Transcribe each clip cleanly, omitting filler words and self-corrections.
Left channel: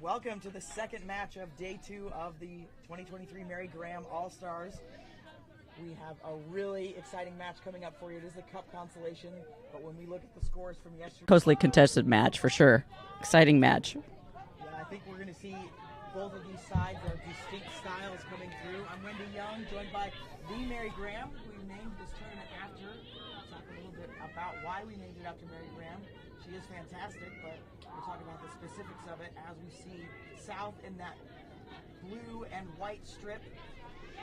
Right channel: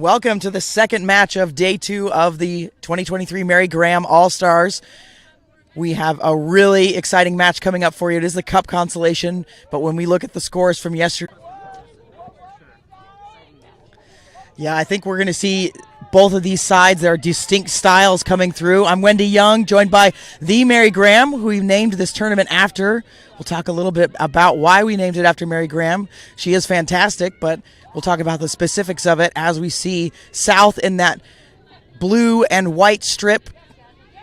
Welcome to the second match of day 2 of the 2023 Mary Graham All-Stars. We have a really exciting match coming up for you. It is the Cup Consolation, but when we look at the scores from yesterday... Closely contested match, for sure. Exciting match. Yeah, I think we're going to see both of these sides. There are distinct styles coming through. I'm Wendy Young, joined by the Mary Graham, who we named this tournament after. We'll talk a little bit about why we named it after Mary Graham. She is fantastic, but we'll talk about the specifics of it as we see South in that blue and white strip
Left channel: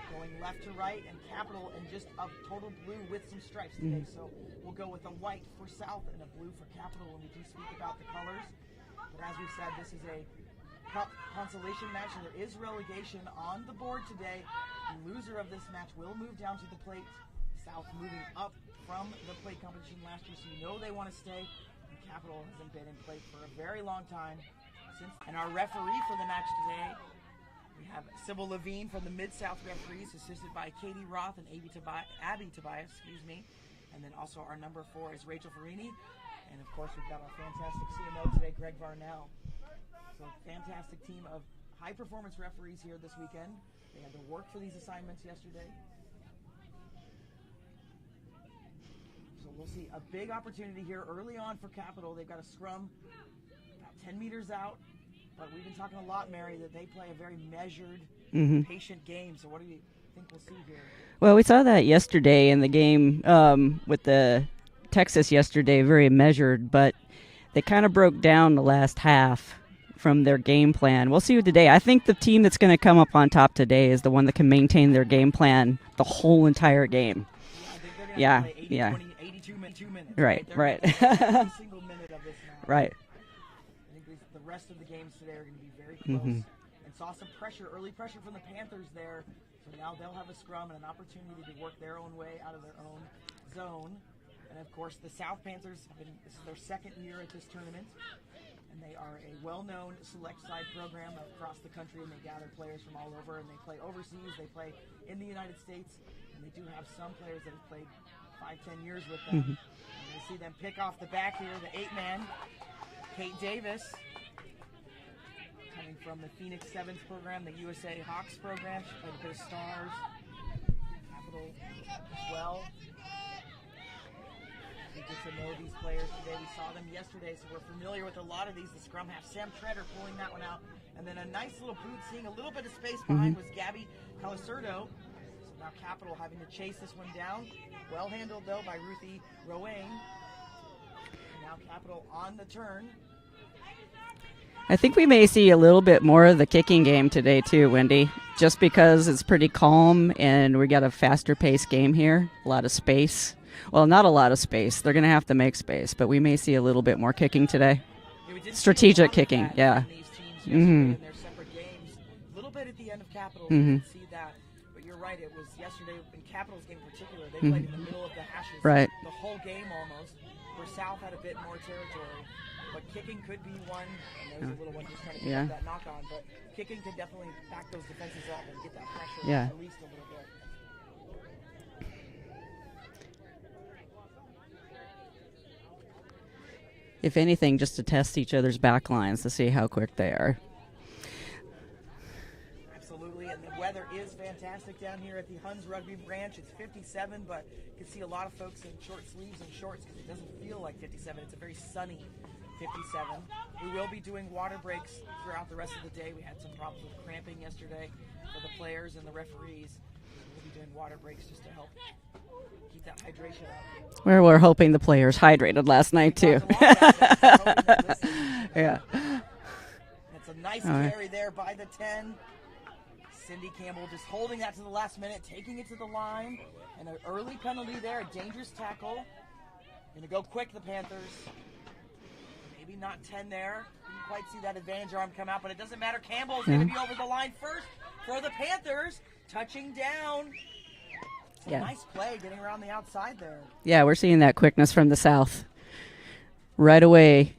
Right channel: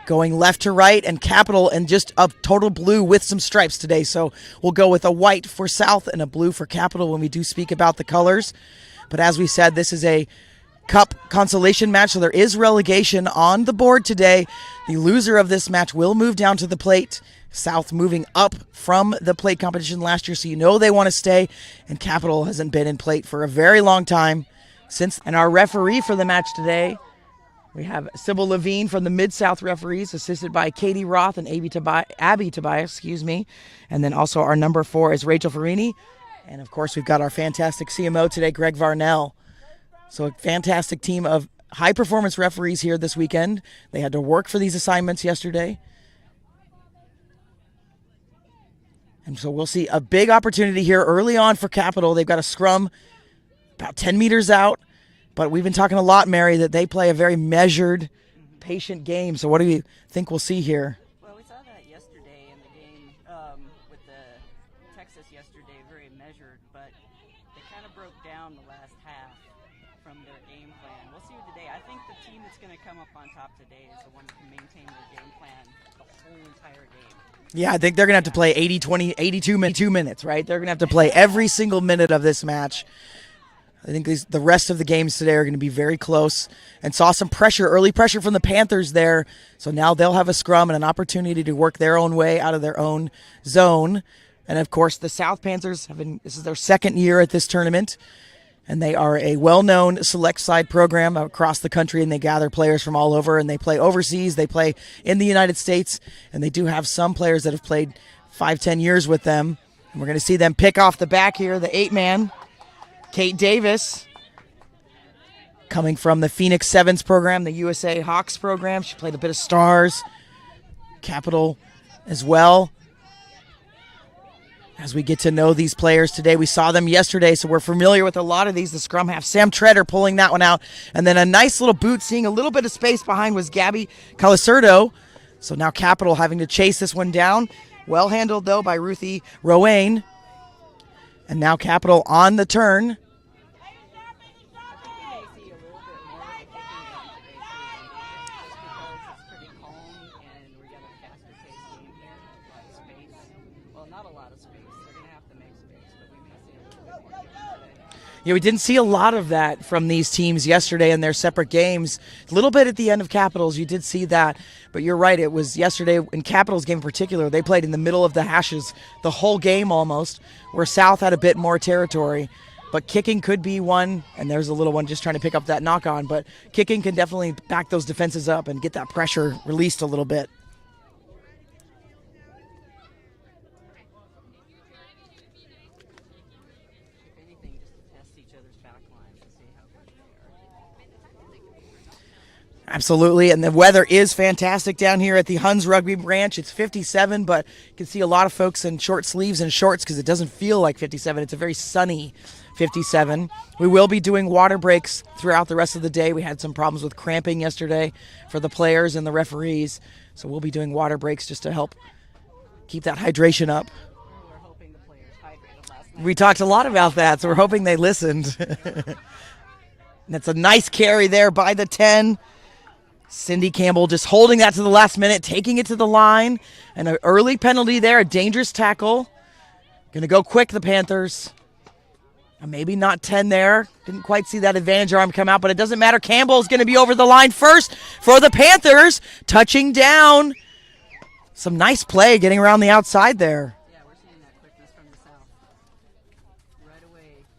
going left to right, and Capital in just a total blue with some stripes today. So we'll go with a white for South and a blue for Capital when we do speak about the colors. But as we said, this is a Cup Consolation match, so there is relegation on the board today. The loser of this match will move down to the plate. South moving up from the plate competition last year, so you know they want to stay. And Capital hasn't been in plate for a very long time. And our referee for the match today, we have Sybil Levine from the Mid-South referees, assisted by Katie Roth and Abby Tobias, And then also our number 4 is Rachel Farini. And of course, we've got our fantastic CMO today, Greg Varnell. So a fantastic team of high-performance referees here this weekend. They had to work for these assignments yesterday. And so we'll see a big opportunity here early on for Capital. They've got a scrum about 10 meters out. But we've been talking a lot, Mary, that they play a very measured, patient game. So what do you think we'll see here? Well, we saw that yesterday in the game with the Texas yesterday, very measured. But they kind of broke down the last half from their game plan. We'll see today. I think the team that's going to come up on top today is the one that can maintain their game plan the whole entire game. Yeah, I think they're going to have to play 82 minutes, right? They're going to have to play every single minute of this match. Right. I think the rest of the games today are going to be very close. And saw some pressure, early pressure from the Panthers there. So now they'll have a scrum and an opportunity to work their own way out of their own zone. And, of course, the South Panthers, this is their second year at this tournament. And they are a well-known select side program across the country, and they gather players from all over, and they play overseas. They play in the United States, and they do have some players that have played 5-10 years with them. And we're going to see them pick off the back here, the 8-man, Kate Davis, coming from the Phoenix Sevens program, the USA Hawks program. She played a bit of Stars, Capital as well. As we get to know these players today, we saw them yesterday, so we're familiar with a lot of these. The scrum half, Sam Treader pulling that one out. And then a nice little boot, seeing a little bit of space behind was Gabby Calicerdo. So now Capital having to chase this one down. Well handled, though, by Ruthie Rowain. And now Capital on the turn. I think we may see a little bit more of the kicking game today, too, Wendy, just because it's pretty calm and we got a faster paced game here, a lot of space. Well, not a lot of space. They're going to have to make space, but we may see a little bit more kicking today. Yeah, we didn't see a lot of that from these teams yesterday in their separate games. A little bit at the end of Capitals, you did see that. But you're right, it was yesterday in Capitals game in particular. They played in the middle of the hashes the whole game almost, where South had a bit more territory. But kicking could be one, and there's a little one just trying to pick up that knock-on. But kicking can definitely back those defenses up and get that pressure released a little bit. If anything, just to test each other's back lines to see how quick they are. Absolutely, and the weather is fantastic down here at the Huns Rugby Ranch. It's 57, but you can see a lot of folks in short sleeves and shorts because it doesn't feel like 57. It's a very sunny 57. We will be doing water breaks throughout the rest of the day. We had some problems with cramping yesterday for the players and the referees, so we'll be doing water breaks just to help keep that hydration up. We're hoping the players hydrated last night. We talked a lot about that, so we're hoping they listened. That's a nice carry there by the 10. Cindy Campbell just holding that to the last minute, taking it to the line. And an early penalty there, a dangerous tackle. Going to go quick, the Panthers. Maybe not 10 there. Didn't quite see that advantage arm come out, but it doesn't matter. Campbell's going to be over the line first for the Panthers, touching down. Some nice play getting around the outside there. Yeah, we're seeing that quickness from the South right away.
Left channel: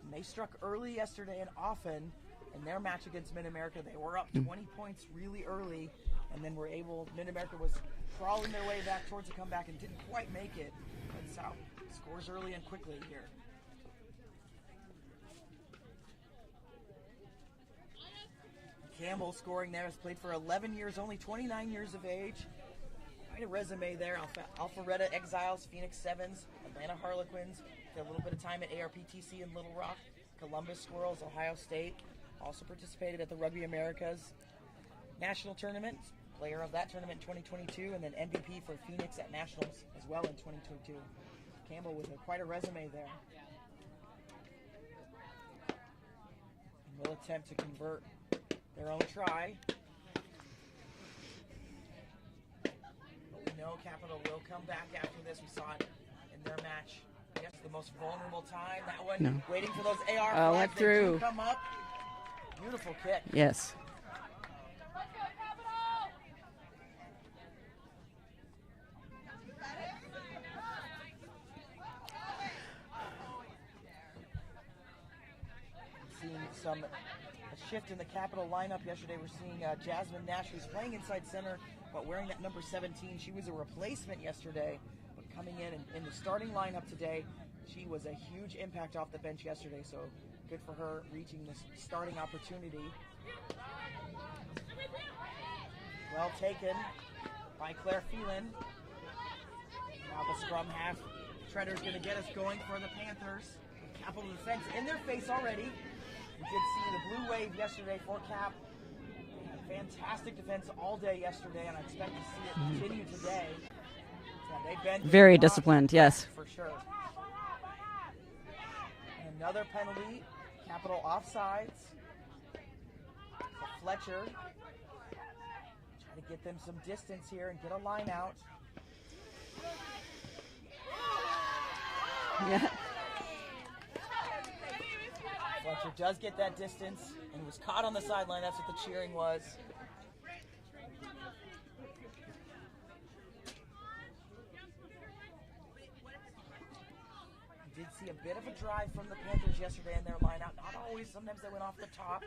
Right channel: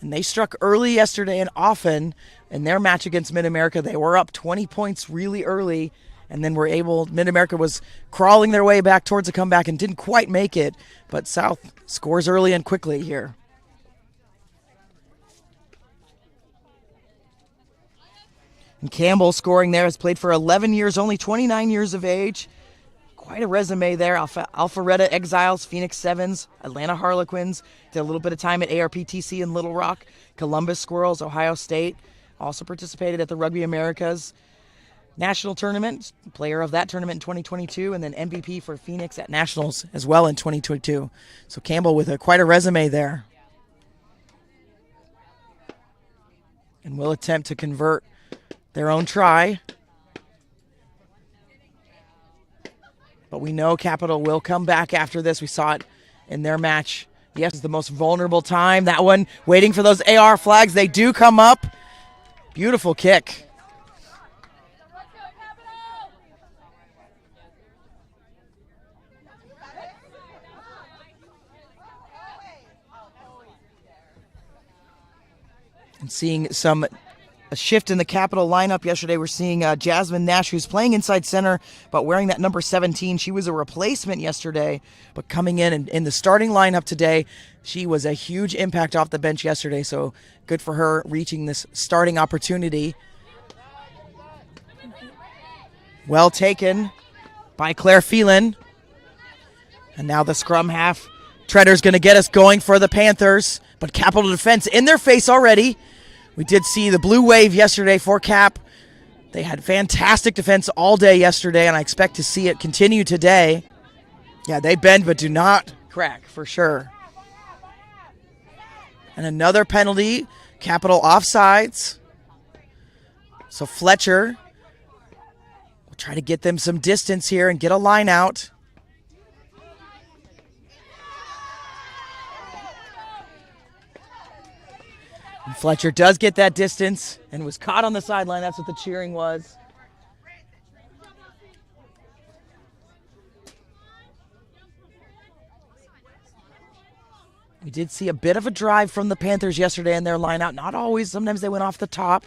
And they struck early yesterday, and often in their match against Mid-America, they were up 20 points really early, and then Mid-America was crawling their way back towards a comeback and didn't quite make it, but South scores early and quickly here. And Campbell scoring there, has played for 11 years, only 29 years of age. Quite a resume there. Alpharetta Exiles, Phoenix Sevens, Atlanta Harlequins. Did a little bit of time at ARPTC in Little Rock. Columbus Squirrels, Ohio State. Also participated at the Rugby Americas National Tournament. Player of that tournament in 2022. And then MVP for Phoenix at Nationals as well in 2022. So Campbell with quite a resume there. And will attempt to convert their own try. But we know Capital will come back after this. We saw it in their match. Yes, it's the most vulnerable time. That one, waiting for those AR flags. They do come up. Beautiful kick. Yes. And seeing a shift in the Capital lineup yesterday. We're seeing Jasmine Nash, who's playing inside center, but wearing that number 17. She was a replacement yesterday, but coming in the starting lineup today. She was a huge impact off the bench yesterday, so good for her reaching this starting opportunity. Well taken by Claire Phelan. And now the scrum half. Treader's going to get us going for the Panthers, but Capital defense in their face already. We did see the blue wave yesterday for Cap. They had fantastic defense all day yesterday, and I expect to see it continue today. Yeah, they bend but Very do not disciplined, crack, yes. for sure. And another penalty, Capital offsides. So Fletcher will try to get them some distance here and get a line out. And Fletcher does get that distance and was caught on the sideline. That's what the cheering was. We did see a bit of a drive from the Panthers yesterday in their lineout. Not always. Sometimes they went off the top.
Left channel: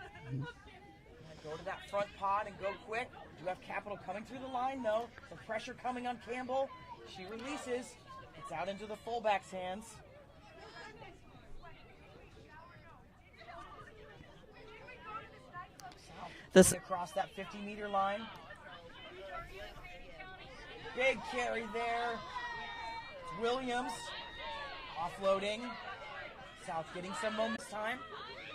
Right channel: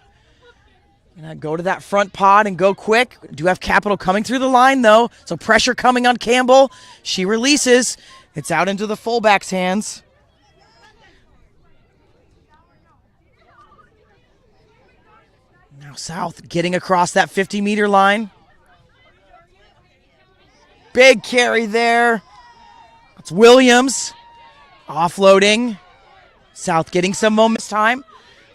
And go to that front pod and go quick. Do have Capital coming through the line, though. So pressure coming on Campbell. She releases. It's out into the fullback's hands. Now South getting across that 50-meter line. Big carry there. It's Williams. Offloading. South getting some moments time.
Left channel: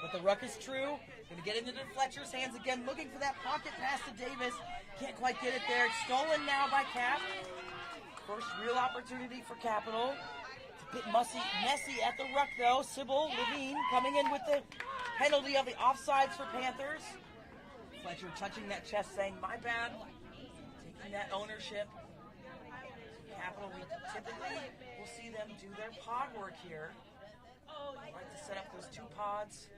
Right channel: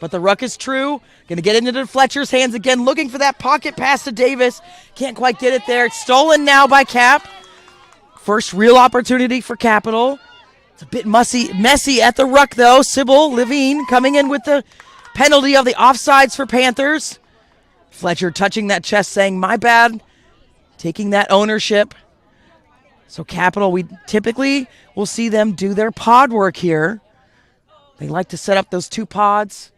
But the ruck is true. Going to get it into Fletcher's hands again. Looking for that pocket pass to Davis. Can't quite get it there. It's stolen now by Cap. First real opportunity for Capital. It's a bit messy at the ruck, though. Sybil Levine coming in with the penalty of the offsides for Panthers. Fletcher touching that chest saying, my bad. Taking that ownership. So Capital, we typically will see them do their pod work here. They like to set up those two pods.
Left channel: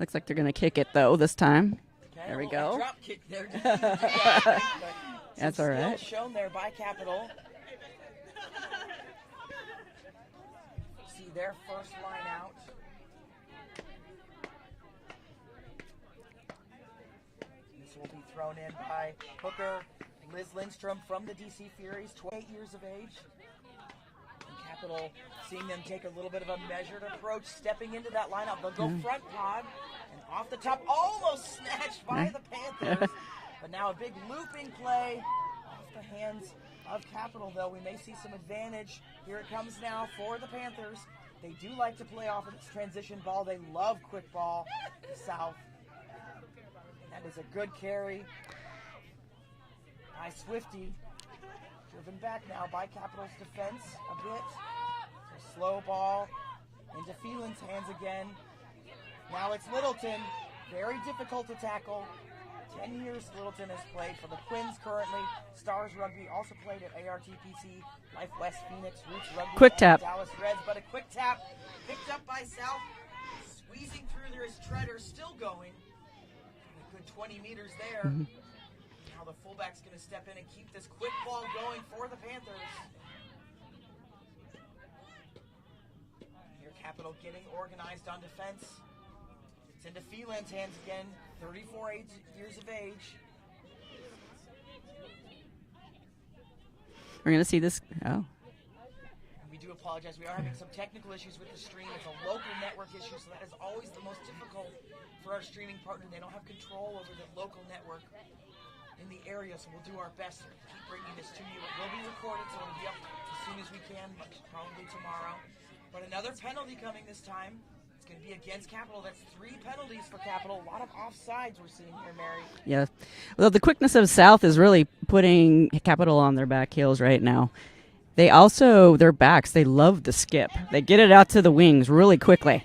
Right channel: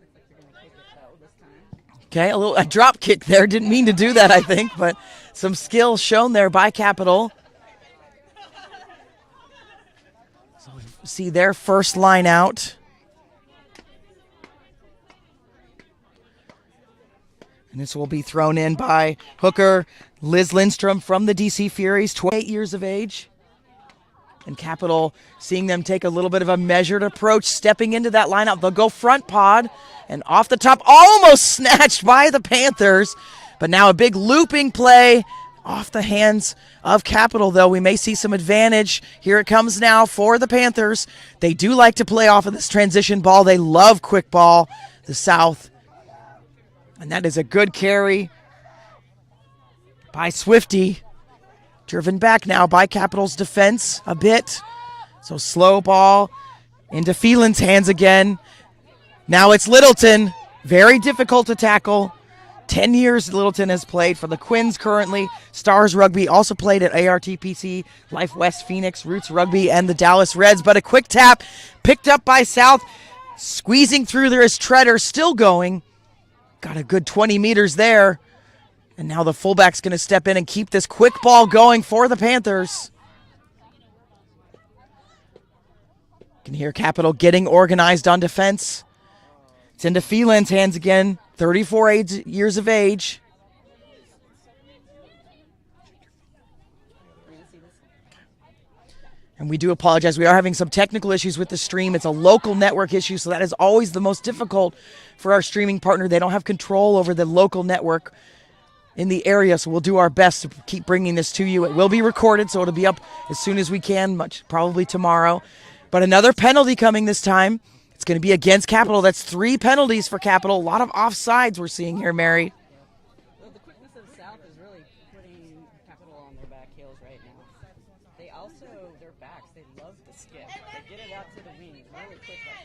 Looks like they're going to kick it, though, this time. Okay, a drop kick there. Didn't mean to do that, I think, but some skill shown there by Capital. So we see their first line out. And this will be thrown in by hooker Liz Lindstrom from the DC Furies, 28 years of age. And Capital seeing them take a little bit of a measured approach, stepping into that lineup. They'll go front pod and off the top, almost snatched by the Panthers. But now a big looping play off the hands of Capital, though. We may see some advantage. Here it comes now for the Panthers. They do like to play off of this transition ball. They love quick ball, the South. And that is a good carry by Swifty. Driven back now by Capital's defense a bit. So slow ball into Phelan's hands again. Now it's Littleton. Very difficult to tackle. 10 years Littleton has played for the Quins currently. Stars Rugby also played at ARTPC, Life West Phoenix, Roots Rugby, Quick and tap. the Dallas Reds. But a quick tap picked up by South. Squeezing through there is Treader, still going. Got a good 20 meters there. And now the fullback's going to step in and keep this quick ball going for the Panthers. You can hear Capital getting organized on defense. It's into Phelan's hands again, 34 years of age. We're going to see this. Oh. And we do apologize. We are having some technical issues with the stream. It's a local network issue, so that is always the most difficult for our streaming partner. They don't have control over the local network in the area, so we'll do our best to keep bringing this to you. It will be recorded, so it'll be up as soon as we can, probably tomorrow. But another penalty coming this time. It's going to be against Capital. That's 3 penalties for Capital. A lot of offsides we're seeing here, Mary. Yeah. Well, the quickness of South is really putting Capital on their back heels right now. They also, their backs, they love the skip. They get it out to the wings really quickly.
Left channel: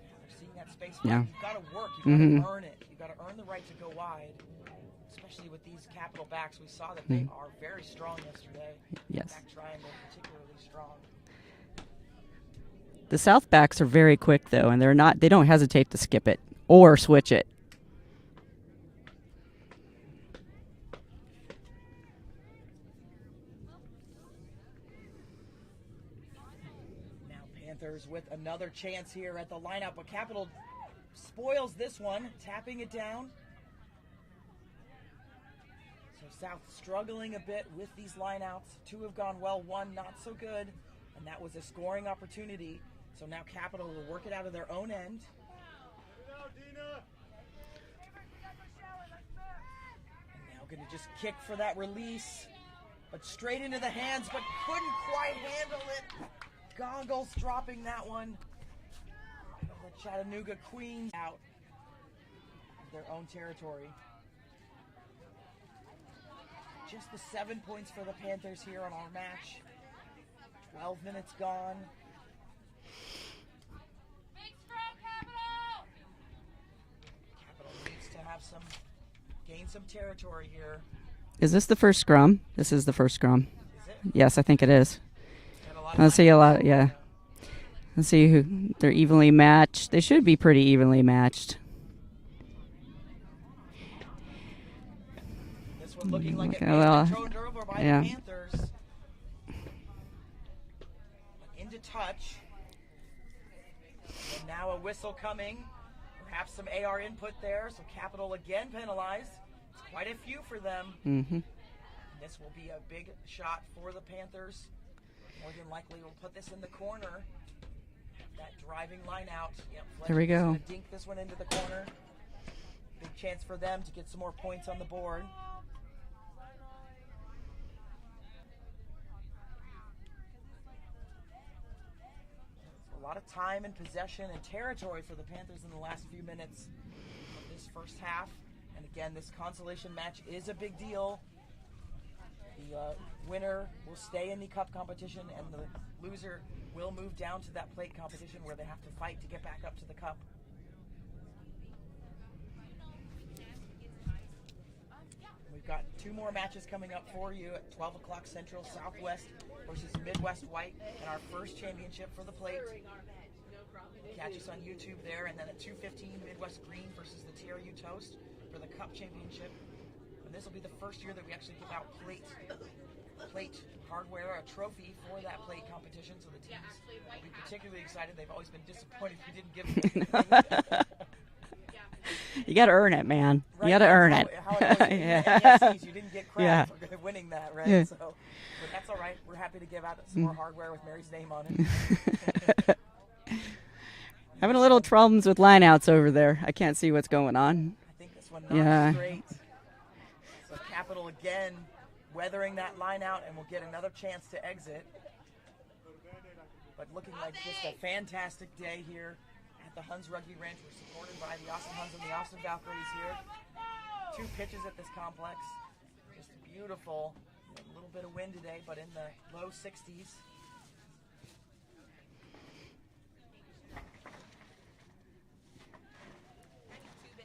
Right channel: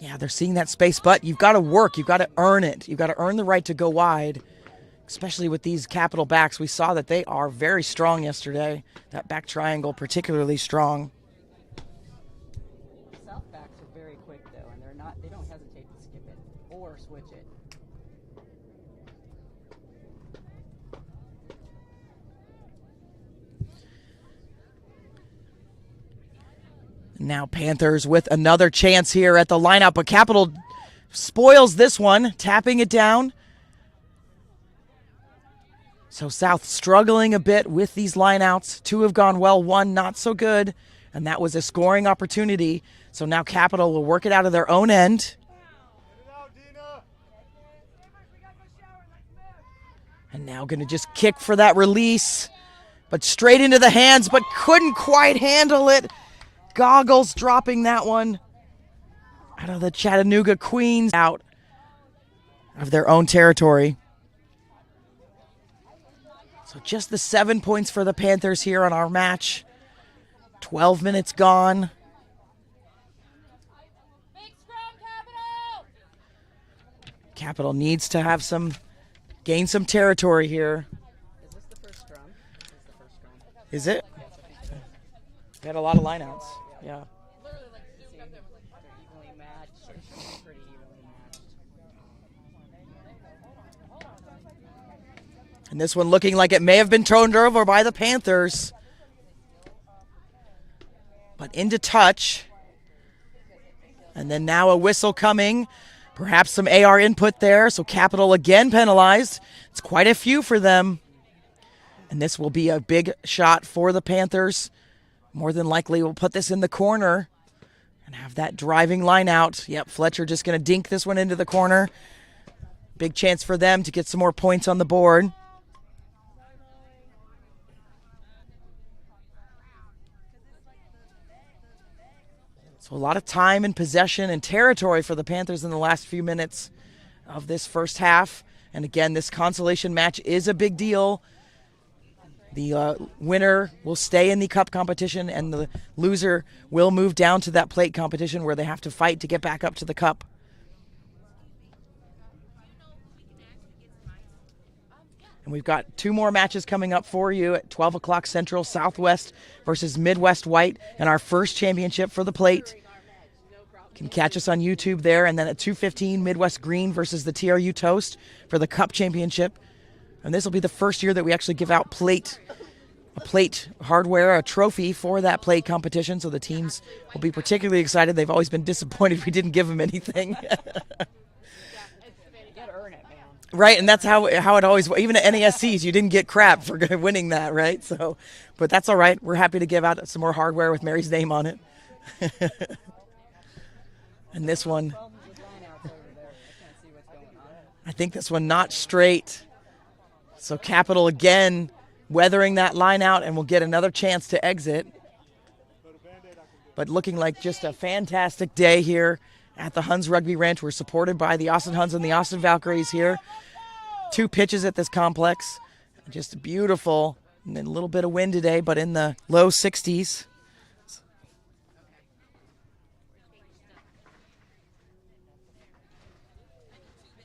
Yeah, they're seeing that space, but you've got to work. You've got to earn it. You've got to earn the right to go wide, especially with these Capital backs. We saw that they are very strong yesterday. That back triangle particularly strong. The South backs are very quick, though, and they don't hesitate to skip it or switch it. Now Panthers with another chance here at the lineout, but Capital spoils this one, tapping it down. So South struggling a bit with these lineouts. 2 have gone well, 1 not so good, and that was a scoring opportunity. So now Capital will work it out of their own end. And now going to just kick for that release, but straight into the hands, but couldn't quite handle it. Goggles dropping that one out of the Chattanooga Queens, out of their own territory. So just the 7 points for the Panthers here on our match. 12 minutes gone. Capital needs to have gain some territory here. Is this the first scrum? This is the first scrum. Is it? Yes, I think it is. Got a lot of Let's see a lot, yeah. Let's see who they're evenly matched. They should be pretty evenly matched. And this one looking like it may have been thrown over by the Panthers. But into touch. And then now a whistle coming. Perhaps some AR input there. So Capital again penalized. It's quite a few for them. And this will be a big shot for the Panthers. More than likely we'll put this in the corner and have that driving line out. Yep, Fletcher just going to dink this one into the corner. Big chance for them to get some more points on the board. So a lot of time and possession and territory for the Panthers in the last few minutes of this first half. And again, this consolation match is a big deal. The winner will stay in the cup competition, and the loser will move down to that plate competition where they have to fight to get back up to the cup. And we've got 2 more matches coming up for you at 12 o'clock Central, Southwest versus Midwest White, and our first championship for the plate. You can catch us on YouTube there, and then at 2:15, Midwest Green versus the TRU Toast for the cup championship. And this will be the first year that we actually give out a plate hardware, a trophy for that plate competition. So the teams will be particularly excited. They've always been disappointed we didn't give them anything. You got to earn it, man. Right, and that's how it always was. Even at NESCs, you didn't get crap for winning that, right? Yeah. So, but that's all right. We're happy to give out some more hardware with Mary's name on it. Having a little problems with lineouts over there. I can't see what's going on. I think this one not straight. So Capital again weathering that line out, and will get another chance to exit. But looking like just a fantastic day here at the Huns Rugby Ranch. We're supported by the Austin Huns and the Austin Valkyries here. 2 pitches at this complex. Just beautiful. And then a little bit of wind today, but in the low 60s.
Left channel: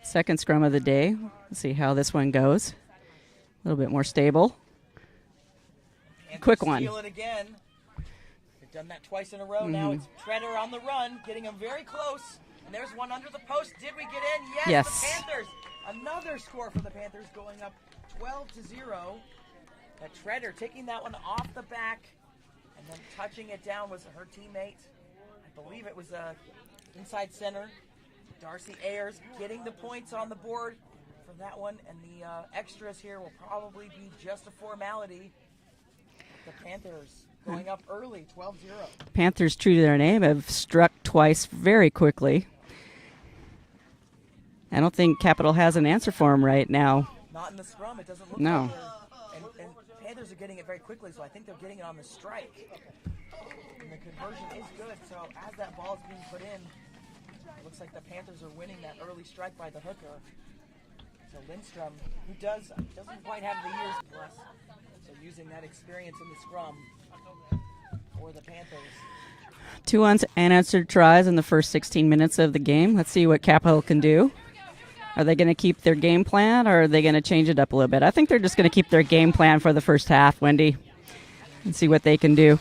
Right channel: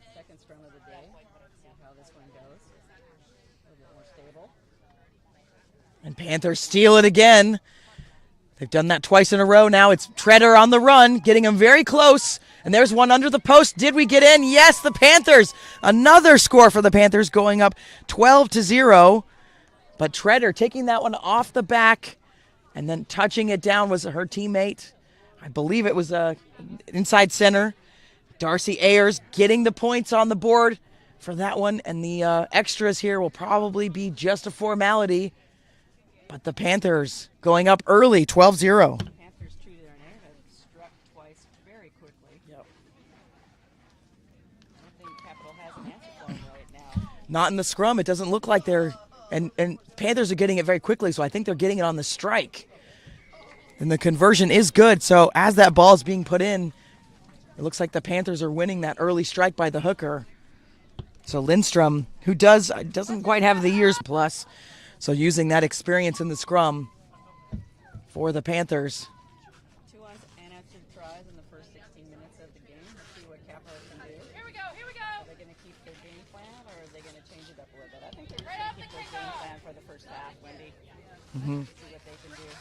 Second scrum of the day. Let's see how this one goes. A little bit more stable. And Panthers steal it again. They've done that twice in a row now. It's Treader on the run, getting him very close. And there's one under the post. Did we get in? Yes, the Panthers. Another score for the Panthers, going up 12-0. But Treader taking that one off the back and then touching it down was her teammate. I believe it was inside center. Darcy Ayers getting the points on the board for that one. And the extras here will probably be just a formality. But the Panthers going up early, 12-0. Panthers, true to their name, have struck twice very quickly. I don't think Capital has an answer for them right now. Not in the scrum. It doesn't look like they're – and Panthers are getting it very quickly, so I think they're getting it on the strike. And the conversion is good. So as that ball is being put in, it looks like the Panthers are winning that early strike by the hooker. So Lindstrom, who doesn't quite have the years plus, so using that experience in the scrum for the Panthers. 2 unanswered tries in the first 16 minutes of the game. Let's see what Capital can do. Are they going to keep their game plan, or are they going to change it up a little bit? I think they're just going to keep their game plan for the first half, Wendy, and see what they can do.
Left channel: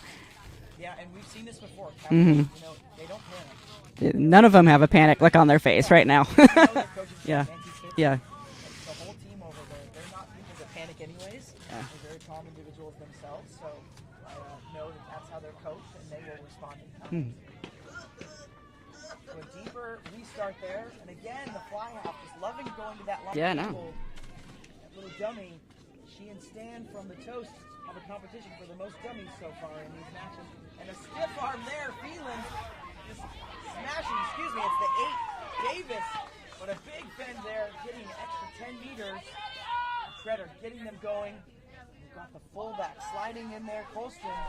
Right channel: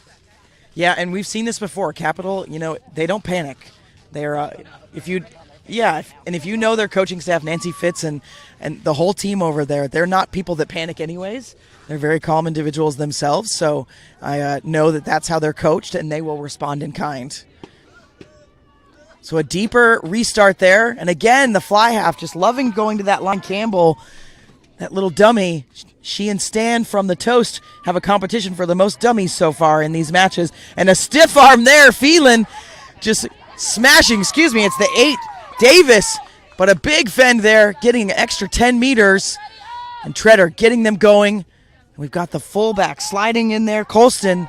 Yeah, and we've seen this before. Capital, they don't panic. None of them have a panic look on their face right now. And if you know their coaching staff, Nancy Fitz and the whole team over there, they're not people that panic anyways. They're very calm individuals themselves. So I know that that's how they're coached, and they will respond in kind. So a deeper restart there. And again, the fly half, just loving going to that line. Yeah. Campbell, that little dummy, she and Stan from the Toast have a competition for the most dummies so far in these matches. And a stiff arm there, Phelan just smashing, it's the 8, Davis, but a big fend there, getting an extra 10 meters. And Treader getting them going. We've got the fullback sliding in there, Colston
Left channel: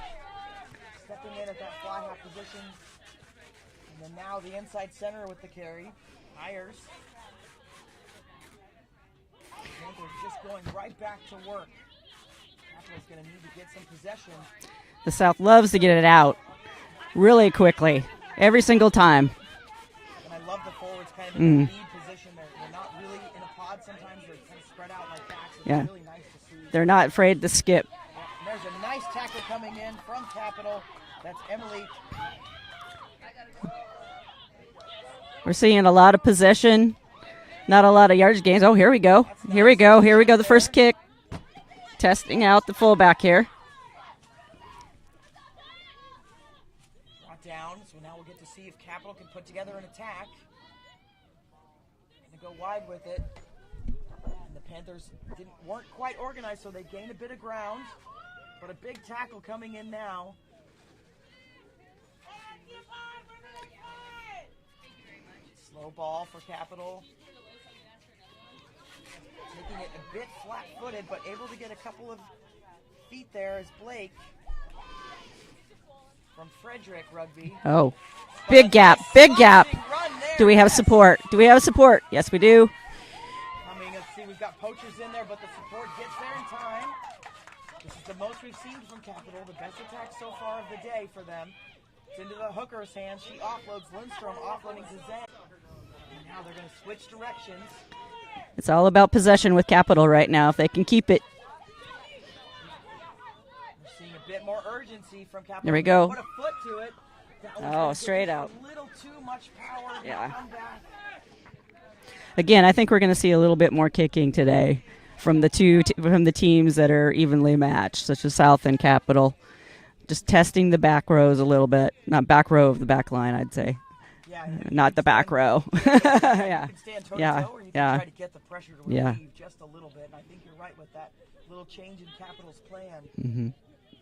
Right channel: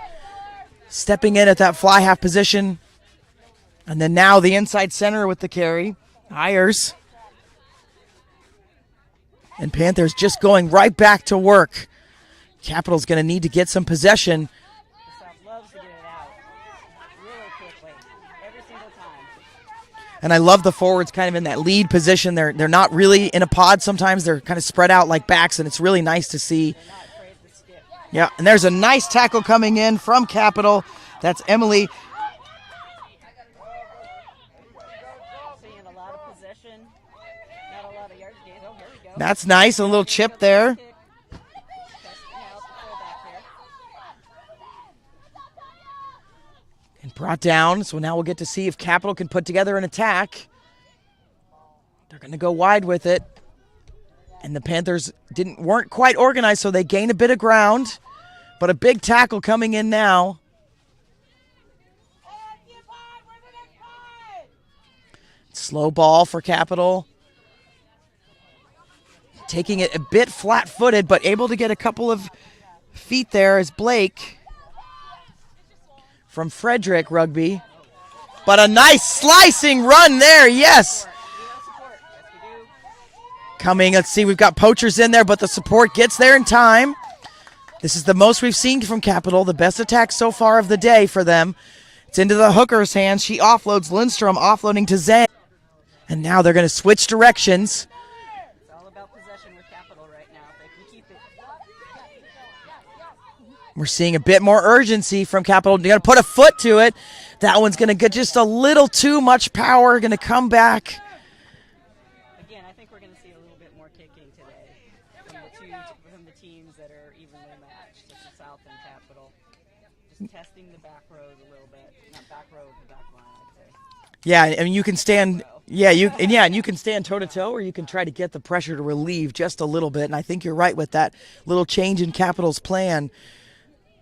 stepping in at that fly half position. And then now the inside center with the carry, Ayers. And Panthers just going right back to work. Capital's going to need to get some possession. The South loves to get it out really quickly, every single time. And I love the forwards kind of in that lead position. They're not really in a pod sometimes. They're kind of spread out like backs, and it's really nice to see. They're not afraid to skip. Yeah, and there's a nice tackle coming in from Capital. That's Emily. We're seeing a lot of possession, not a lot of yardage gains. Oh, here we go. That's nice. Here we go. The first kick. Testing out the fullback here. And brought down, so now we'll get to see if Capital can put together an attack. They're going to go wide with it. And the Panthers weren't quite organized, so they gain a bit of ground. But a big tackle coming in now. Slow ball for Capital. Taking it a bit flat-footed, but able to get a couple of feet there is Blake from Frederick Rugby. Oh. But a nice slicing run there, yes. Do we have support? Yes, we do. Coming, let's see, we've got poachers in there, but the support gets there in time. This is the most we've seen from Capital, the best attack so far of the day for them. It's into the hooker's hands. She offloads Lindstrom, offloading to Zhang. And now they're going to switch directions. It's all about possession with Capital right now, if they can keep it. We're seeing a bit more urgency from Capital. They're going to put a foot to it. That one's going to get just a little too much power, going to come back. Again, I think we're going to see a little bit more kicking today from the teams that are evenly matched, such as South and Capital. Just testing the back rows a little bit. Not back row of the back line, I'd say. Yeah, I mean, you can stand. Back row. Yeah, you can stand toe to toe, or you can try to get the pressure to relieve just a little bit. And I think you're right with that little change in Capital's plan.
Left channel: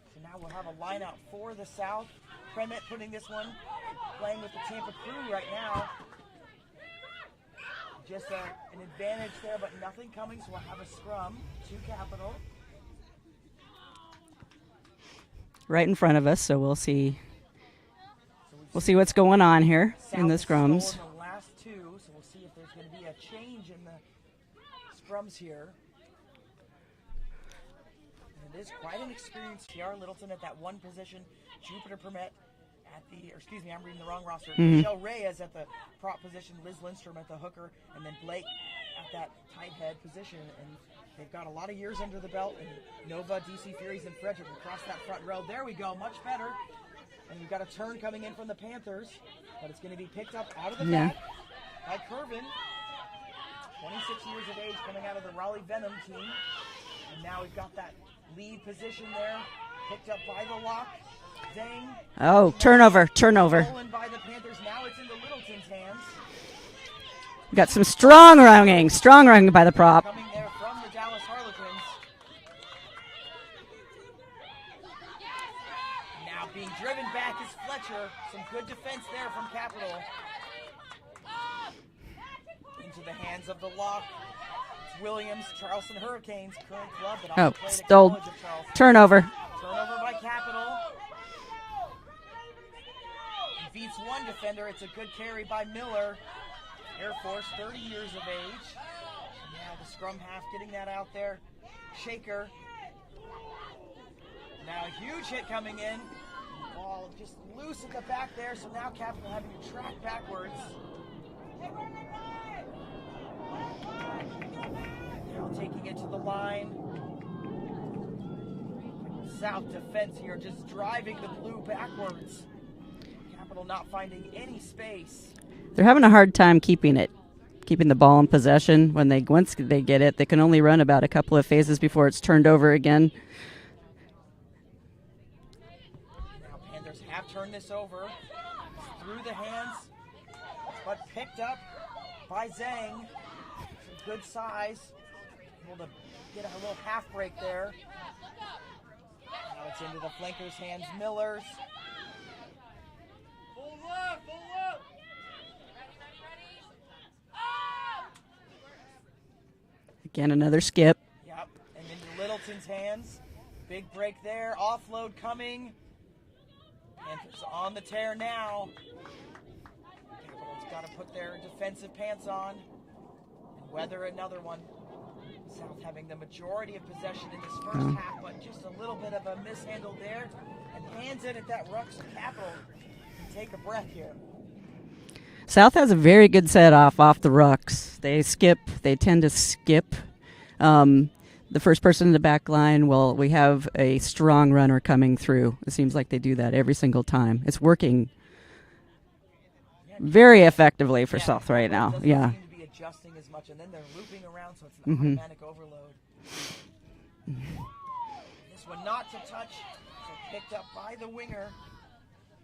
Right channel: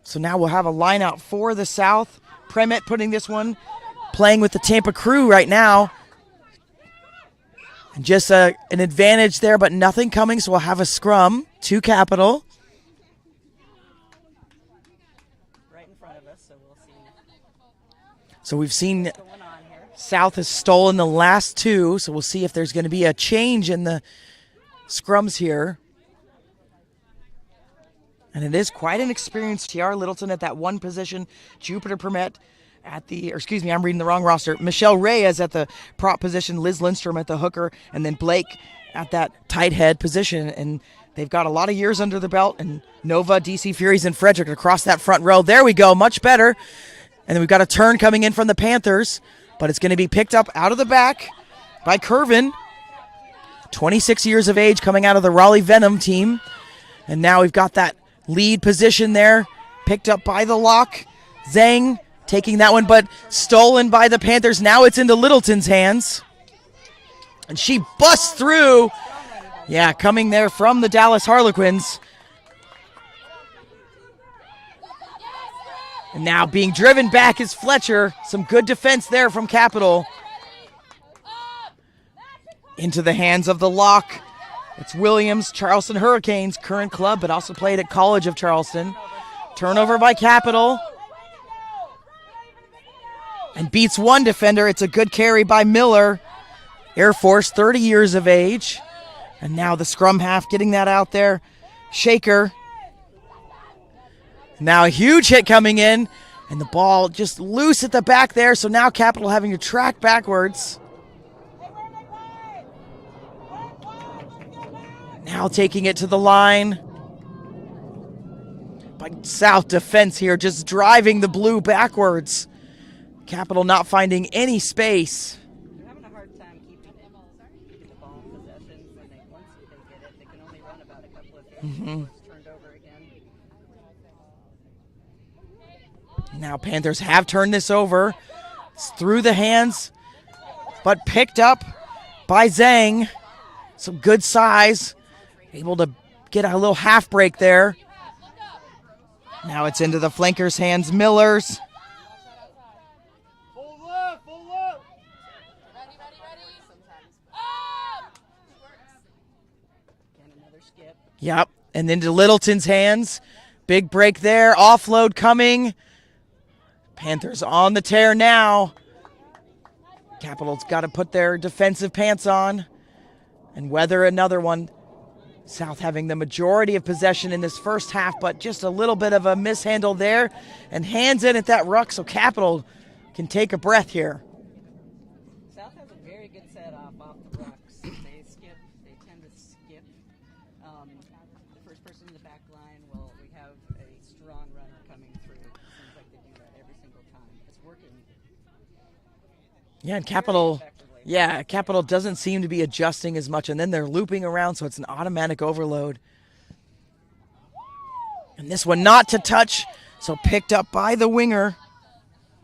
So now we'll have a line out for the South. Premet putting this one, playing with the Tampa Crew right now. And just an advantage there, but nothing coming. So we'll have a scrum to Capital. Right in front of us, so we'll see. So we'll see what's going on here. South has stolen the last two, so we'll see if there's going to be a change in the scrums here. And it is quite an experience. T.R. Littleton at that one position. Jupiter Permet at the, I'm reading the wrong roster. Michelle Reyes at the prop position. Liz Lindstrom at the hooker. And then Blake at that tight head position. And they've got a lot of years under the belt. And Nova, DC Furies, and Frederick across that front row. There we go. Much better. And then we've got a turn coming in from the Panthers. But it's going to be picked up out of the back by Curvin. 26 years of age, coming out of the Raleigh Venom team. And now we've got that lead position there, picked up by the lock. Zhang taking that one, but stolen by the Panthers. Now it's into Littleton's hands. And got she some strong through. running by the prop. Coming there from the Dallas Harlequins. And now being driven back is Fletcher. Some good defense there from Capital. Into the hands of the lock. It's Williams, Charleston Hurricanes, current club, but also played at College of Charleston. Turnover by Capital. And beats one defender. It's a good carry by Miller. Air Force, 30 years of age. And now the scrum half getting that out there. Shaker. Now a huge hit coming in. And the ball just loose at the back there. So now Capital having to track backwards. Now taking it to the line. By South defense here, just driving the blue backwards. Capital not finding any space. They're having a hard time keeping the ball in possession. Once they get it, they can only run about a couple of phases before it's turned over again. Now Panthers have turned this over. It's through the hands, but picked up by Zhang. Some good size. Able to get a little half break there. Now it's into the flankers' hands, Miller's. Again, another skip. Yep, and into Littleton's hands. Big break there, offload coming. Panthers on the tear now. Capital's got to put their defensive pants on and weather another one. South having the majority of possession in this first half, but just a little bit of a mishandle there, and hands in at that ruck so Capital can take a breath here. South has a very good set off the rucks. They tend to skip. The first person in the back line, we have a strong runner coming through. It seems like they do that every single time. It's working very effectively for South right now. Capital doesn't seem to be adjusting as much, and then they're looping around, so it's an automatic overload. And this one not to touch, so picked up by the winger.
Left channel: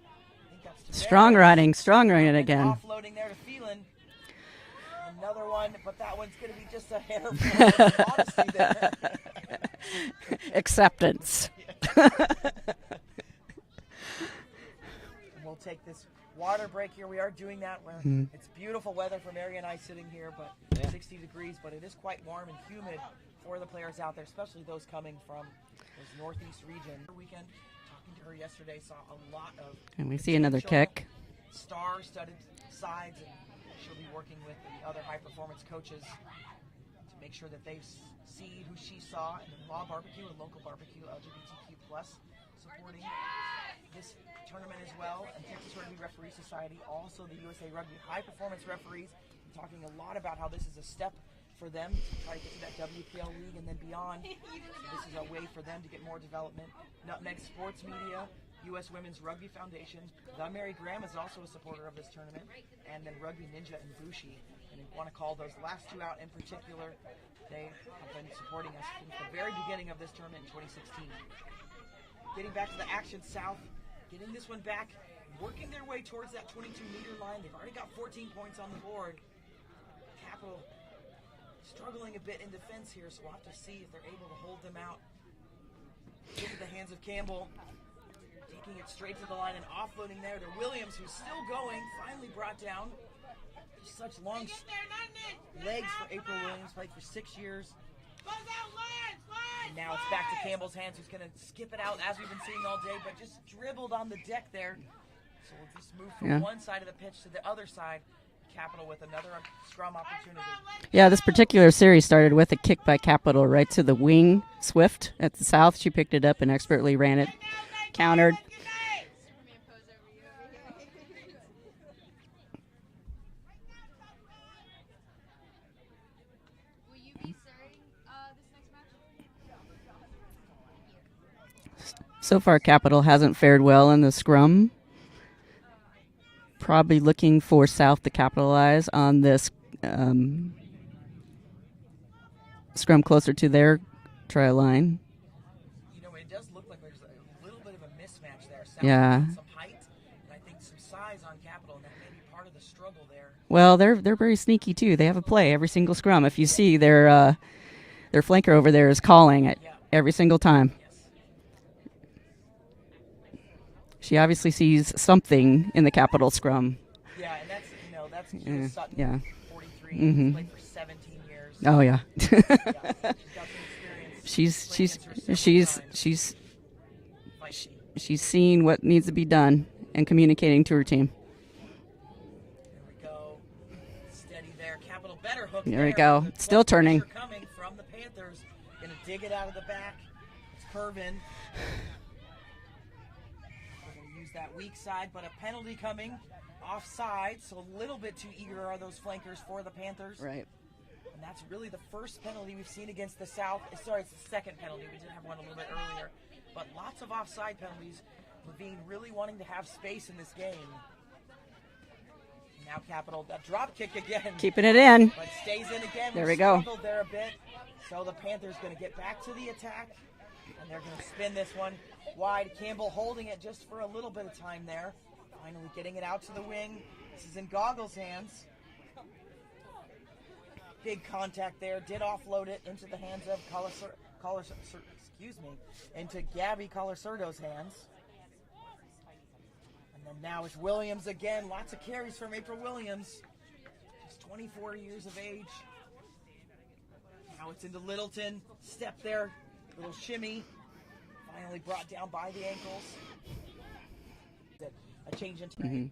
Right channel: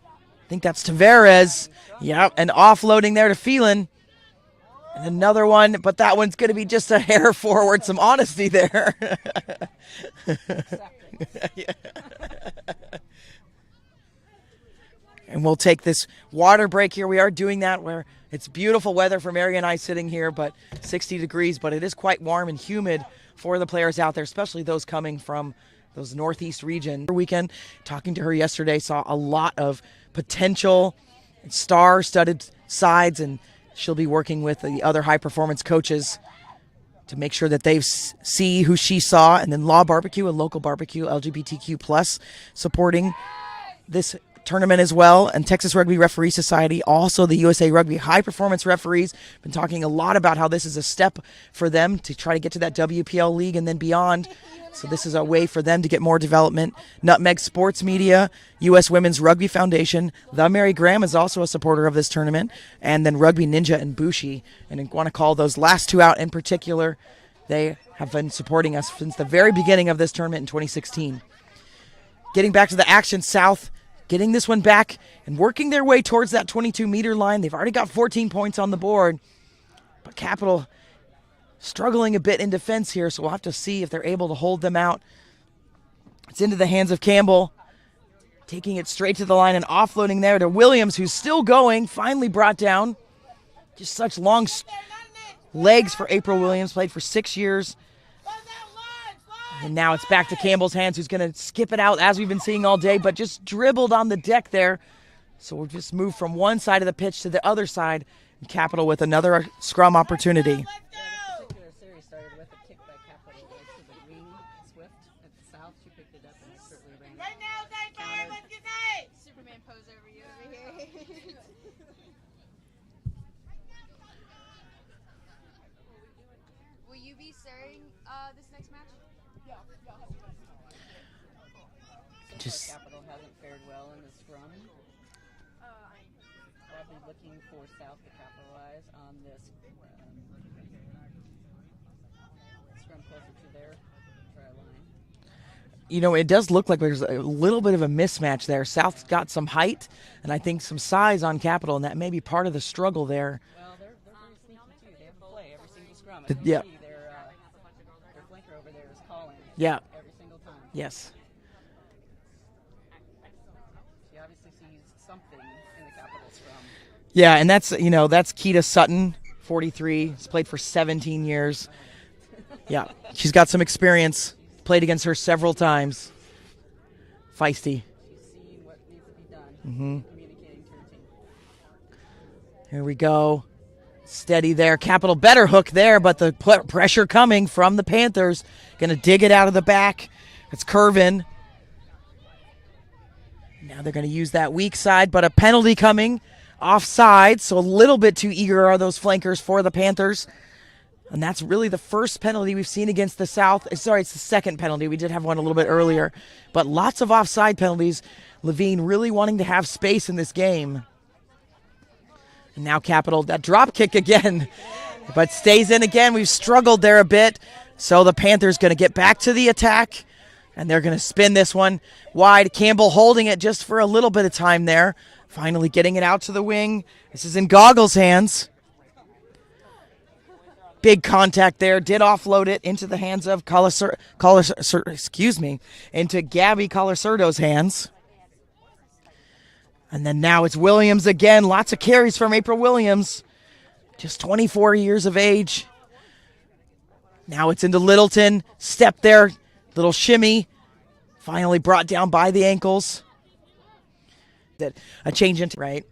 I think that's Tavares. Strong running. And offloading there to Phelan. And another one, but that one's going to be just a hair forward. Some honesty there. Acceptance. And we'll take this water break here. We are doing that where it's beautiful weather for Mary and I sitting here, but 60 degrees, but it is quite warm and humid for the players out there, especially those coming from those northeast region. Weekend, talking to her yesterday, saw a lot of potential star-studded sides, and she'll be working with the other high-performance coaches to make sure that they see who she saw. And then Law Barbecue, a local barbecue, LGBTQ+, supporting this tournament as well. And Texas Rugby Referee Society, also the USA Rugby high-performance referees, been talking a lot about how this is a step for them to try to get to that WPL league and then beyond. So this is a way for them to get more development. Nutmeg Sports Media, U.S. Women's Rugby Foundation, the Mary Graham is also a supporter of this tournament, and then Rugby Ninja and Bushi. And I want to call those last two out in particular. They have been supporting us since the very beginning of this tournament in 2016. Getting back to the action, South getting this one back and working their way towards that 22-meter line. They've already got 14 points on the board, but Capital struggling a bit in defense here, so we'll have to see if they're able to hold them out. It's into the hands of Campbell, taking it straight to the line and offloading there to Williams, who's still going, finally brought down. Just such long legs for April Williams, played for 6 years. And now it's back to Campbell's hands, who's going to skip it out, as we've been seeing all day, but just dribbled on the deck there. So we'll just move from one side of the pitch to the other side. Capital with another scrum opportunity. Yeah, this particular series started with a kick by Capital right to the wing. Swift at the South. She picked it up and expertly ran it. Countered. Will you be starting this next match? So far, Capital hasn't fared well in the scrum. Probably looking for South to capitalize on this scrum closer to their try line. You know, it does look like there's a little bit of a mismatch there. South's got some height and I think some size on Capital, and that may be part of the struggle there. Well, they're very sneaky too. They have a play every single scrum. If you see their flanker over there is calling it every single time. Yes. She obviously sees something in the Capital scrum. Yeah, and that's Keita Sutton, Yeah. 43. Has played for 17 years. Oh yeah. Yeah, she's got some experience. She's played against her several times. She's Feisty. seeing what needs to be done and communicating to her team. Here we go. Steady there. Capital better hook There there, we but go. the Still pressure coming from the Panthers. Going to dig it out of the back. It's curving. Now they're going to use that weak side, but a penalty coming offside, so a little bit too eager are those flankers for the Panthers. Right. And that's really the first penalty we've seen against the South. Sorry, it's the second penalty. We did have one a little bit earlier. But lots of offside penalties. Levine really wanting to have space in this game. And now Capital, that drop kick again. Keeping it in. But stays in again. We've we go. struggled there a bit. So the Panthers going to get back to the attack. And they're going to spin this one wide. Campbell holding it just for a little bit of time there. Finally getting it out to the wing. This is in Goggles' hands. Big contact there. Did offload it into the hands of into Gabby Colasurdo's hands. And then now it's Williams again. Lots of carries from April Williams. Just 24 years of age. Now it's into Littleton. Step there. Little shimmy. Finally brought down by the ankles. A change into right.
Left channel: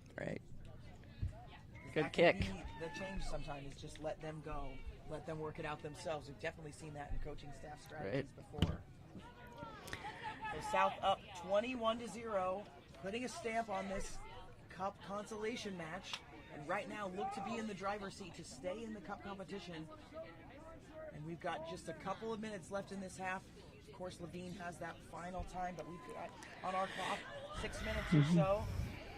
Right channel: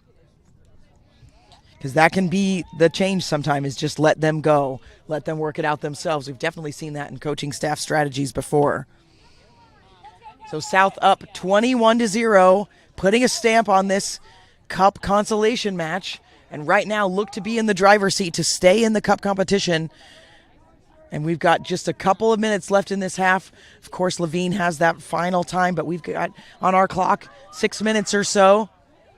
Because that can be the change sometimes, is just let them go. Let them work it out themselves. We've definitely seen that in coaching staff strategies before. So South up 21-0, putting a stamp on this Cup consolation match. And right now look to be in the driver's seat to stay in the Cup competition. And we've got just a couple of minutes left in this half. Of course, Levine has that final time, but we've got on our clock 6 minutes or so.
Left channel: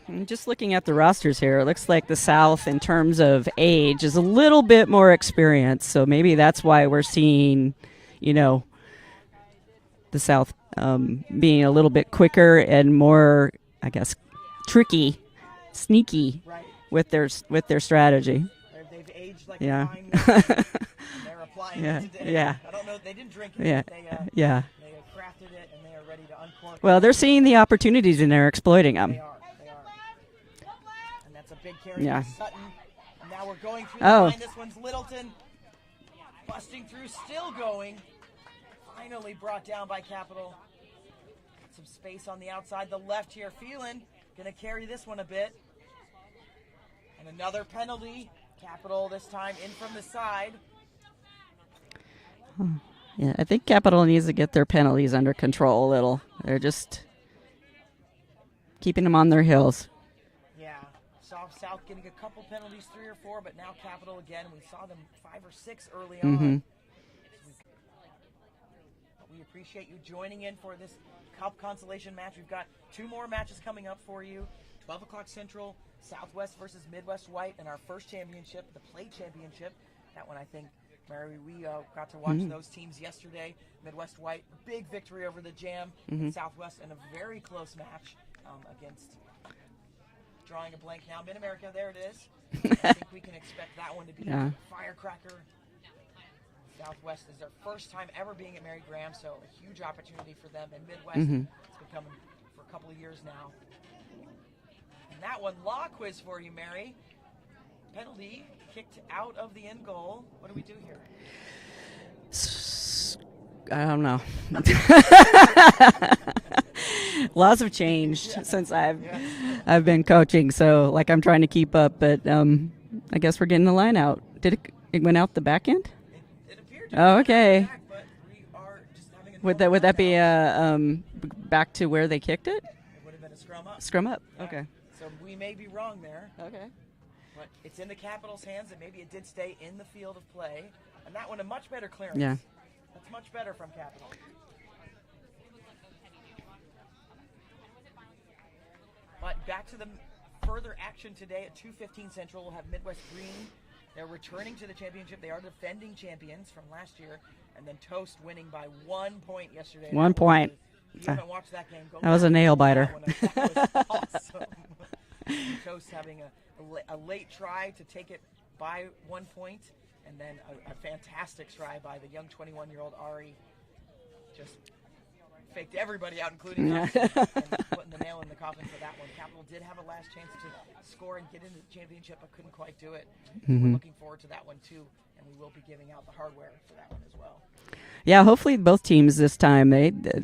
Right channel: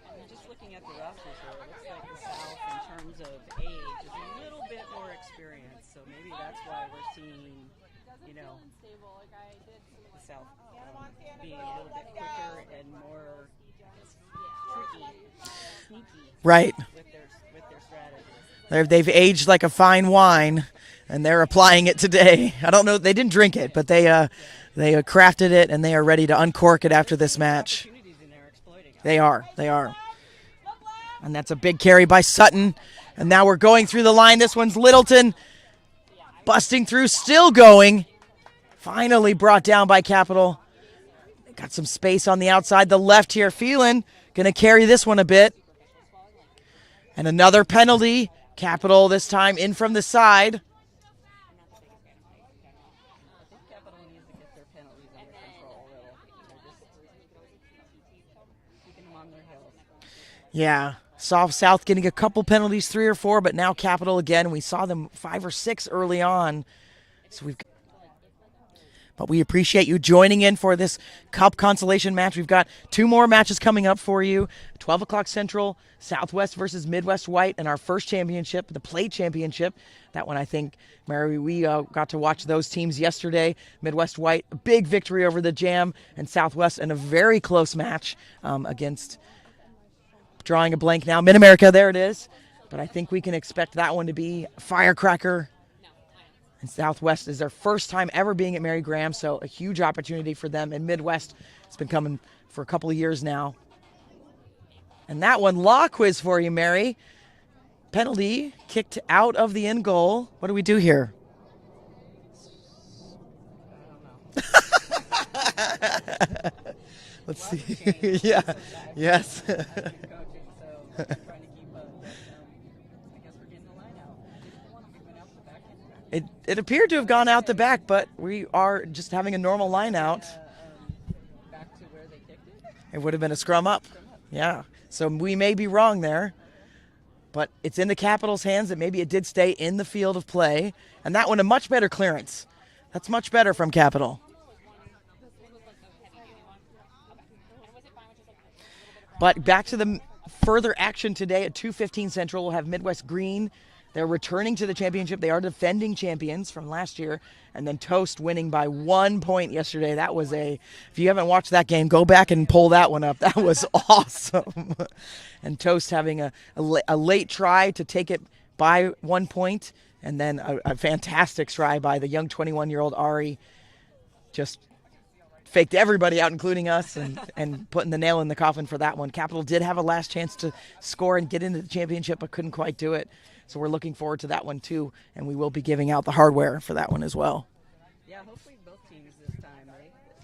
And just looking at the rosters here, it looks like the South, in terms of age, is a little bit more experienced. So maybe that's why we're seeing, the South being a little bit quicker and more, I guess, tricky, sneaky, Right. with their strategy. They've aged like a fine wine, and they're applying it today. Yeah. I don't know. They didn't drink it, Yeah. but they crafted it, and they are ready to uncork it Well, after they're this seeing match. the opportunities and they're exploiting them. They are. And that's a big carry by Sutton. And now we're going through the line. This one's Littleton. Busting through, still going. Finally brought down by Capital. Got some space on the outside. The left here, Phelan, going to carry this one a bit. And another penalty. Capital this time in from the side. Yeah, I think Capital needs to get their penalties under control a little. They're just keeping them on their heels. Yeah. South getting a couple penalties, 3 or 4, but now Capital again. We saw them 5 or 6 early on. So but we appreciate you joining in for this Cup consolation match. We've got 2 more matches coming up for you. 12 o'clock Central, Southwest versus Midwest White, and our first championship, the plate championship. That one, I think, Mary, we got to watch those teams yesterday. Midwest White, a big victory over the Jam, and Southwest in a very close match against, drawing a blank now, Mid-America. There it is. But I think we can expect that one to be a firecracker. And Southwest is their first time ever being at Mary Graham, so a huge opportunity for them. And Midwest, it's been coming for a couple of years now. And that one, law quiz for you, Mary. Penalty, kicked out of the end goal. What do we do here? I don't know. Lots of change since I've been coaching, so I'm trying to keep up, but I guess we're getting the line out. Did it went out the back end? It appeared to have gone out the back, but we are just having a normal would line that be out. Back to where they kicked it? It would have been a scrum up. Scrum up. Yeah. Okay. So we may be wrong there. Okay. But it's in the Capitals' hands that maybe it did stay in the field of play. And that one, a much better clearance. Yeah. That's much better from Capital. But back to the further action today at 2:15 Central. We'll have Midwest Green. They're returning to the championship. They are defending champions from last year. And then Toast winning by 1 point yesterday. One point. If you haven't watched that game, go That back was a and nail pull biter. that one up. That was awesome. And Toast having a late try to take it by 1 point. And then a fantastic try by the young 21-year-old Ari. Just faked everybody out, including us, and putting the nail in the coffin for that one. Capital did have a last chance to score and get into the championship, but couldn't quite do it. So we're looking forward to that one too, and we will be giving out the hardware for that one as well. Yeah, hopefully both teams this time.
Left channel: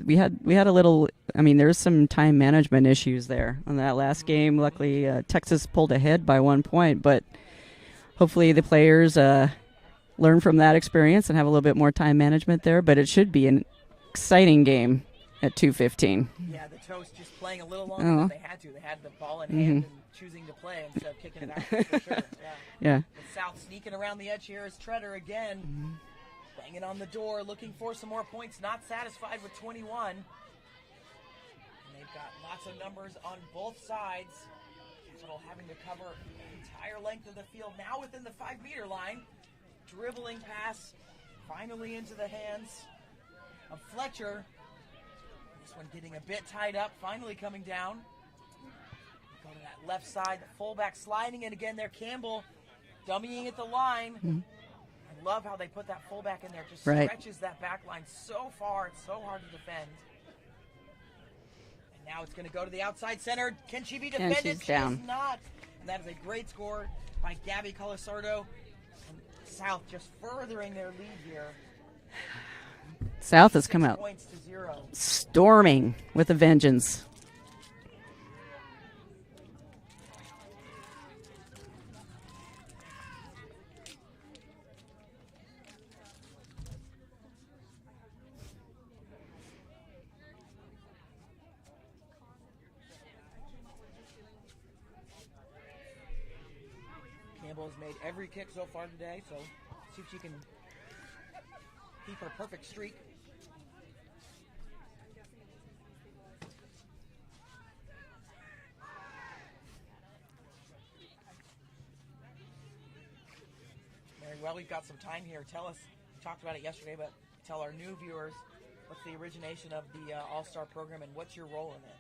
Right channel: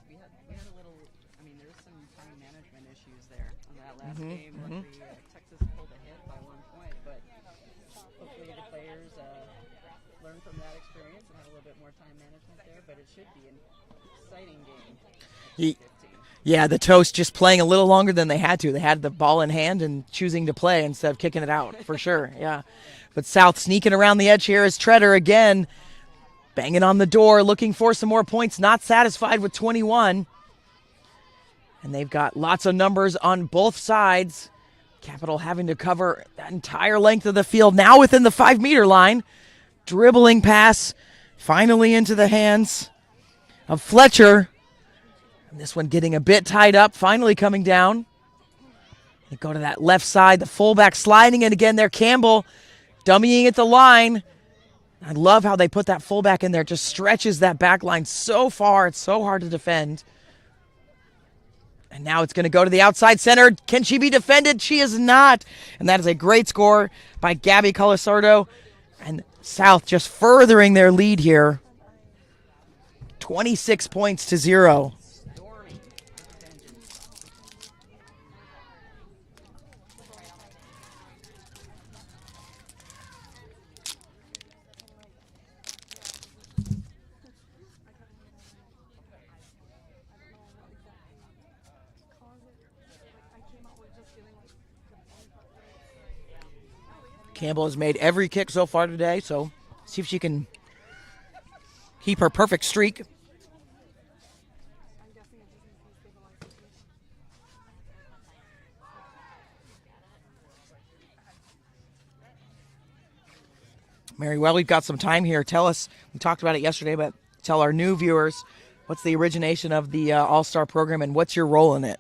We had a little. I mean, there's some time management issues there on that last game. Luckily, Texas pulled ahead by 1 point, but hopefully the players learn from that experience and have a little bit more time management there. But it should be an exciting game at 2:15. Yeah, the Toast just playing a little longer than they had to. They had the ball in hand and choosing to play instead of kicking it out, for sure. Yeah. Yeah. But South sneaking around the edge here is Treader again, banging on the door, looking for some more points, not satisfied with 21. And they've got lots of numbers on both sides. Capital having to cover the entire length of the field, now within the 5-meter line. Dribbling pass, finally into the hands of Fletcher. And this one getting a bit tied up, finally coming down. They go to that left side, the fullback sliding it again there. Campbell dummying at the line. I love how they put that fullback in there. Just stretches that back line so far. It's so hard to defend. And now it's going to go to the outside center. Can she be defended? She is not. And that is a great score by Gabby Colasardo. And South just furthering their lead here. 26 points to 0. Storming with a vengeance. Campbell has made every kick so far today, so see if she can keep her perfect streak. Mary, well, we've got some time here. Tell us, we talked about it yesterday, but tell our new viewers, what's the origination of the All-Star program and what's your role in it?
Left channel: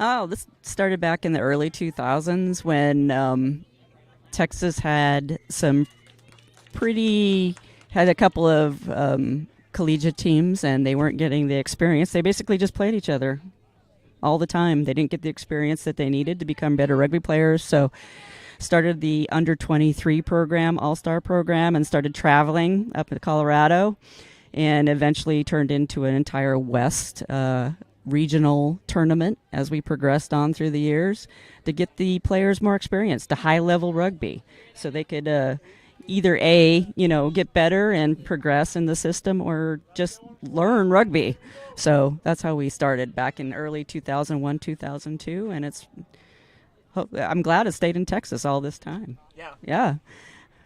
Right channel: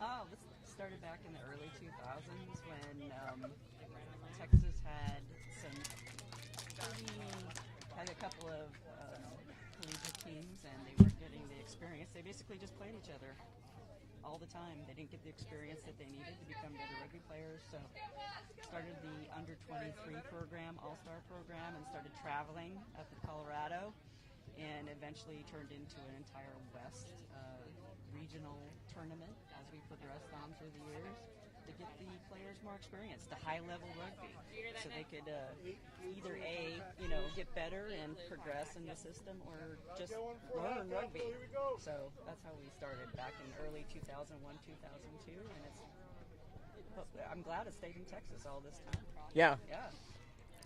Oh, this started back in the early 2000s when Texas had a couple of collegiate teams, and they weren't getting the experience. They basically just played each other all the time. They didn't get the experience that they needed to become better rugby players, so started the under-23 program, All-Star program, and started traveling up to Colorado, and eventually turned into an entire West regional tournament as we progressed on through the years to get the players more experience to high-level rugby, so they could either get better and progress in the system, or just learn rugby. So that's how we started back in early 2001, 2002, and I'm glad it stayed in Texas all this time. Yeah.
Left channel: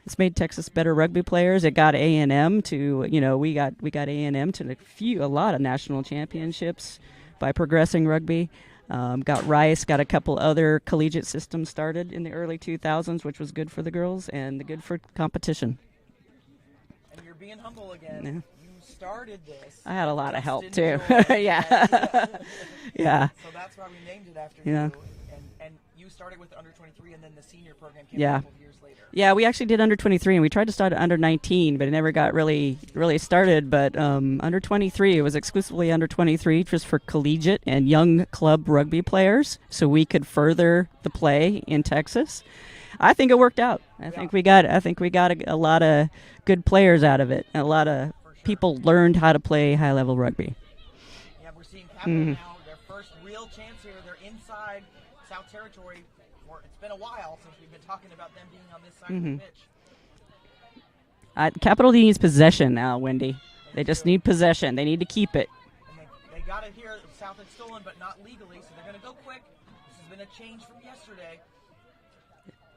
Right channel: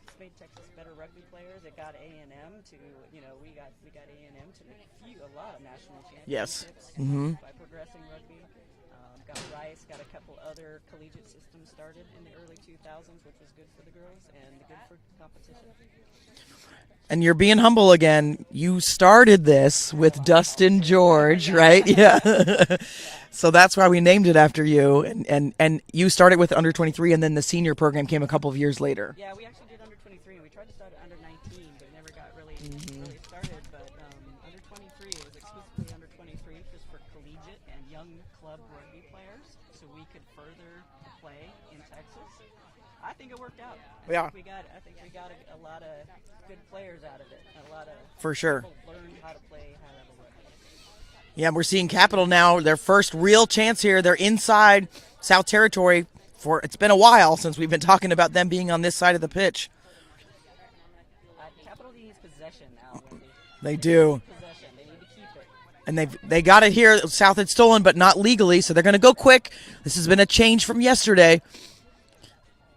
It's made Texas better rugby players. It got A&M to, we got A&M to a lot of national championships by progressing rugby. Got Rice, got a couple other collegiate systems started in the early 2000s, which was good for the girls and good for competition. And you're being humble again. You started this with Dustin George, right? Yeah. Yeah. So that's why we named it after you. And you started with under 23, and then the senior program came a couple of years later. Yeah, we actually did under 23, and we tried to start at under 19, but it never got really started. But under 23, it was exclusively under 23, just for collegiate and young club rugby players, so we could further the play in Texas. I think it worked out. I think we got a lot of good players out of it. A lot of people learned how to play high-level rugby. Yeah, we're seeing Capital now, their first real chance here. They're inside South Territory. It's been a while since we've been talking about them being on this side of the pitch. Capital needs possession now, Wendy. They do. Just need possession. They need to keep it. And they got it here. South had stolen, but not legally, so they're going to go quick. This has been a change from yesterday.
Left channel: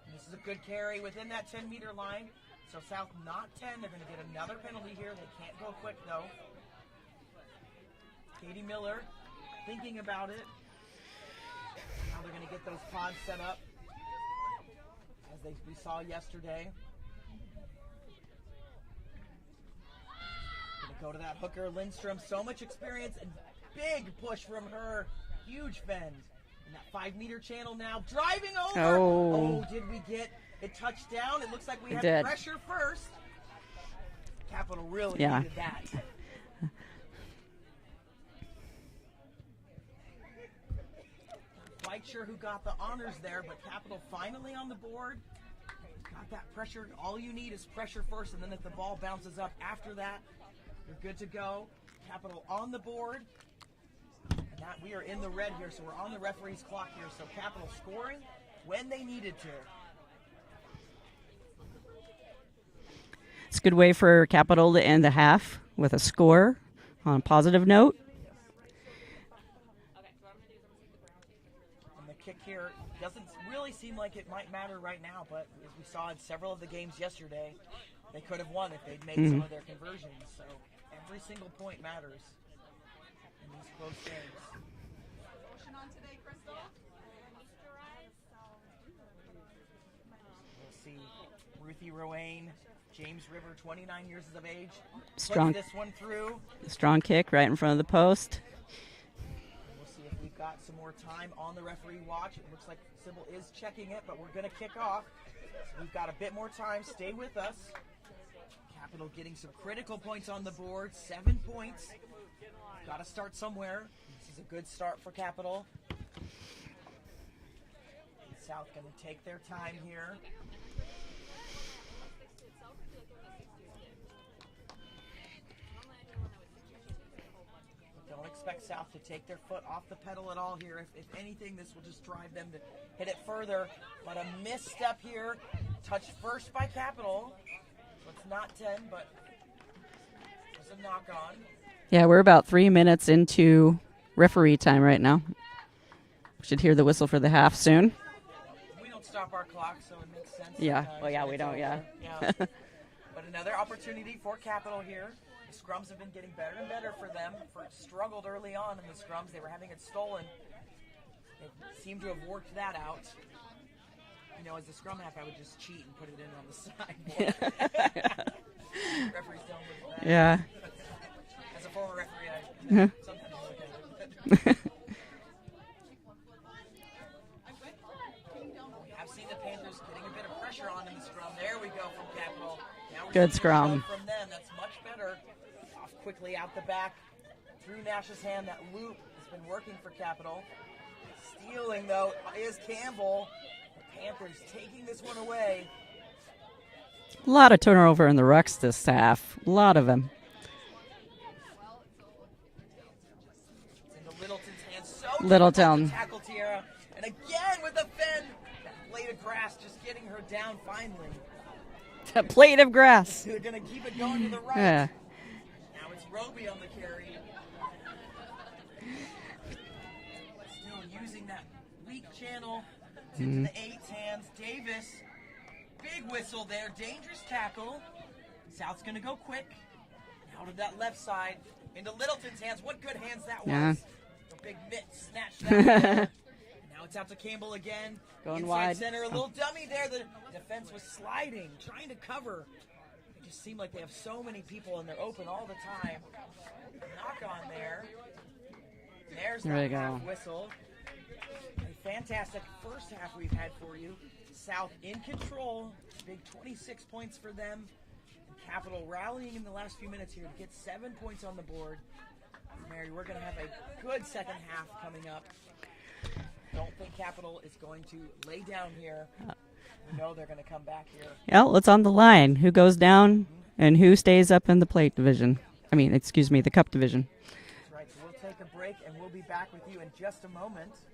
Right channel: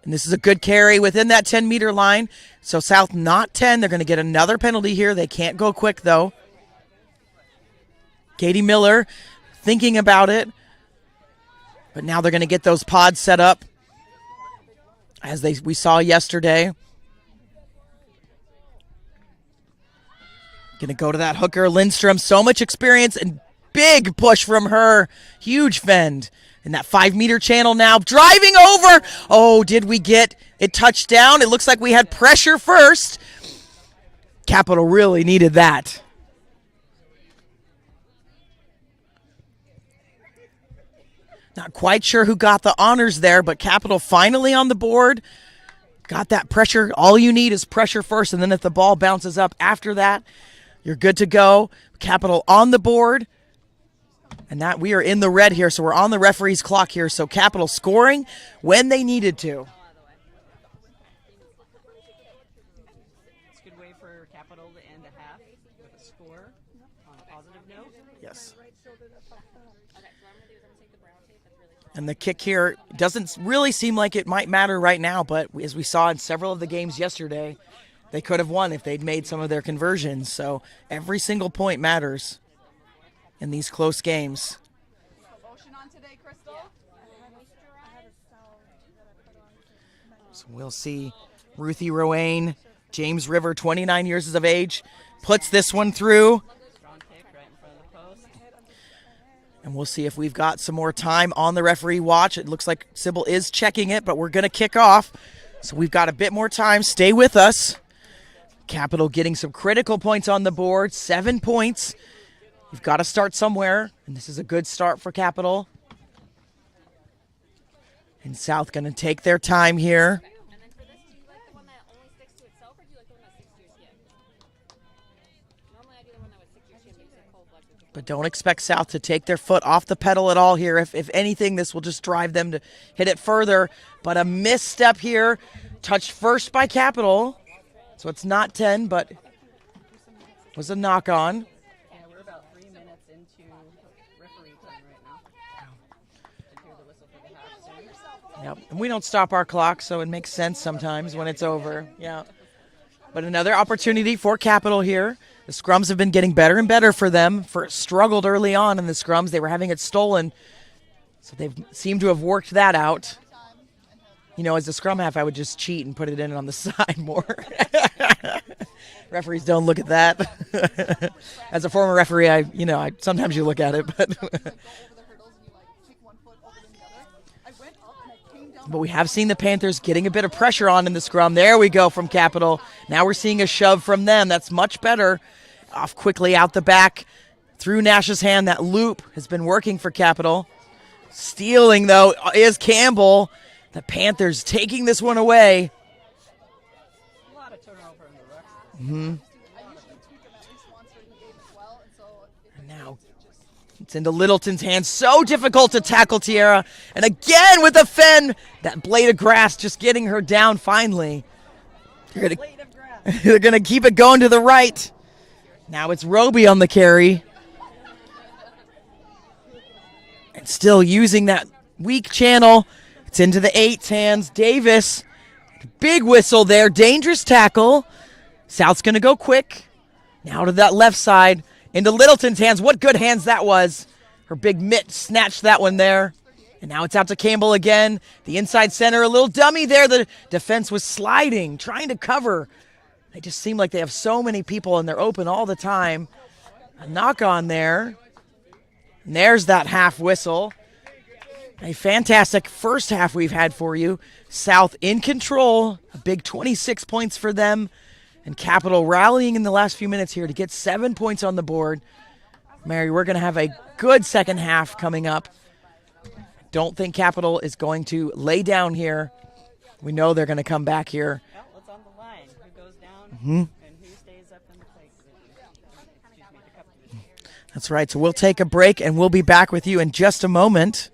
And this is a good carry within that 10-meter line. So South not 10. They're going to get another penalty here. They can't go quick, though. Katie Miller thinking about it. But now they're going to get those pods set up as we saw yesterday. Going to go to that hooker, Lindstrom. So much experience and big push from her. Huge fend. In that 5-meter channel now, driving over. Oh, did we get it touched down? It looks like we had pressure first. Capital really needed that. Not quite sure who got the honors there, but Capital finally on the board. Got that pressure. All you need is pressure first, and then if the ball bounces up after that, you're good to go. Capital on the board. And that we are in the red here, so we're on the referee's clock here. So Capital scoring when they needed to. It's a good way for Capital to end the half with a score on a positive note. Yes. And the kick here doesn't really seem like it might matter right now, but as we saw in several of the games yesterday, they could have won if they'd made some of their conversions. So every single point matters in these close games. So we'll see Ruthie Roane, James River, 29 years of age, puts this one through. Strong kick right in front of the post. And we'll see if we've got some more time on the referee watch. It looks like Sybil is checking it, but we're going to kick off. So we've got a bit more time. Stay with us. Capital getting some critical points on the board, 7 points. You've got to start somewhere, and this is a good start for Capital. And South going to take their time here. But don't expect South to take their foot off the pedal at all here. If anything, this will just drive them to hit it further. But a misstep here, touched first by Capital. So it's not 10, but was a knock on. Yeah, we're about 3 minutes into referee time right now. Should hear the whistle for the half soon. Yep. And we don't stop our clock, so it makes sense sometimes when it's over. Yeah. But another opportunity for Capital here. The scrums have been getting better and better for them. Struggled early on in the scrums. They were having it stolen. So they've seemed to have worked that out. You know, as a scrum half, I would just cheat and put it in on the side more. Referees don't look at that. Yeah. As a former referee, sometimes you look at it, but but we have seen the Panthers getting a bit of pressure on in the scrum. There we go from Capital. Now we're seeing a shove from them. That's much better. Off quickly out the back through Nash's hand. That loop has been working for Capital. Stealing, though, is Campbell. The Panthers taking this one away. A lot of turnover in the rucks this half. A lot of them. And now it's into Littleton's hands. So difficult to tackle Tierra. And again with the Fen. That blade of grass just getting her down finally. A blade of grass. They're going to keep it going to the right. Yeah. Now it's Roby on the carry. And still using that weak channel. It's into the 8's hands. Davis, big whistle there. Dangerous tackle. South's going to go quick. Now to that left side. Into Littleton's hands. What good hands that was. Her big mitt snatched that one there. And now it's out to Campbell again. The inside center, a little dummy there. The defense was sliding, trying to cover. They just seem like they have so many people and they're open all the time. A knock on there. And there's that half whistle. A fantastic first half we've had for you. South in control. A big 26 points for them. And Capital rallying in the last few minutes here to get 7 points on the board. Mary, we're going to have a good second half coming up. Don't think Capital is going to lay down here. We know they're going to come back here. Well, it's on the line. Who goes down and who stays up in the plate division? The cup division. That's right. So we'll take a break and we'll be back with you in just a moment.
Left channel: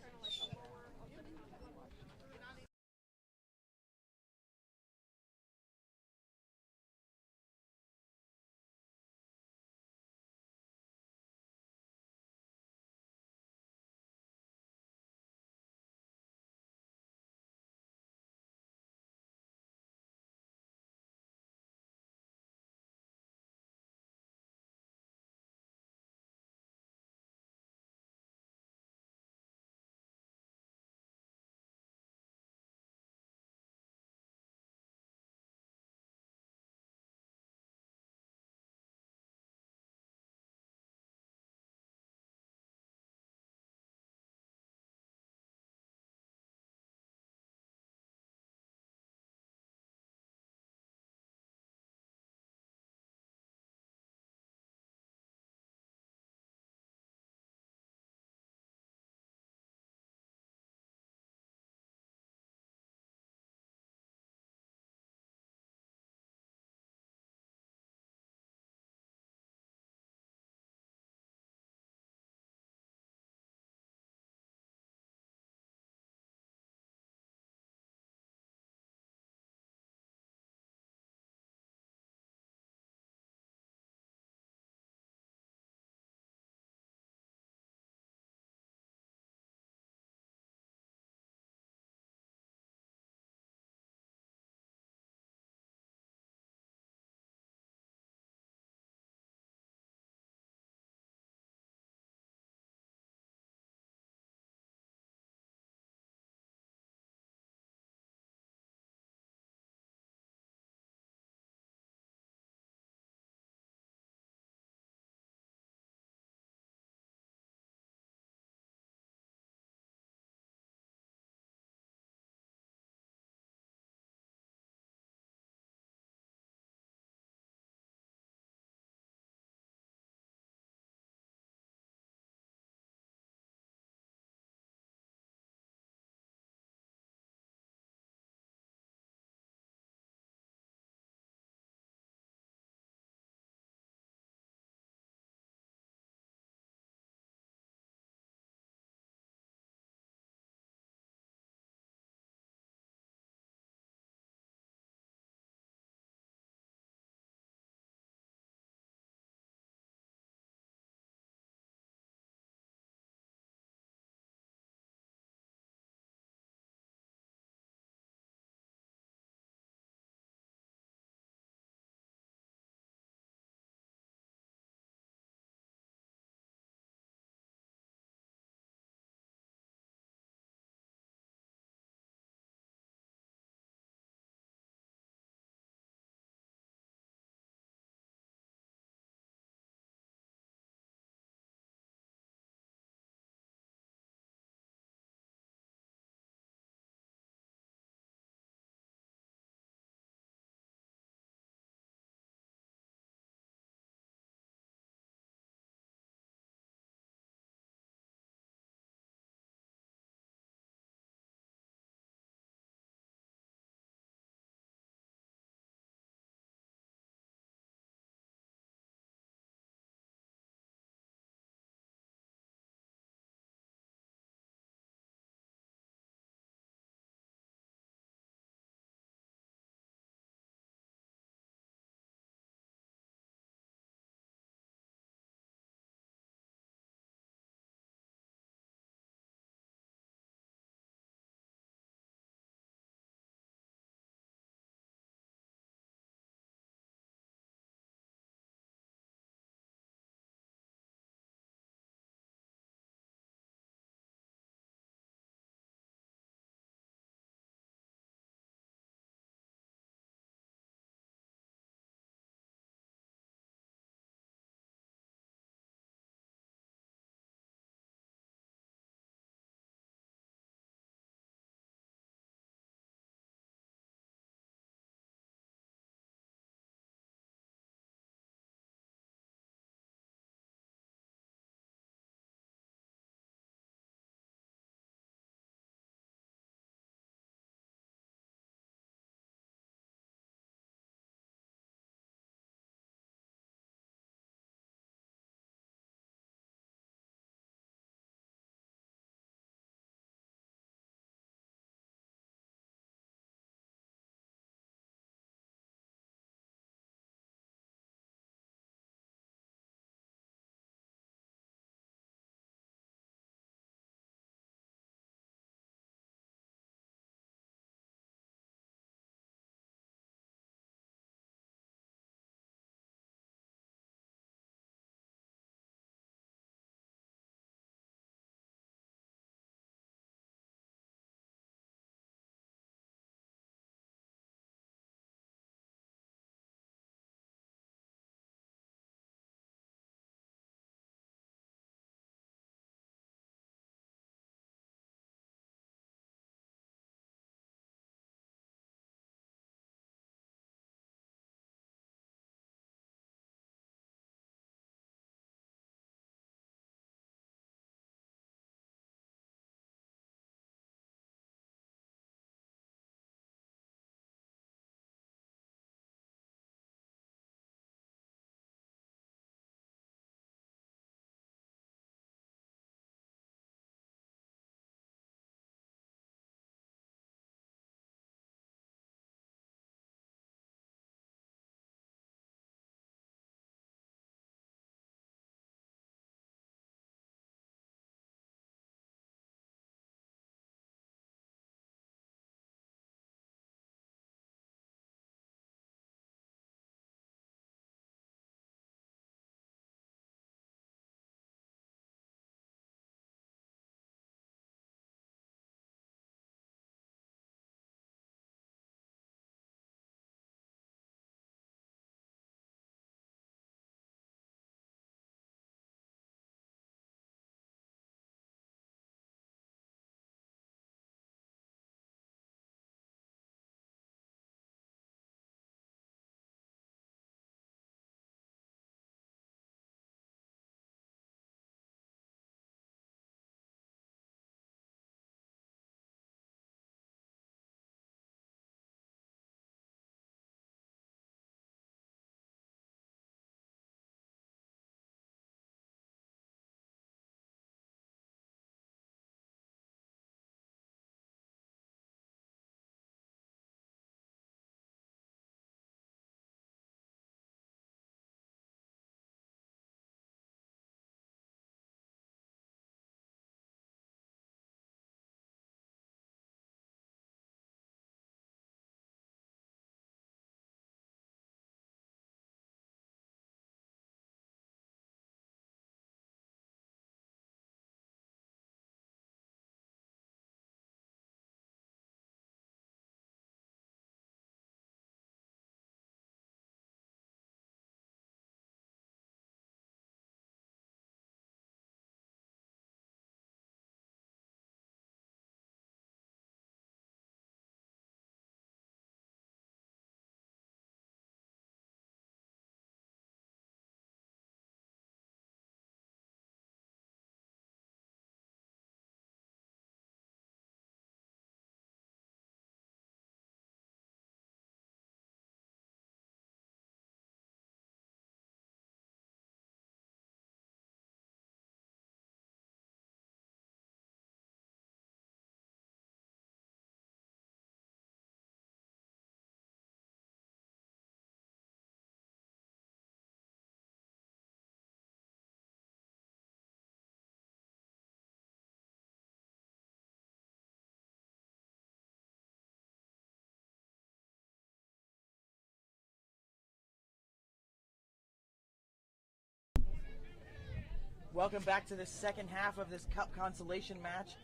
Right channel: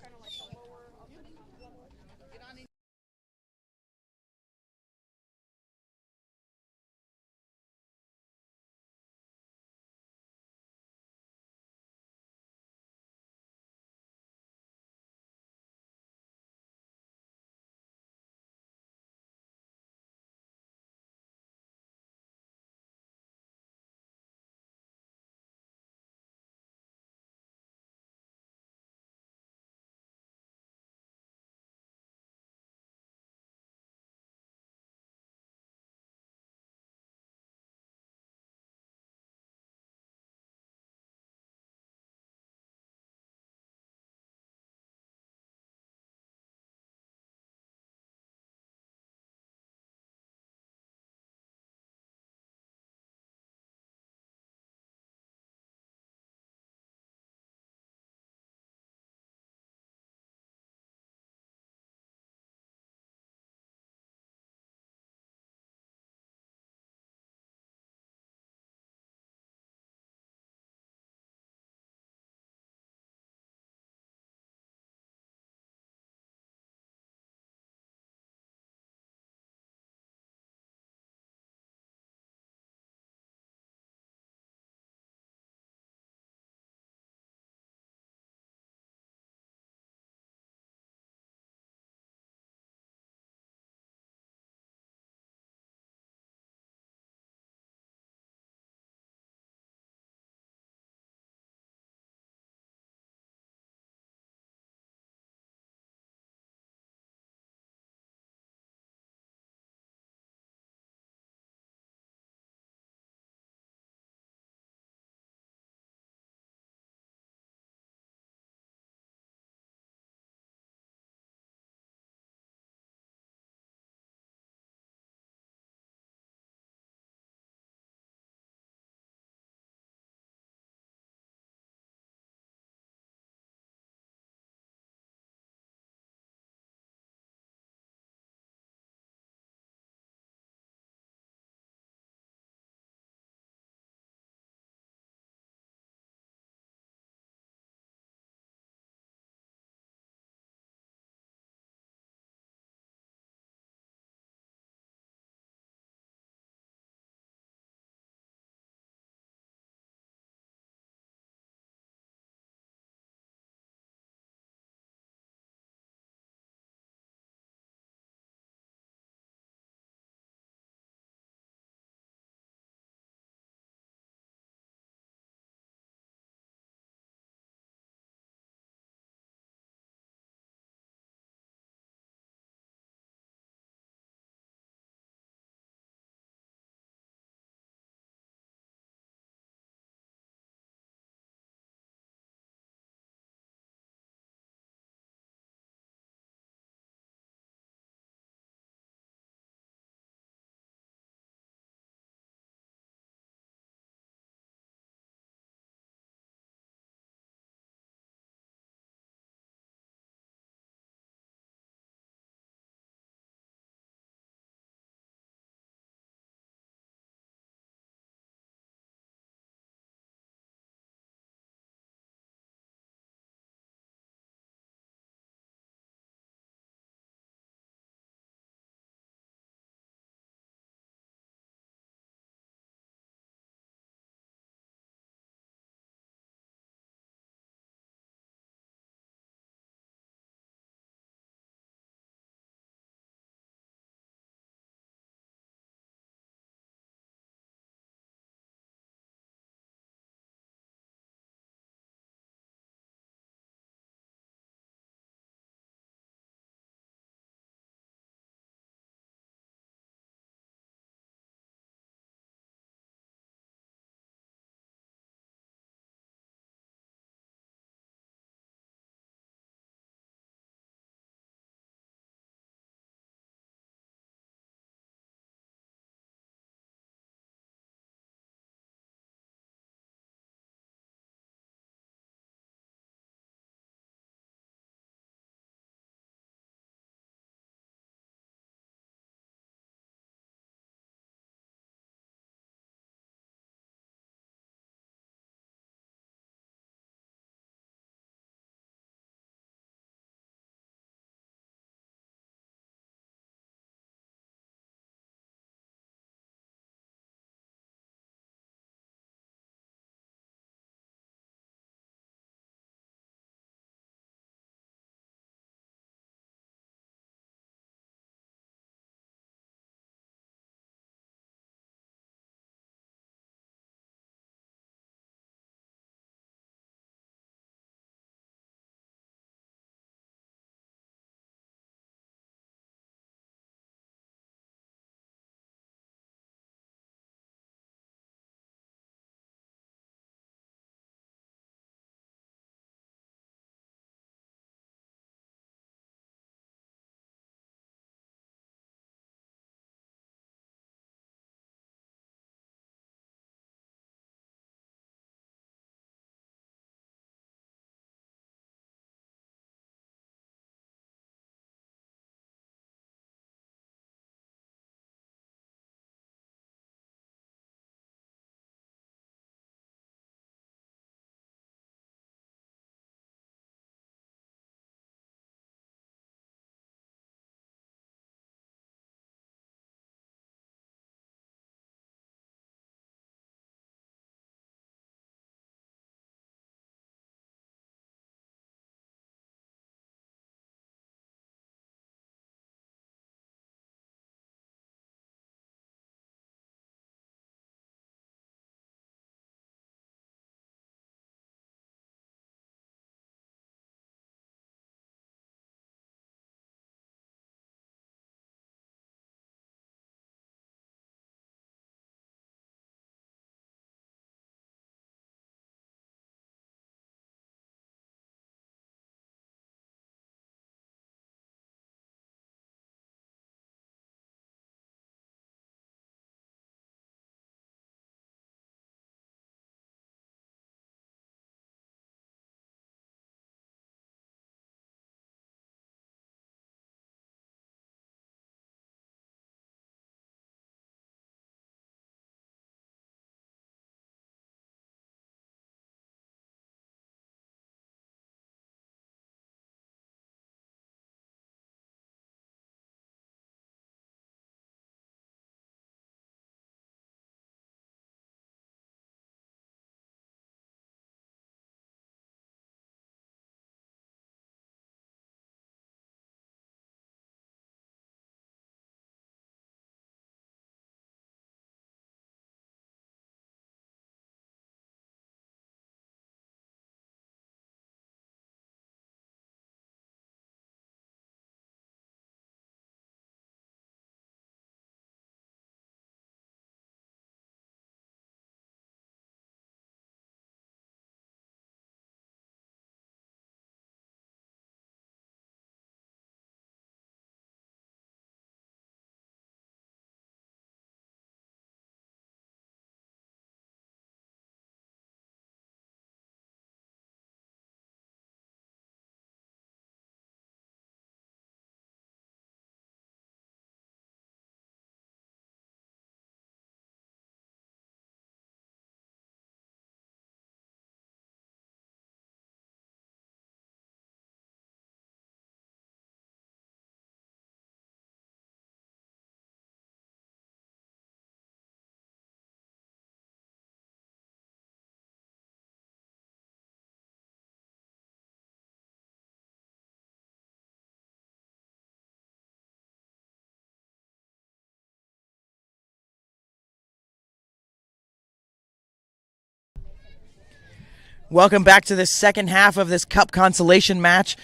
Welcome back to the second half of this Cup Consolation match.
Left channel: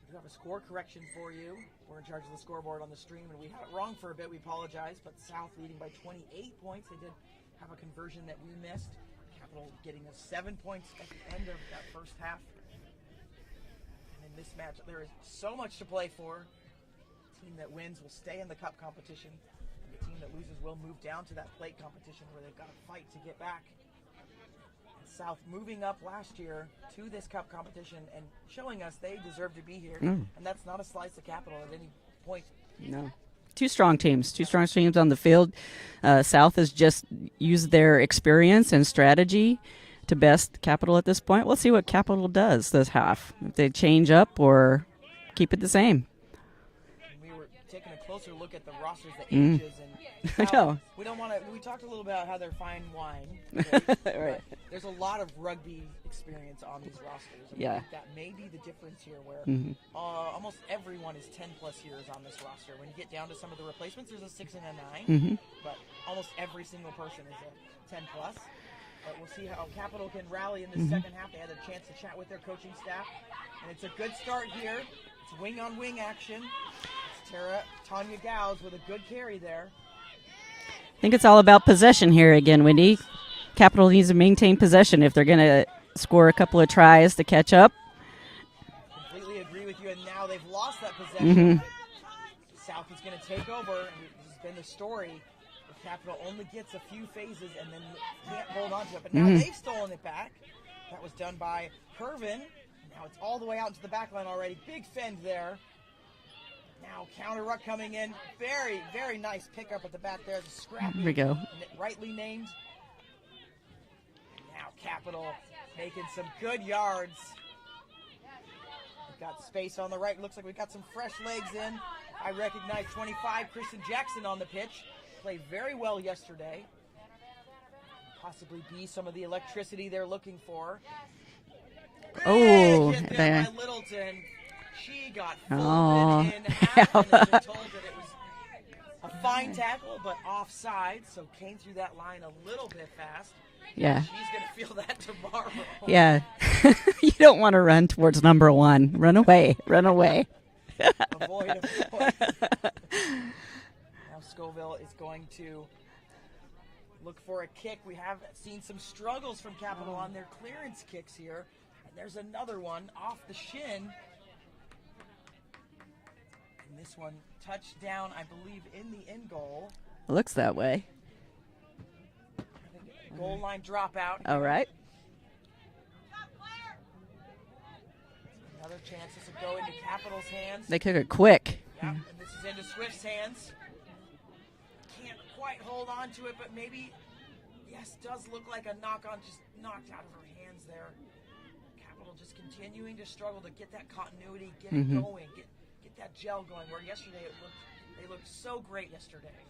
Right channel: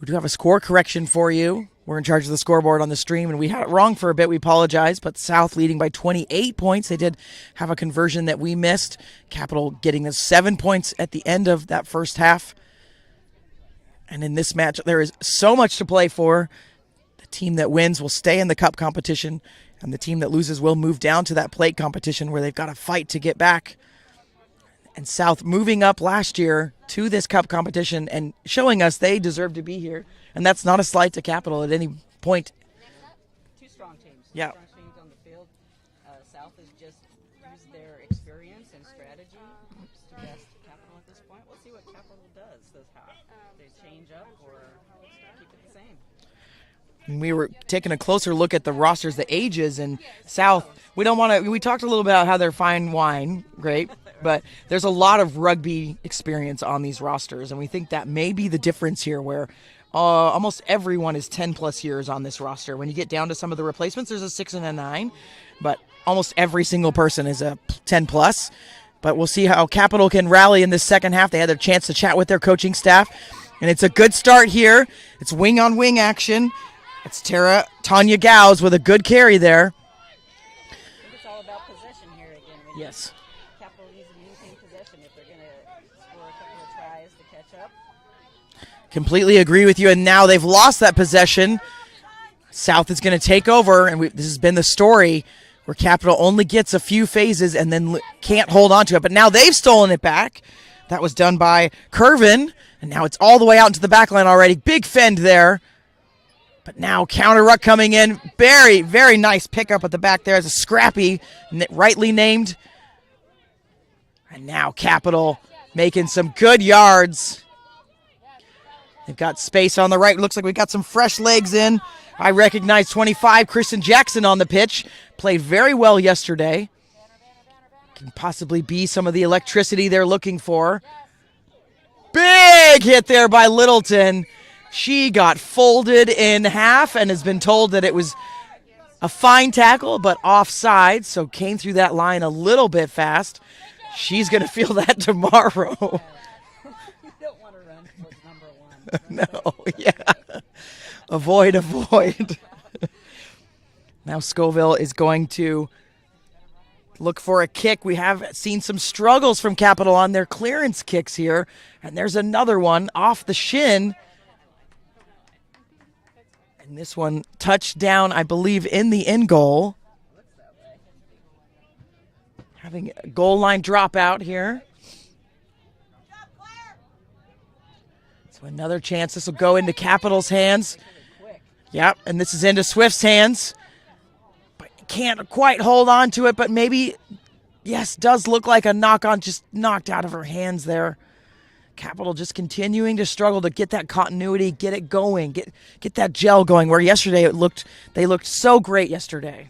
We do have a score correction for you. We're in charge of the scoreboard on the stream, and we had it wrong for a bit. We apologize, but South leading by 28 points. They did have a conversion that we missed. Capital getting the 7 points at the end of that first half. And in this match, there is so much to play for. The team that wins will stay in the Cup competition, and the team that loses will move down to that plate competition where they've got to fight to get back. And South moving up last year to this Cup competition and showing us they deserve to be here. And that's not a slight to Capital at any point. No. Two strong teams. Two Yeah. strong teams on the field. South has just used their experience and strategy to best Capital at this point. We'll see what Capital does this half. If they change up or keep it the same. And we were taking a closer look at the rosters, the ages, and South. We don't want to. We talked a little bit about how they're fine wine, great, but there's a lot of rugby experience on these rosters, and we think that may be the difference here, where almost everyone is 10+ years on this roster. When you get down to some of the replacements, there's a 6 and a 9, but almost every single person is a 10+. But we'll see how Capital can rally in this second half. They had their chance to chat with their coaching staff, and it's a good start here. It's wing-on-wing action. It's Tanya Gauss with a good carry there. I think it's all about possession here again, Wendy. Yes. Capital needs to maintain possession if they're going to score a couple of tries to catch up. Completely agree with you, and now they've lost that possession. South is going to take over, and this has been the story where Capital only gets a few phases and then can't hold on to it. But now they've stolen it back. That was done by Curvin, and now it's all the way out into the back line already. Big fend there. But now counter ruck coming in. Very, very nice pickup at the back there as a Scrappy, rightly named. And now Capital making some good yards. They've got space on the right. Looks like we've got some fresh legs in. I recognize 25, Kristen Jackson on the pitch. Played very well yesterday. Can possibly be some of the electricity they're looking for. Big hit there by Littleton. She got folded in half and has been told that it was a fine tackle, but offside, so came through that line a little bit fast. Yeah. She's going to feel that tomorrow. Yeah. You don't want to run towards number one. Run away. Run away. Avoid. Now Scoville is going to look for a kick. We have seen some struggles from Capital on their clearance kicks here, and there's another one off the shin. And this one touched down, I believe, in the end goal. It looks that way. Having a goal line dropout here. All right. So another chance. This will go into Capital's hands. They took it quick. Yep, and this is into Swift's hands. But can't quite hold on to it, but maybe, yes, does look like a knock-on, just knocked out of her hands there. Capital just continuing to struggle to get that continuity, get it going, get that gel going, where yesterday they looked so great yesterday.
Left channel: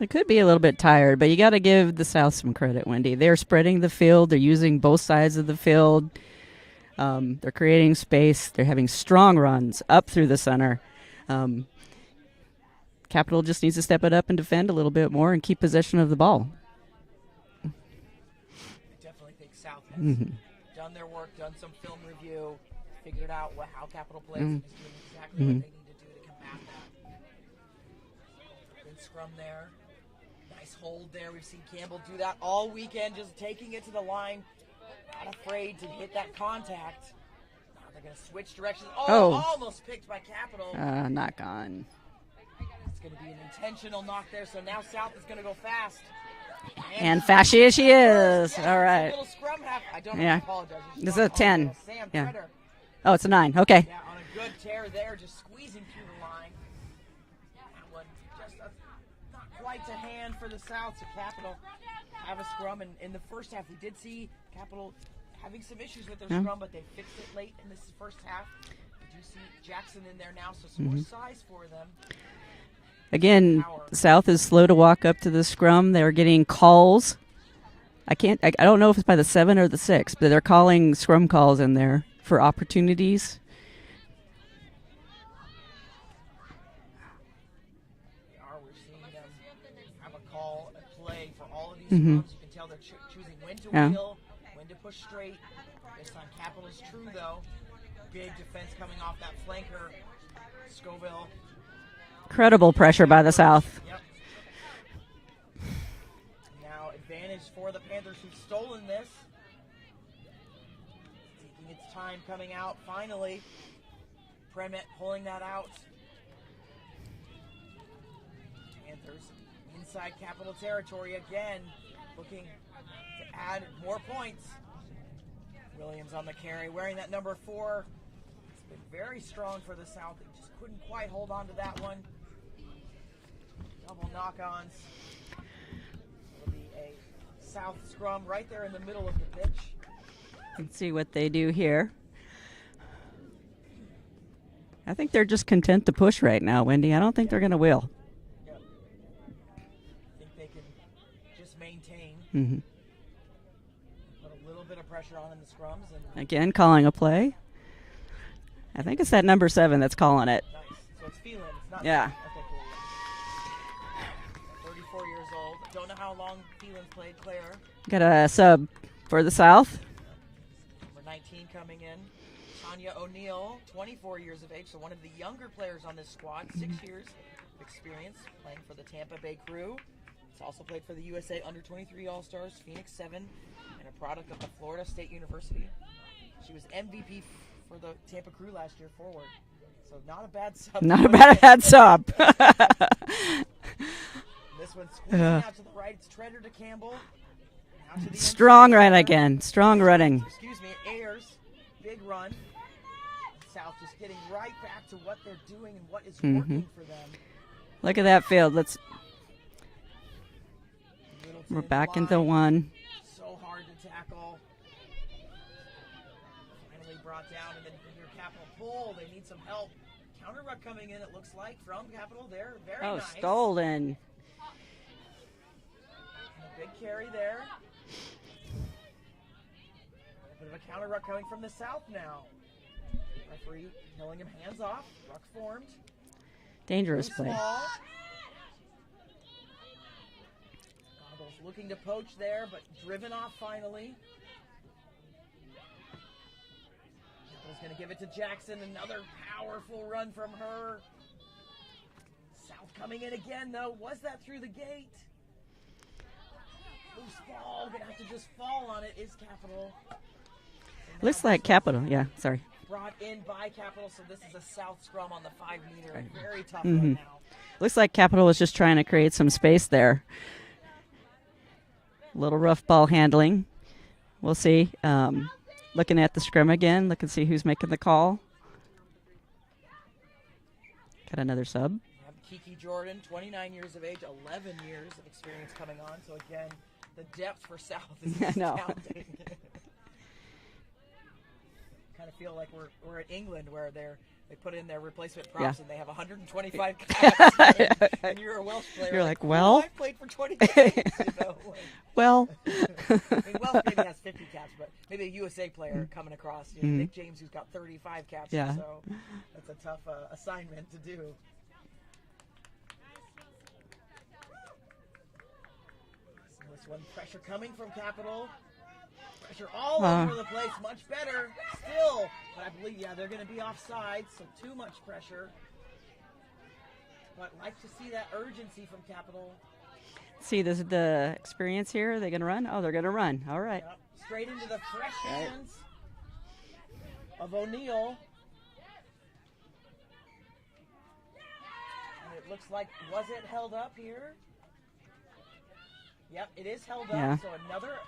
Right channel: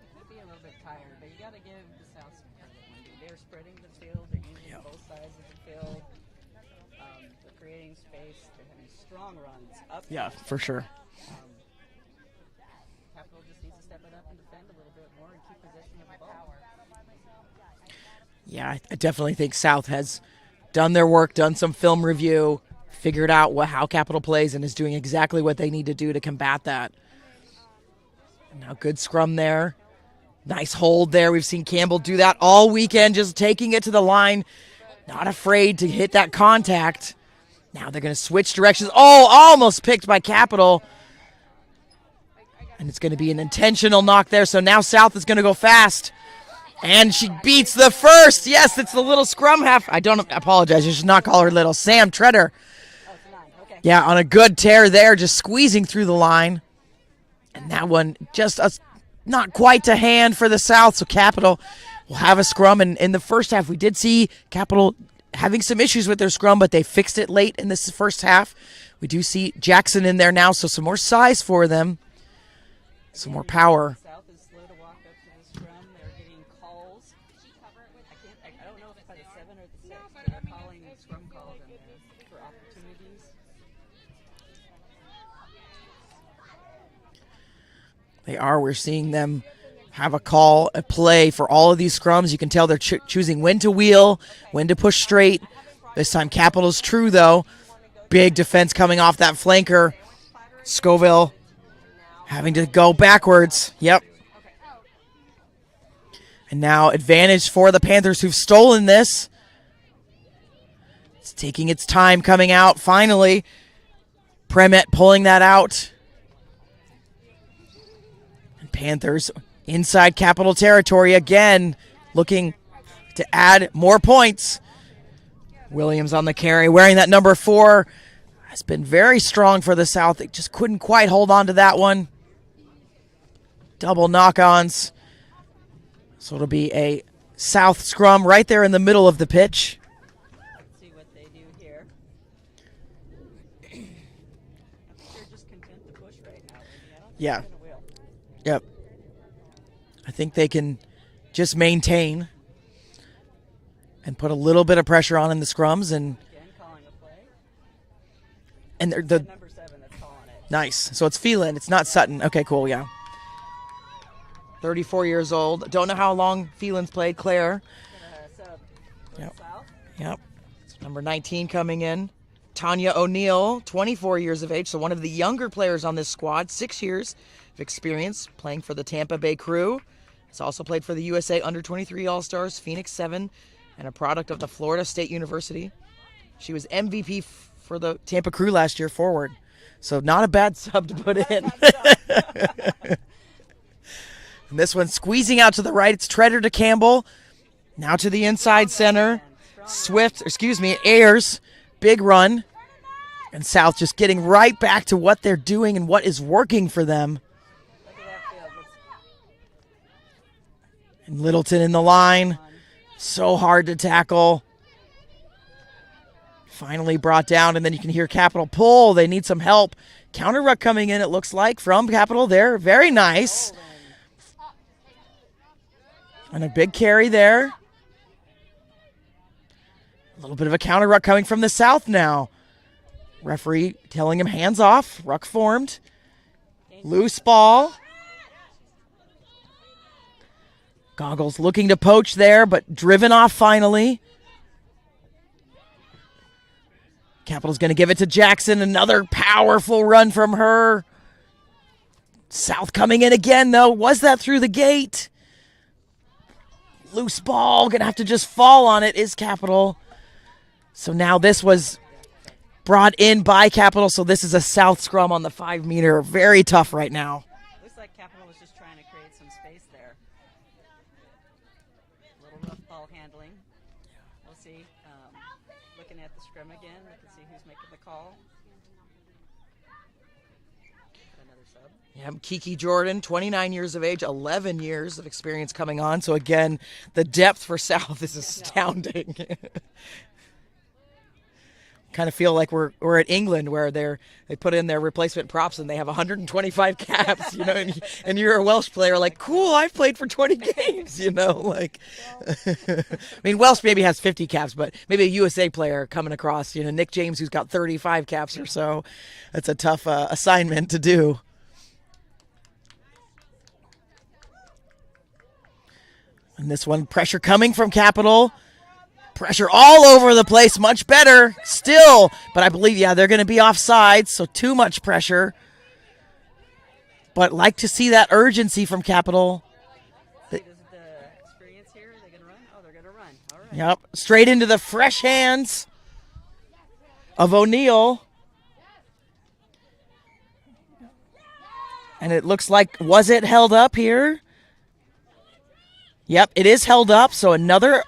They could be a little bit tired, but you got to give the South some credit, Wendy. They're spreading the field. They're using both sides of the field. They're creating space. They're having strong runs up through the center. Capital just needs to step it up and defend a little bit more and keep possession of the ball. Yeah, I definitely think South has done their work, done some film review, figured out how Capital plays, and is doing exactly what they need to do to combat that. Now good scrum there. Nice hold there. We've seen Campbell do that all weekend, just taking it to the line, not afraid to hit that contact. Now they're going to switch directions. Almost picked by Capital. Knock on. And it's going to be an intentional knock there, so now South is going to go fast. And she fast beats she the is. first. Yes, All it's right. the little scrum half. I apologize. You should not It's a call her 10. little. Sam Treader. Oh, it's a 9. Okay. Yeah, on a good tear there, just squeezing through the line. And that one just not quite to hand for the South, so Capital will have a scrum. And in the first half, we did see Capital having some issues with their scrum, but they fixed it late in this first half. We do see Jackson in there now, so some more size for them. Again, power. South is slow to walk up to the scrum. They're getting calls. I don't know if it's by the 7 or the 6, but they're calling scrum calls in there for opportunities. They are. We're seeing them have a call, a play for all of these scrums. You can tell they're choosing when to wheel, when to push straight. This time Capital's true, though. Big defense coming off that flanker. Scoville having to Incredible go pressure by the backwards. South. Yep. And now advantage for the Panthers who've stolen this. It's taking its time coming out. Finally, Premet pulling that out. And Panthers inside Capital territory again, looking to add more points. Williams on the carry, wearing that number 4. Has been very strong for the South. They just couldn't quite hold on to that one. Double knock-ons. So it'll be a South scrum right there in the middle of the pitch. Let's see what they do here. I think they're just content to push right now, Wendy. I don't think Yeah. they're going to wheel. Yep. I think they can just maintain and put a little bit of pressure on in the scrums. And Again, calling a play. And It's the- that number 7 that's calling it. nice. So it's Phelan. It's not Yeah. Sutton. Okay, cool. Yeah. 34 years old. Don't know how long Phelan's played. Claire. Got a sub for the South. Yep. Number 19 coming in. Tanya O'Neill, 24 years of age, so one of the younger players on this squad, 6 years of experience playing for the Tampa Bay Crew. He's also played for the USA Under-23 All-Stars, Phoenix 7, and a product of the Florida State University. She was MVP for the Tampa Crew last year forward. So not a bad sub. to Not put a bad in. sub. And this one squeezing out to the right. It's Treader to Campbell. Now to the inside Strong run center. again. Strong Swift, running. excuse me, Ayers, big run. And South just getting right back to what they're doing and what is working for them. Look at that field. Let's And Littleton in the back into line. one. So hard to tackle. Finally brought down, and then you can hear Capital pull. They need some help. Counter ruck coming in, it looks like, from Capital there. Very nice. Golden. And a big carry there. A little bit of a counter ruck coming from the South now. Referee telling him hands off. Ruck formed. Dangerous. Loose play. ball. Goggles looking to poach there, but driven off finally. Capital's going to give it to Jackson. Another powerful run from her. South coming in again, though. Was that through the gate? Loose ball. Going to have to just fall on it is Capital. So now Looks this like was Capital. Yeah, sorry. brought in by Capital. So this is a South scrum on the 5-meter. Very tough right now. Looks like Capital was just trying to create some space there. Little rough ball handling. We'll see. Looking at the scrum again. Look and see who's making the call. Got another sub. Yep, Kiki Jordan, 29 years of age, 11 years of experience coming on. So again, the depth for South is I know. astounding. Kind of feel like we're at England where they put in their replacement props and they have 125 caps, you know, and you're a Welsh player, You're like, like, cool, well. I've played for 20 games, you know, like. Well, I mean, Welsh maybe has 50 caps, but maybe a USA player coming across, you know, Nick James who's got 35 caps Yeah. or so. That's a tough assignment to do. And this one, pressure coming from Capital. Pressure all over the place, much better still. But I believe, yeah, they're going to be offside, so too much pressure. But like to see that urgency from Capital. see this is the experience here. Are they going to run? Oh, they're going to run. All right. Yep, straight into the fresh hands of O'Neill. And it looks like, was it held up here? Yep, it is held up. Yeah. So another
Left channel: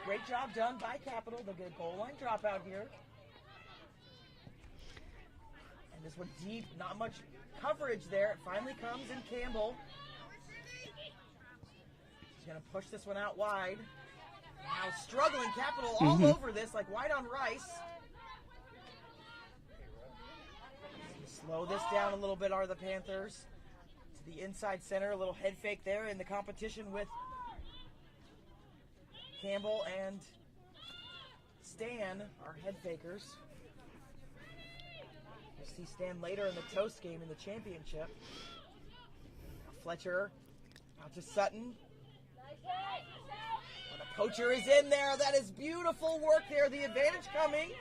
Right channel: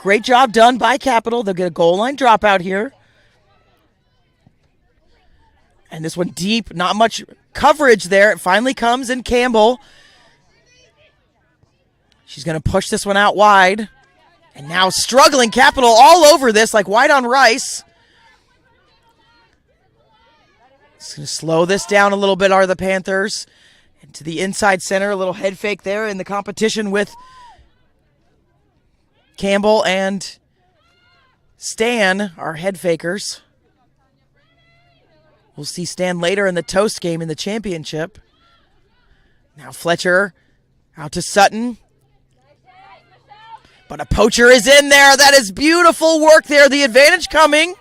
great job done by Capital. They'll get a goal line dropout here. And this one deep, not much coverage there. It finally comes in Campbell. She's going to push this one out wide. And now struggling Capital all over this, like white on rice. It's going to slow this down a little bit, are the Panthers. And to the inside center, a little head fake there in the competition with Campbell and Stan, our head fakers. We'll see Stan later in the Toast game in the championship. Now Fletcher Out to Sutton. But a poacher is in there. That is beautiful work there. The advantage coming.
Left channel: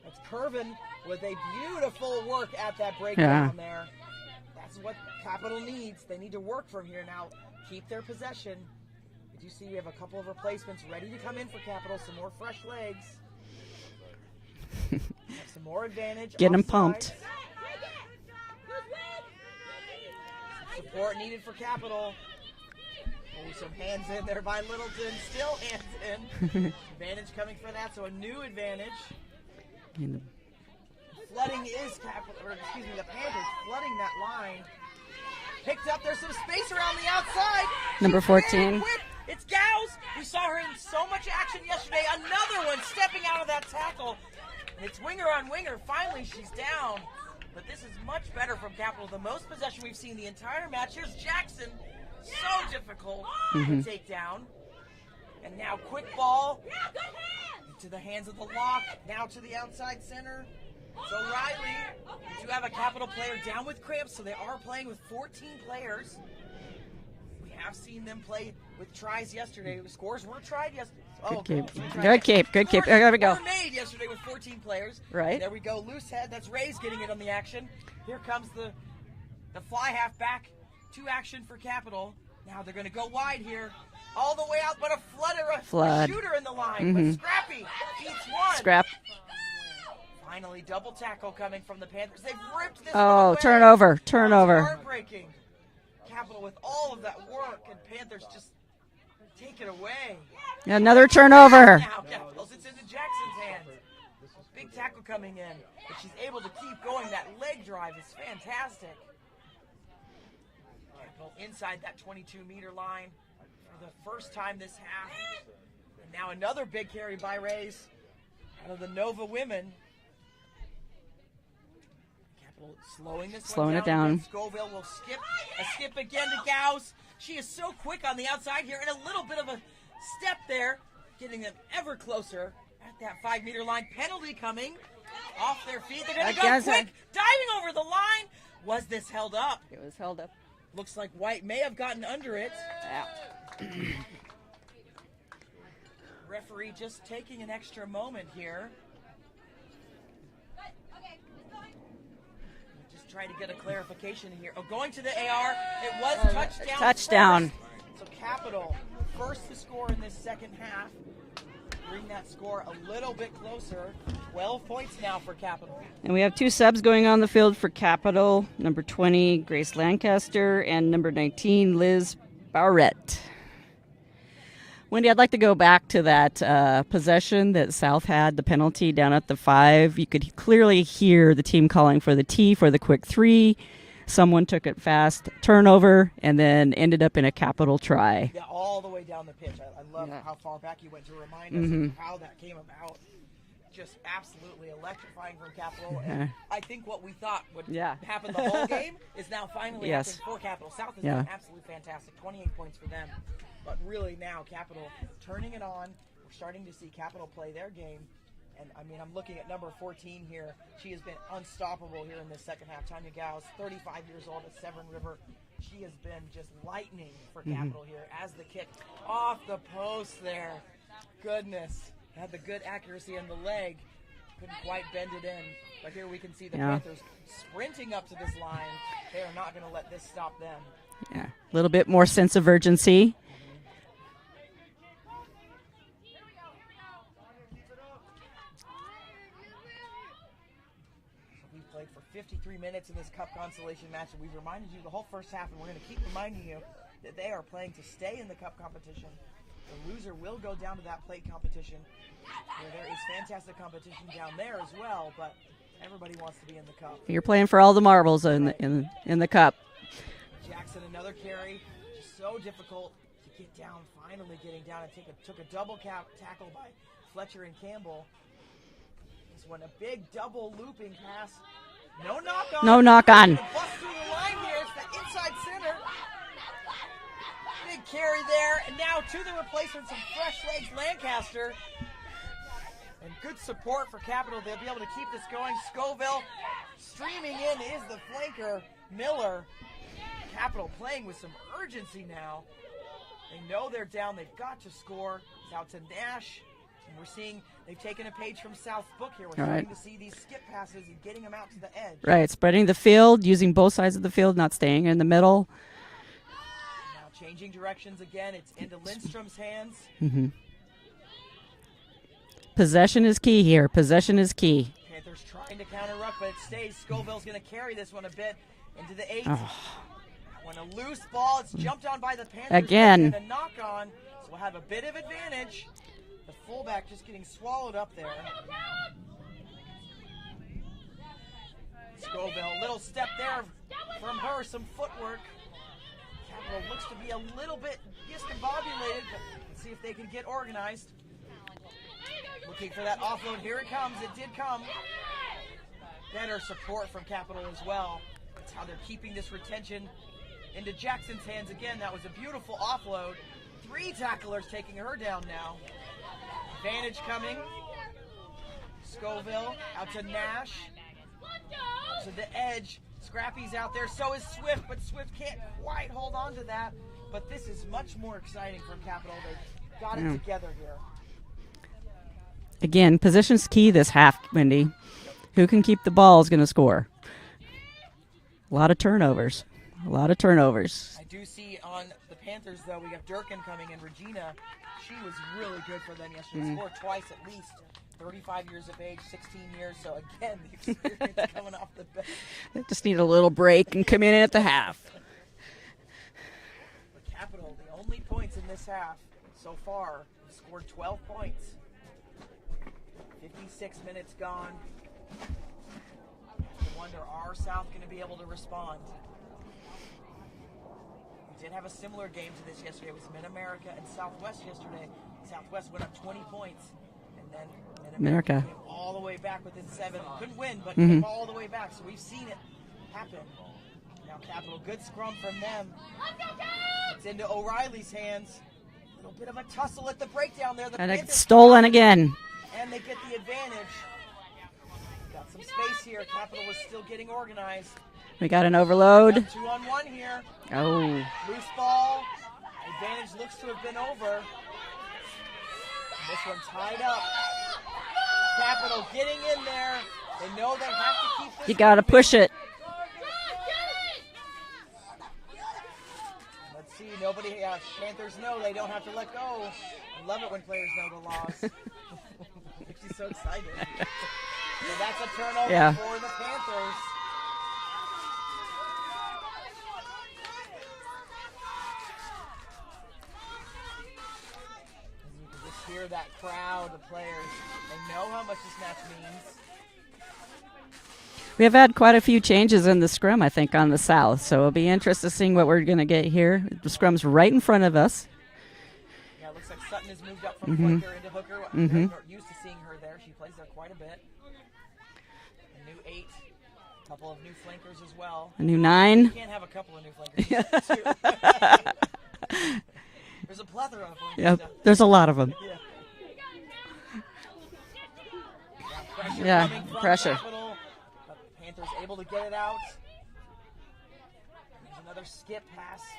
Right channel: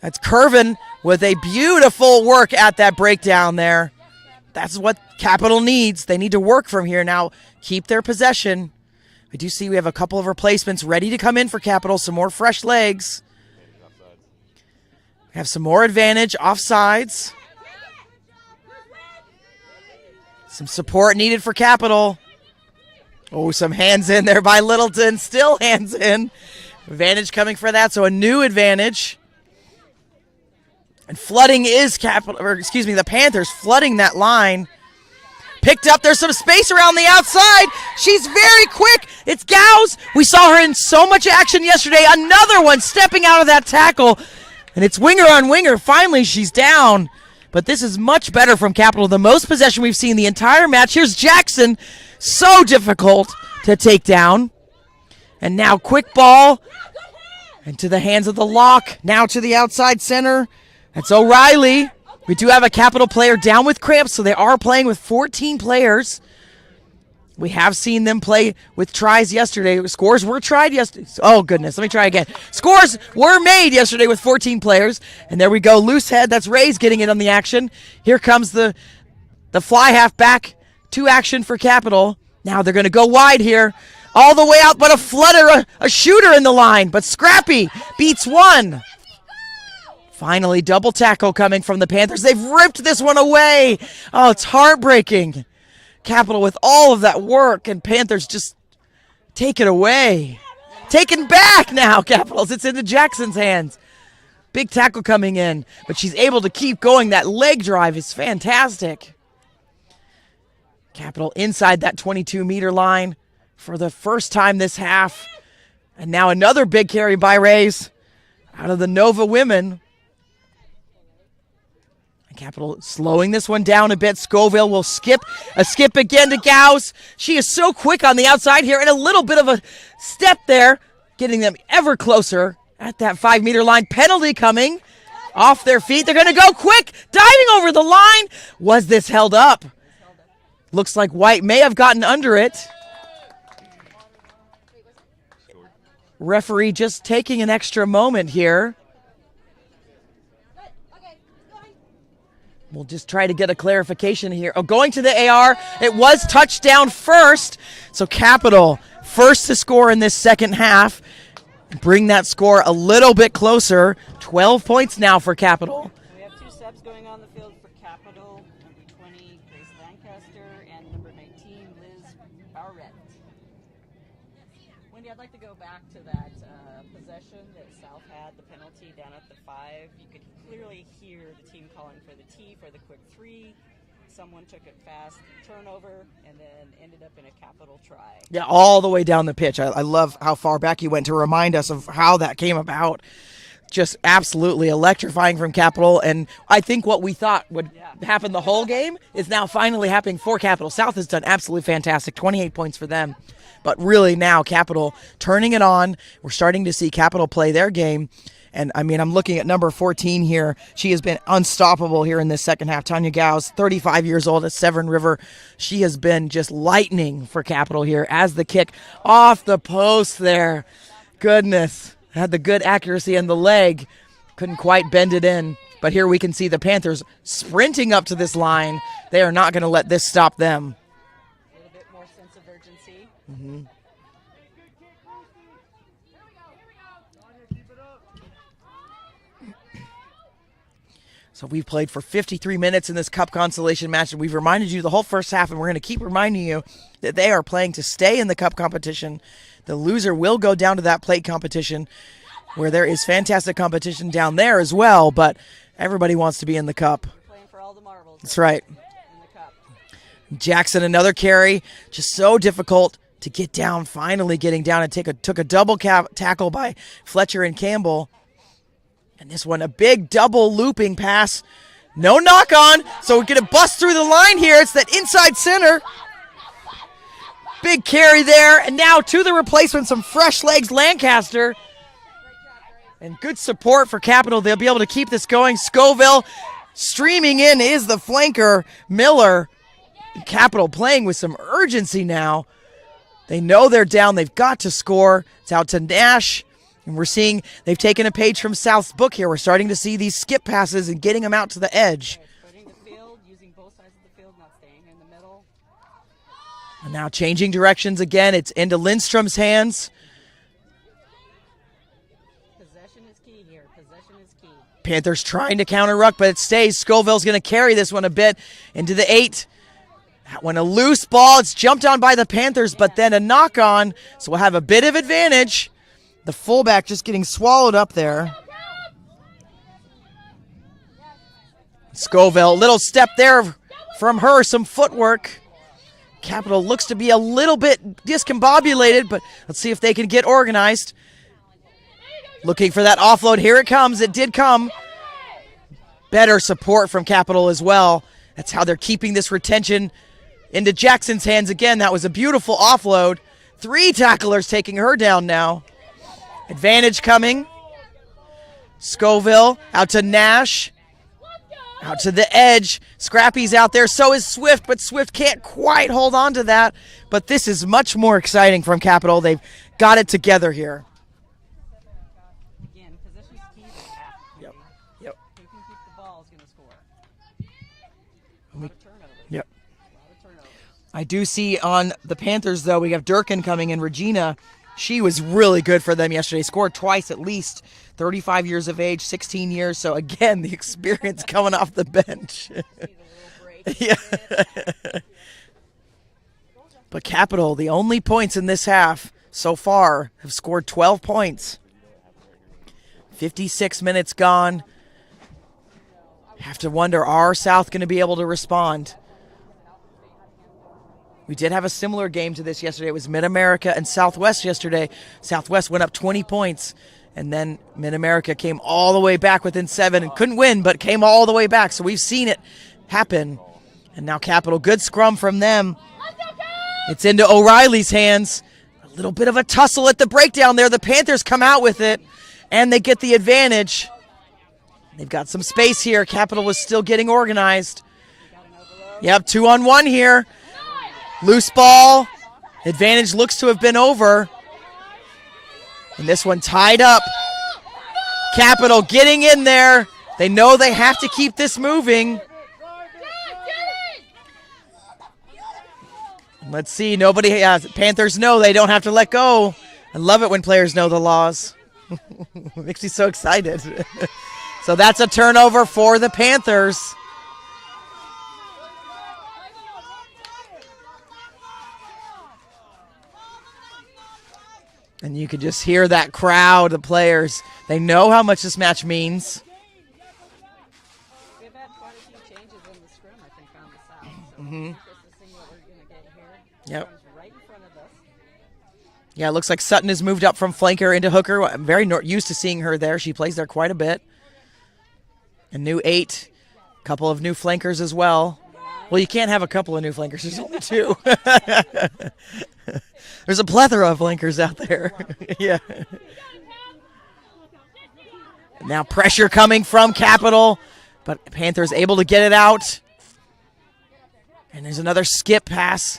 That's Curvin with a beautiful work at that breakdown there. That's what Capital needs. They need to work from here now. Keep their possession. I do see we have a couple of replacements ready to come in for Capital. Some more fresh legs. Have some more advantage. Offsides. Some support needed for Capital. Oh, some hands in there by Littleton. Still hands in. Advantage coming for that, so a new advantage. And flooding is the Panthers flooding that line. Picked up. There's some space around the outside. She's very quick. It's Gauss. We saw her in so much action yesterday. Another one stepping out of that tackle. And it's winger on winger. Finally, she's down. But this is much better from Capital. The most possession we've seen the entire match. Here's Jackson. So difficult to take down. And now quick ball. Into the hands of the lock. Now to the outside center. That's O'Reilly. We do have a Capital player down with cramps, so they are playing with 14 players. We have seen them play with tries yesterday. Scores were tried yesterday. Oh, goodness. Let me try again. Scores were made yesterday with 14 players. Right. And there we go. Loose head. That's Ray's getting in on the action. Here comes the fly half back to action for Capital. Now they're going to go wide here. All the way out, but a flutter, a shooter in the line. But Scrappy beats one. Finally, double tackle coming from the Panthers. They've ripped this one away. Turnover. Oh, it's heartbreaking. Capital with all of that work, and Panthers just take it away. Another take it back now, Capitals. It's into Jackson's hands. Big tackle coming in, but she's able to keep going. That leg drive is fantastic. Capital inside that 22-meter line for the first time this half. And now another big carry by Rays out of the Nova women. Capital slowing this one down a bit. Scoville will skip again to Gauss. She is so quick on the outside here, and a little bit of a step there, getting them ever closer at that 5-meter line. Penalty coming off their feet. They're going to go quick, diving over the line. Was this held up? It was held up. Looks like White may have gotten under it. Referee just taking an extra moment here. We'll just try to get a clarification here. Oh, going to the AR. It was touchdown first. So Capital first to score in this second half. Bring that score a little bit closer. 12 points now for Capital. And we have two subs going on the field for Capital. Number 20, Grace Lancaster, and number 19, Liz Barrett. Wendy, I'd like to go back to that possession that South had, the penalty down at the 5. You could clearly hear the team calling for the T for the quick 3. Someone took it fast, turnover, and then ended up in a Capital try. Yeah, all the way down the pitch. I love how far back you went to remind us of how that came about. Just absolutely electrifying from Capital, and I think what we thought would happen the whole game is now finally happening for Capital. South has done absolutely fantastic, 28 points for them. But really now Capital turning it on. We're starting to see Capital play their game. And, I mean, I'm looking at number 14 here. She has been unstoppable here in this second half. Tanya Gauss, 35 years old at Severn River. She has been just lightning for Capital here as the kick off the post there. Goodness. Had the good accuracy and the leg. Couldn't quite bend it in. But here we can see the Panthers sprinting up to this line. They are not going to let this stop them. Yeah, a little bit more sense of urgency. So we've played for 53 minutes in this Cup Consolation match, and we've reminded you the whole first half, and we're going to keep reminding you that they are playing to stay in the Cup competition. The loser will go down to that plate competition, where there is fantastic competition down there as well, but everybody wants to be in the Cup. You're playing for all the marbles. That's right. In the Cup. Jackson, another carry, just so difficult to get down, finally getting down and took a double tackle by Fletcher and Campbell. And this one, a big double looping pass. No knock on. So we're going to bust through the line here. It's that inside center. Big carry there. And now to the replacement, some fresh legs, Lancaster. And good support for Capital. They'll be able to keep this going. Scoville streaming in is the flanker, Miller. Capital playing with some urgency now. They know they're down. They've got to score. It's out to Nash. And we're seeing they've taken a page from South's book here. We're starting to see these skip passes and getting them out to the edge. Right, spreading the field, using both sides of the field, not staying in the middle. And now changing directions again. It's into Lindstrom's hands. Possession is key here. Possession is key. Panthers trying to counter ruck, but it stays. Scoville's going to carry this one a bit into the 8. That one a loose ball. It's jumped on by the Panthers, but Again. then a knock on. So we'll have a bit of advantage. The fullback just getting swallowed up there. Scoville, little step there from her, some footwork. Capital looks to be a little bit discombobulated, but let's see if they can get organized. Looking for that offload. Here it comes. It did come. Better support from Capital as well. That's how they're keeping this retention into Jackson's hands again. That was a beautiful offload. 3 tacklers taking her down now. Advantage coming. Scoville out to Nash. Out to the edge. Scrappy's out there. So is Swift, but Swift can't quite hold on to that. But this is much more exciting from Capital. They've got it together here. Again, position's key this half, Wendy. Who can keep the ball is going to score. A lot of turnovers. A lot of turnovers. I do see on the Panthers, though, we have Durkin coming in. Regina, she was really good for them yesterday. Scored twice at least. 35 years of age, 16 years. So, again, the experience coming off the bench. Just need a little break and come in at the half. But Capital, the only points in this half so far, have scored 12 points. 56 minutes gone. Have to wonder, are South going to be able to respond? We did have a similar game to this yesterday. It was Mid-America and Southwest yesterday. Southwest went up 20 points, and then Mid-America came all the way back within 7 and couldn't win, but came all the way back. So we've seen it happen. And now Capital, good scrum from them. It's into O'Reilly's hands. A little bit of a tussle at the breakdown there. The Panthers come out with it, and they get the advantage. They've got some space here. Capital was still getting organized. We got an overload. Yep, 2-on-1 here. Oh. Loose ball. Advantage looks to have been over. And this one tied up. Capital getting in there. They know they have to keep this You gotta moving. push it. Let's see. Nobody. Panthers know they don't have to let go. I love it when players know the laws. Makes me so excited. So that's a turnover for the Panthers. And you could just hear that crowd, the players. They know how much this match means. We have had quite a few changes in the scrum, I think, on the South. So it'll be interesting seeing what we're going to get here. The scrum's right in front of us. Yeah, it looks like Sutton has moved up from flanker into hooker. I'm very used to seeing her there. She plays there quite a bit. A new 8. A couple of new flankers as well. A new 9. Well, you can't have a couple of new flankers. There's only 2. There's a plethora of flankers out there. There's a lot of them. Yeah. Now pressure coming from Capital, but Panthers able to get it out. And there's another skip pass.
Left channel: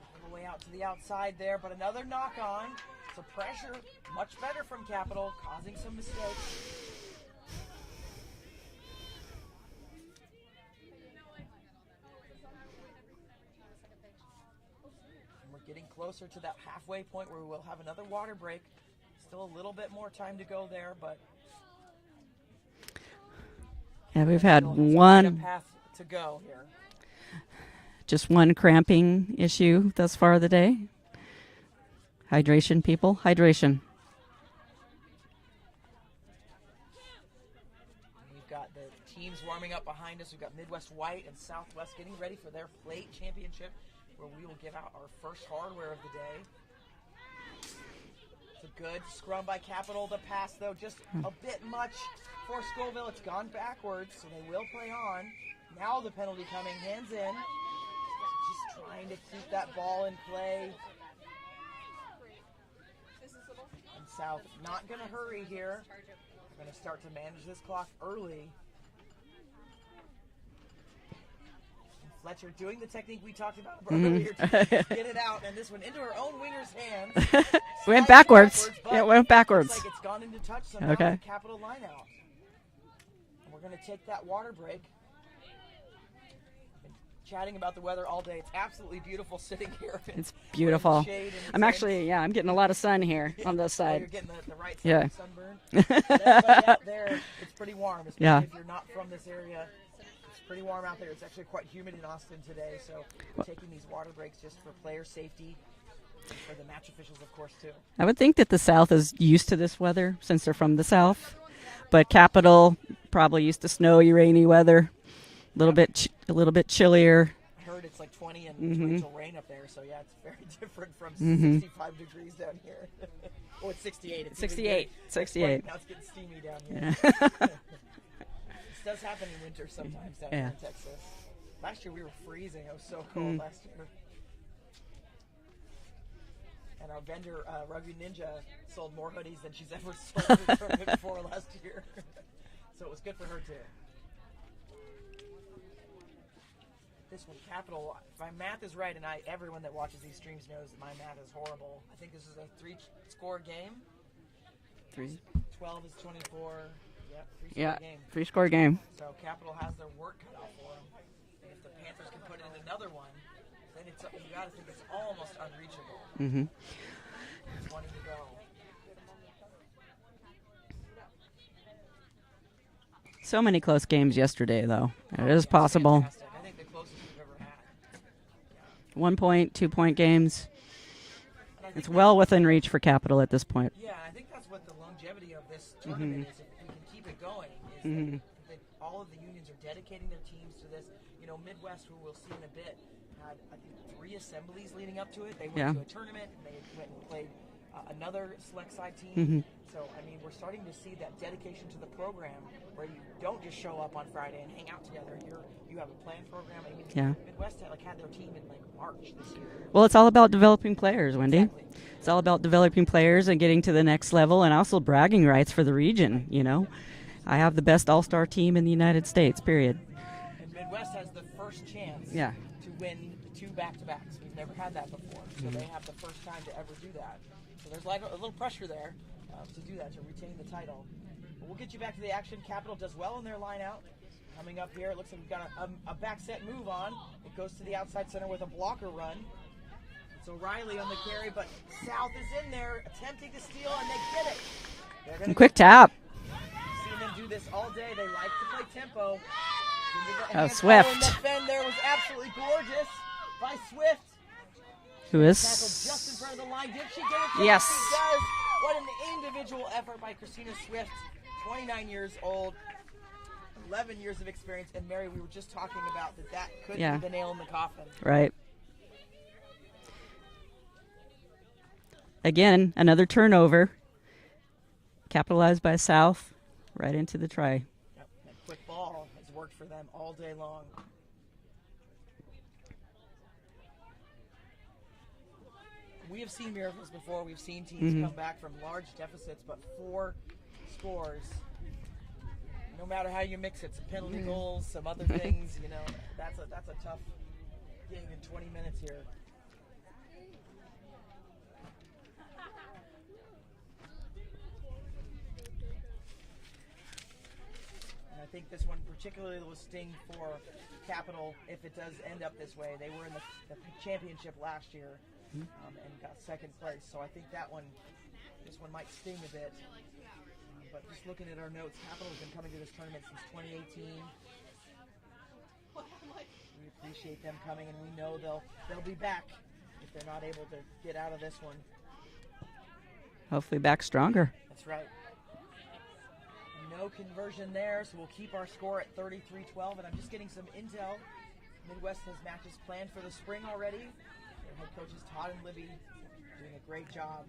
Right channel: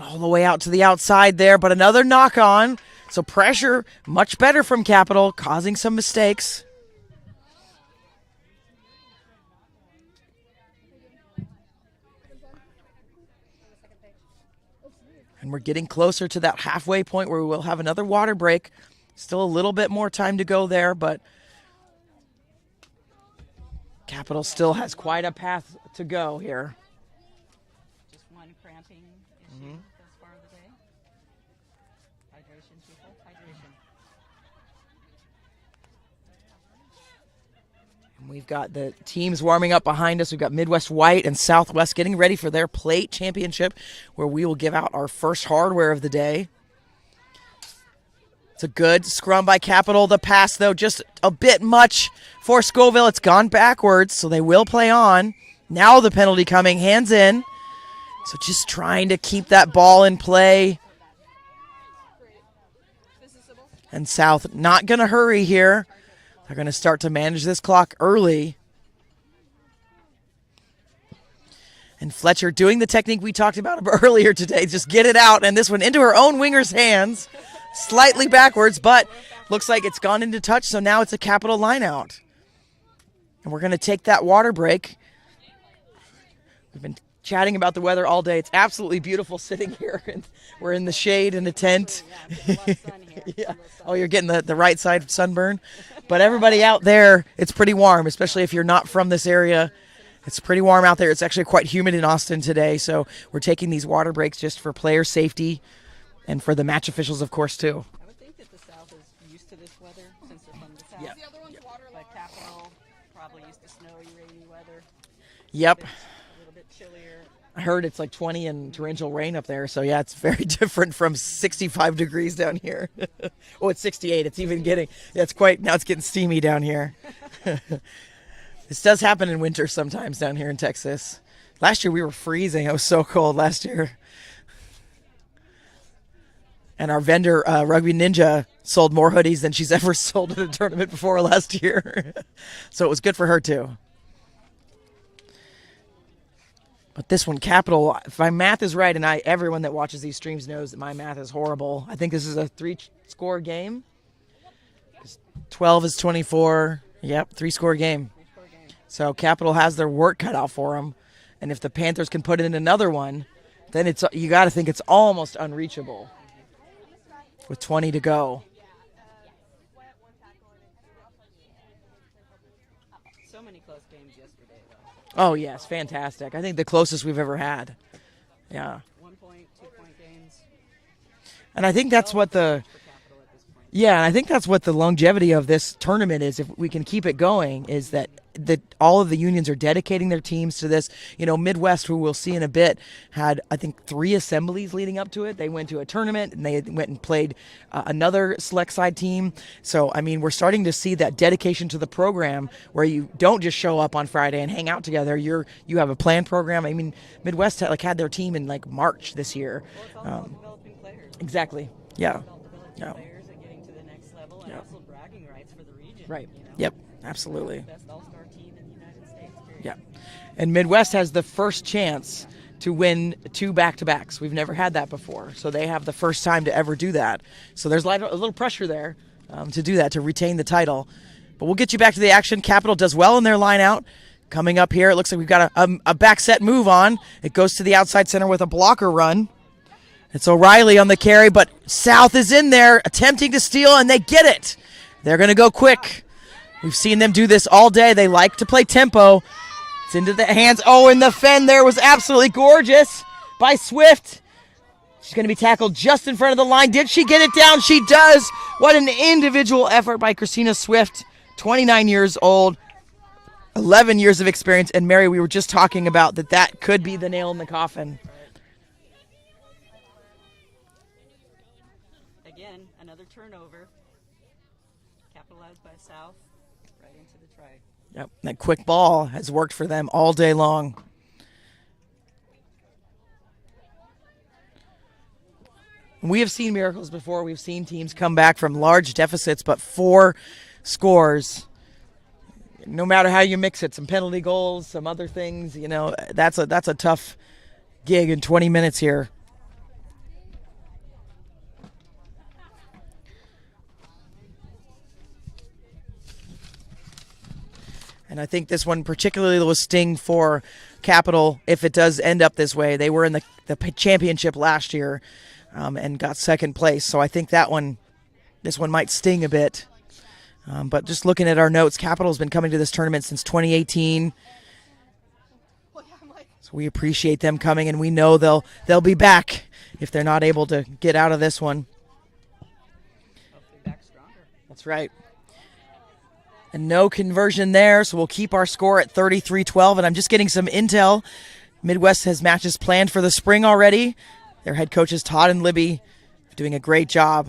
All the way out to the outside there, but another knock on. So pressure much better from Capital, causing some mistakes. And we're getting closer to that halfway point where we will have another water break. Still a little bit more time to go there, but Capital still has quite a path to go here. Just one cramping issue thus far of the day. Hydration, people. Hydration. We've got the teams warming up behind us. We've got Midwest White and Southwest getting ready for their plate championship, where we will give out our first hardware of the day. It's a good scrum by Capital. The pass, though, just a bit much for Scoville. It's gone backwards, so they will play on. Now the penalty coming, hands in. So just trying to keep that ball in play. And South not going to hurry here. They're going to start to manage this clock early. And Fletcher doing the technique we talked about earlier today. Just get it out. And this one into her own winger's hands. Slightly backwards, but went backwards. looks like it's gone into touch. So now it's a Capital line out. And we're going to take that water break. We've been chatting about the weather all day. It's absolutely beautiful sitting here. We're in the shade in the tent. Actually, I'm getting a lot of sun here on this side. Oh, you're getting the right side of sunburn. But everybody out there, it's pretty warm, especially if you're not from this area. It's pretty warm out there. It's actually quite humid in Austin today, so we're taking these water breaks just for player safety and for the match officials, of course, too. I would think that the South is used to this weather since they're from the South, but Capital probably used to snowy, rainy weather. A little bit chillier. I heard it's like 20 and torrential rain up there, so yeah, it's very different from 65 degrees down here. Oh, it's 68. It's 68. Even getting that's quite now. It's getting steamy down here. This does happen in winter sometimes down here in Texas. Last year we were freezing. It was so cold last year. And our vendor, Rugby Ninja, sold more hoodies than she's ever sold at a tournament before last year. So it was good for her too. But this one, Capital, if my math is right, and everyone that watches these streams knows that my math is horrible. I think this is a 3-score game. 12 is 24. Yep, 3-score game. 3-score game. So Capital has their work cut out for them. And if the Panthers can put in another one, then you got to think it's almost unreachable with 20 to go. So many close games yesterday, though. Oh, it is yeah, possible. It's fantastic. I think the closest we've ever had. Yeah. 1-point, 2-point games. And I think that's well what within reach for Capital at this point. Yeah, and I think that's what the longevity of this tournament is. If we can keep it going, is that all of the unions are dedicating their teams to this. You know, Midwest, who we'll see in a bit, had I think 3 assemblies leading up to it. They went to a tournament and they went and played another select side team. So I mean, we're starting to see that dedication to the program where you don't just show up on Friday and hang out together. You have a planned program. I mean, Midwest had their team in like March this year. Well, it's all about developing players, Wendy. Exactly. It's all about developing players and getting to the next level, and also bragging rights for the region. Right. You know. Yep. Absolutely. I have the best all-star team in the United States. Period. And Midwest has the first chance to win 2 back-to-backs. We've never had that before, so they have the first time to ever do that. So there's a little pressure there to do that, to retain the title. But we'll get you back to the action. Capital does well in their line out. Coming up here, it looks like we've got a back set move on. It goes to the outside center with a blocker run. It's O'Reilly on the carry, but South is in there attempting to steal, and they get it. They're going to go quick. Tap. We've seen them do this all day. They like to play tempo. It's into the hands. Oh, and the fend there was absolutely gorgeous by Swift. She's going to be tackled just in front of the line. Did she get it down? Yes. She does. What an individual effort by Christina Swift, 29 years old, 11 years of experience. And Mary, we were just talking about that could be the nail in the coffin. Right. Again, another turnover. Capitalized by South, right into the try. Yep, that quick ball has worked for them all day long. We have seen miracles before. We've seen teams come back from large deficits, but 4 scores, no matter how you mix it, some penalty goals, some other things, you know, that's a tough gig in 20 minutes here. And I think this one particularly will sting for Capital if it does end up this way. They were in the championship last year and got second place. So I think this one might sting a bit. But just looking at our notes, Capital's been coming to this tournament since 2018. So we appreciate them coming, and we know they'll be back if they're not able to get out of this one. Hopefully back stronger. That's right. And no conversion there, so we'll keep our score at 33-12. And I'm just getting some intel. Midwest has matches planned for the spring already. Their head coaches, Todd and Libby, doing a great job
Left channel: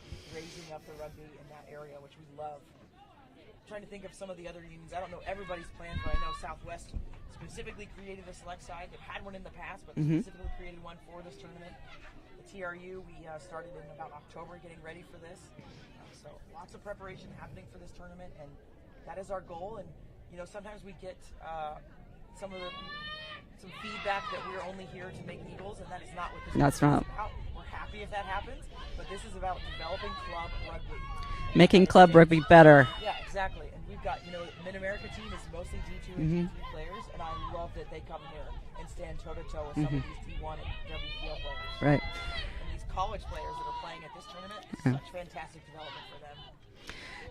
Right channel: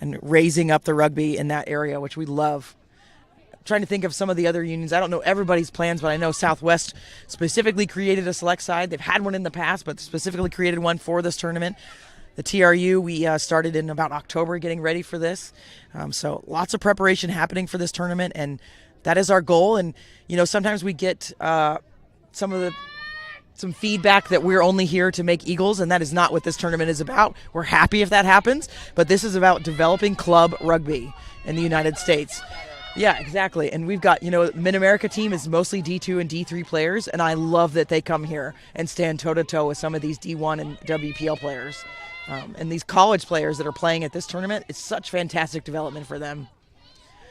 and raising up the rugby in that area, which we love. I'm trying to think of some of the other unions. I don't know everybody's plans, but I know Southwest specifically created a select side. They've had one in the past, but specifically created one for this tournament. The TRU, we started in about October getting ready for this. So lots of preparation happening for this tournament, and that is our goal. And, you know, sometimes we get some of the some feedback that we're only here to make Eagles, and that is not what this tournament is about. We're happy if that happens, but this is about developing club rugby in the Making United club States. rugby better. Yeah, exactly. And we've got, Mid-America team is mostly D2 and D3 players, and I love that they come here and stand toe-to-toe with some of these D1 and WPL players. Right. And these college players that are playing at this tournament, it's such fantastic development for them.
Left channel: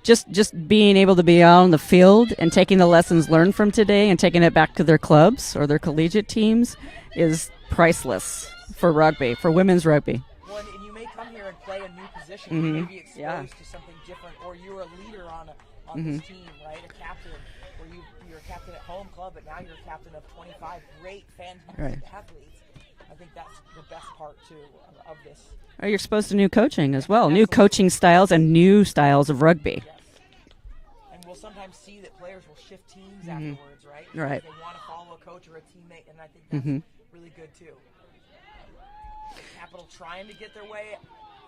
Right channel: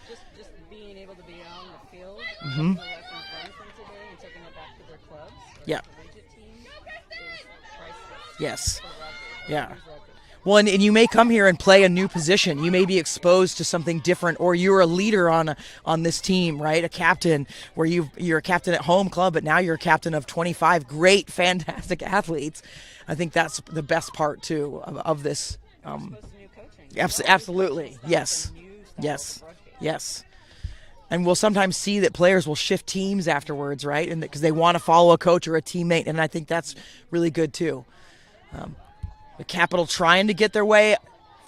Just being able to be out on the field and taking the lessons learned from today and taking it back to their clubs or their collegiate teams is priceless. Yes. For rugby, for women's rugby. Well, and you may come here and play a new position. You may be exposed to something different, or you're a leader on this team, right? A captain, where you're a captain at home club, but now you're a captain of 25 great, fantastic athletes. I think that's the best part, too, of this. Are you exposed to new coaching as well? Absolutely. New coaching styles Yes. and new styles of rugby. Yes. And we'll sometimes see that players will shift teams afterwards, right? And because they want to follow a coach or a teammate, and I think that's really good, too. The Capital trying to get their way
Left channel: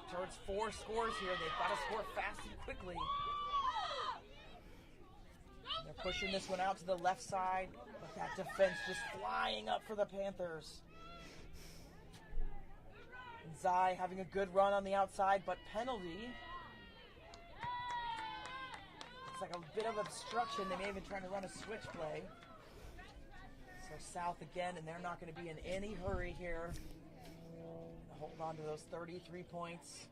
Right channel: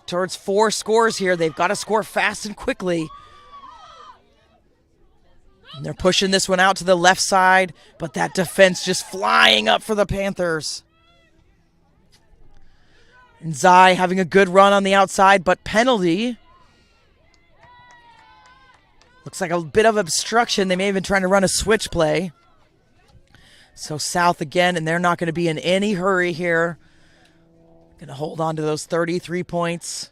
towards 4 scores here. They've got to score fast and quickly. And they're pushing this one out to the left side, but that defense just flying up for the Panthers. And Zai having a good run on the outside, but penalty. Looks like a bit of obstruction. They may have been trying to run a switch play. So South again, and they're not going to be in any hurry here. Going to hold on to those 33 points.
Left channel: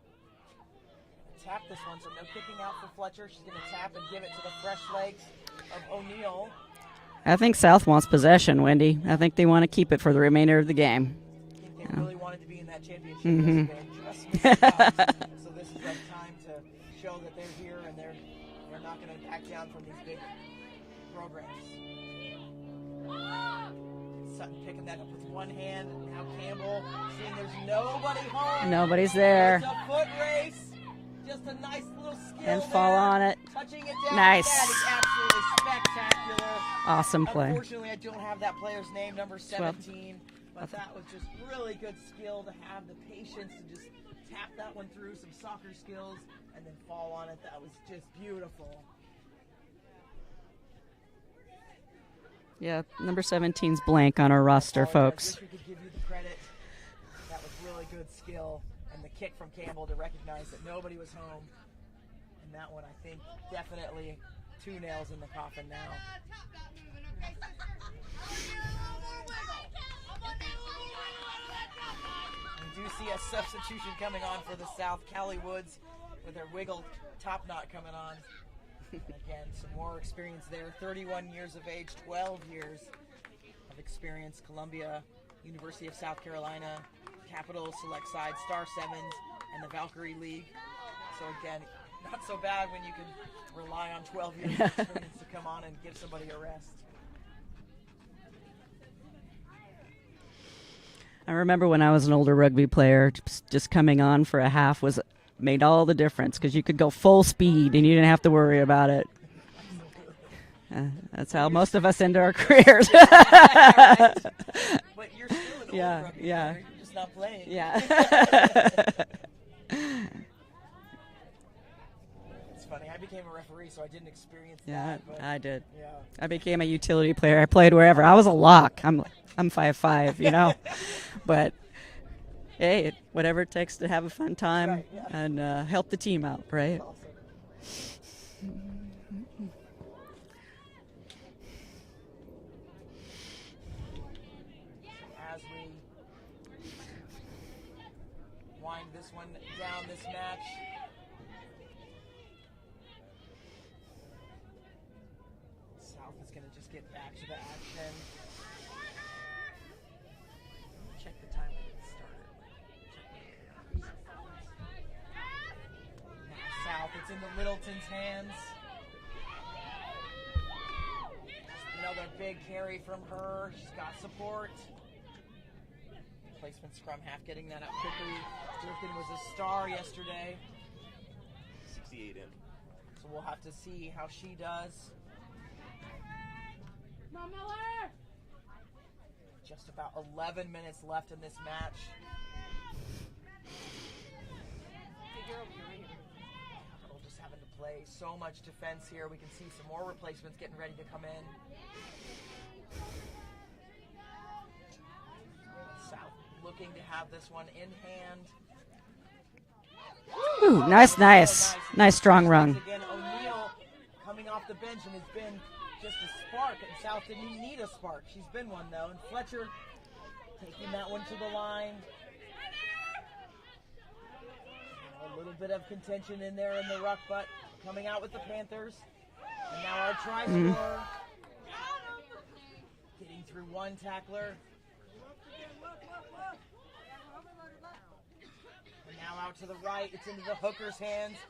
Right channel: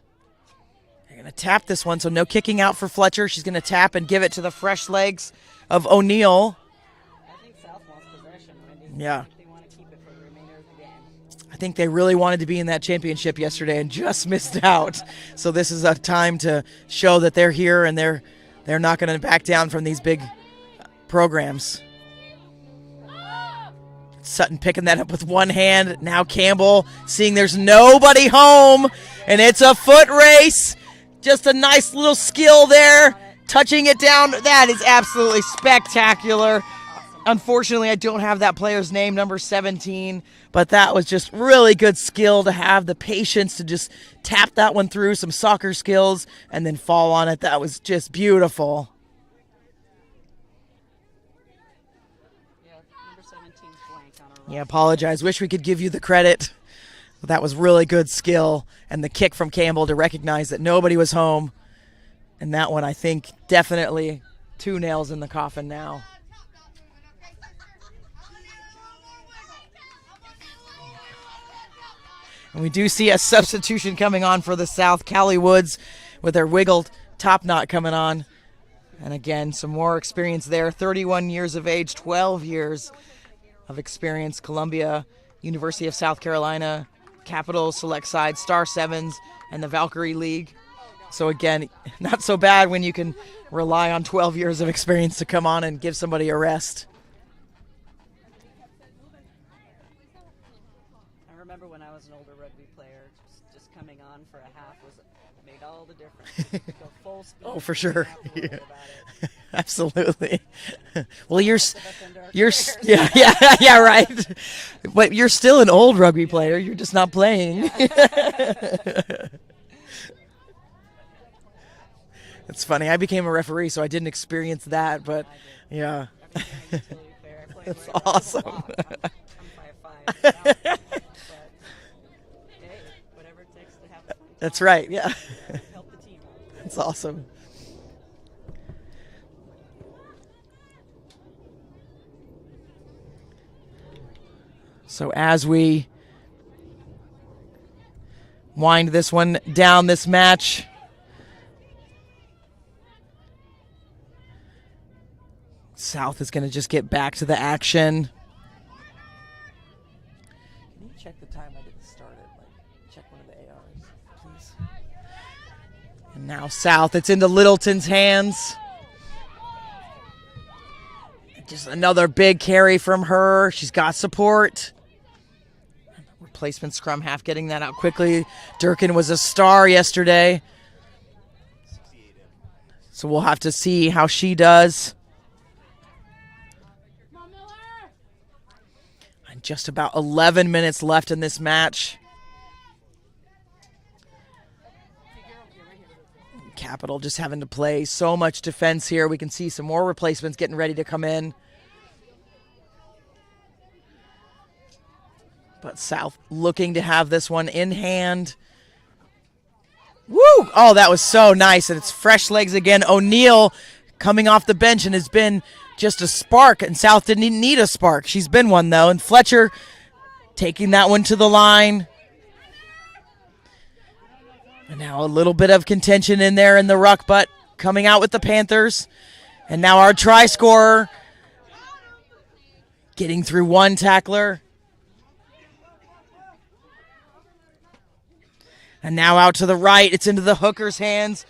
They're going to tap this one, so no kicking out for Fletcher. She's going to tap and give it to the fresh legs of O'Neill. I think South wants possession, Wendy. Yeah. I think they want to keep it for the remainder of the game. I think they really wanted to be in that championship yesterday and just missed out. So this is a time to show that they're here and they're not going to back down from these big programs. Sutton picking that up with one hand. Now Campbell seeing there's nobody home. Nobody's there. And it's a foot race. Just a nice little skill on there. it. Touching it down. Nice. That is absolutely spectacular. Awesome play. Unfortunately, I don't have that player's name, number 17, but that was just really good skill to have the patience to just tap that one through, some soccer skills, and then fall on it. That was just beautiful. Yeah, number 17's blank on our roster. I apologize. Folks. Wish we could give you the credit. That was really good skill, and the kick from Campbell to recognize that nobody was home. And that one, I think, definitely 2 nails in the coffin now. And we do see a substitution coming on for the South. Callie Woods with her wiggled top knot coming on. And again, some more experience there. 31 years of age, 12 years of experience. Columbia, University of South Carolina, Capital Select Side, Star Sevens, and the Valkyrie League. So again, not so bad when you can rely on 12 years of experience to come on and give somebody a rest. I remember when I was an older rugby player, just coming on for a half made all the difference because you could go full speed for and sure. you didn't have to worry about it. Absolutely. That's Well, how you're most of us end our You're careers. yeah, right. But you're still an old rugby player. You're just not playing. It's funny. I became a referee, so I didn't experience that. But I did. yeah, I became a utility player. I played wherever. I was a lock. I'm 5'5", you know. But hey, whatever it takes to have a fun time. That's right, yeah. And help the team out, right? that's awesome. So as we wind this one down, this match, South is going to just get back to the action. Check the time I didn't start it. Check one of the ARs, please. And now South, it's into Littleton's hands. Just another big carry from her. She's got support. Replacement scrum half getting that out quickly. Durkin was a star yesterday. So we'll have to see how she does. And just about 11 minutes left in this match. Capital just having to play so much defense here. We can see some more replacements getting ready to come in. But South looking to have this one in hand. Woo! Oh, that was so nice. And Nice it's fresh strong legs run. again. O'Neal coming off the bench and has been just a spark. And South didn't even need a spark. She's been one, though. And Fletcher taking that one to the line. And now a little bit of contention in there in the ruck, but coming out with the Panthers. And now our try scorer getting through one tackler. And now out to the right. It's into the hooker's hands.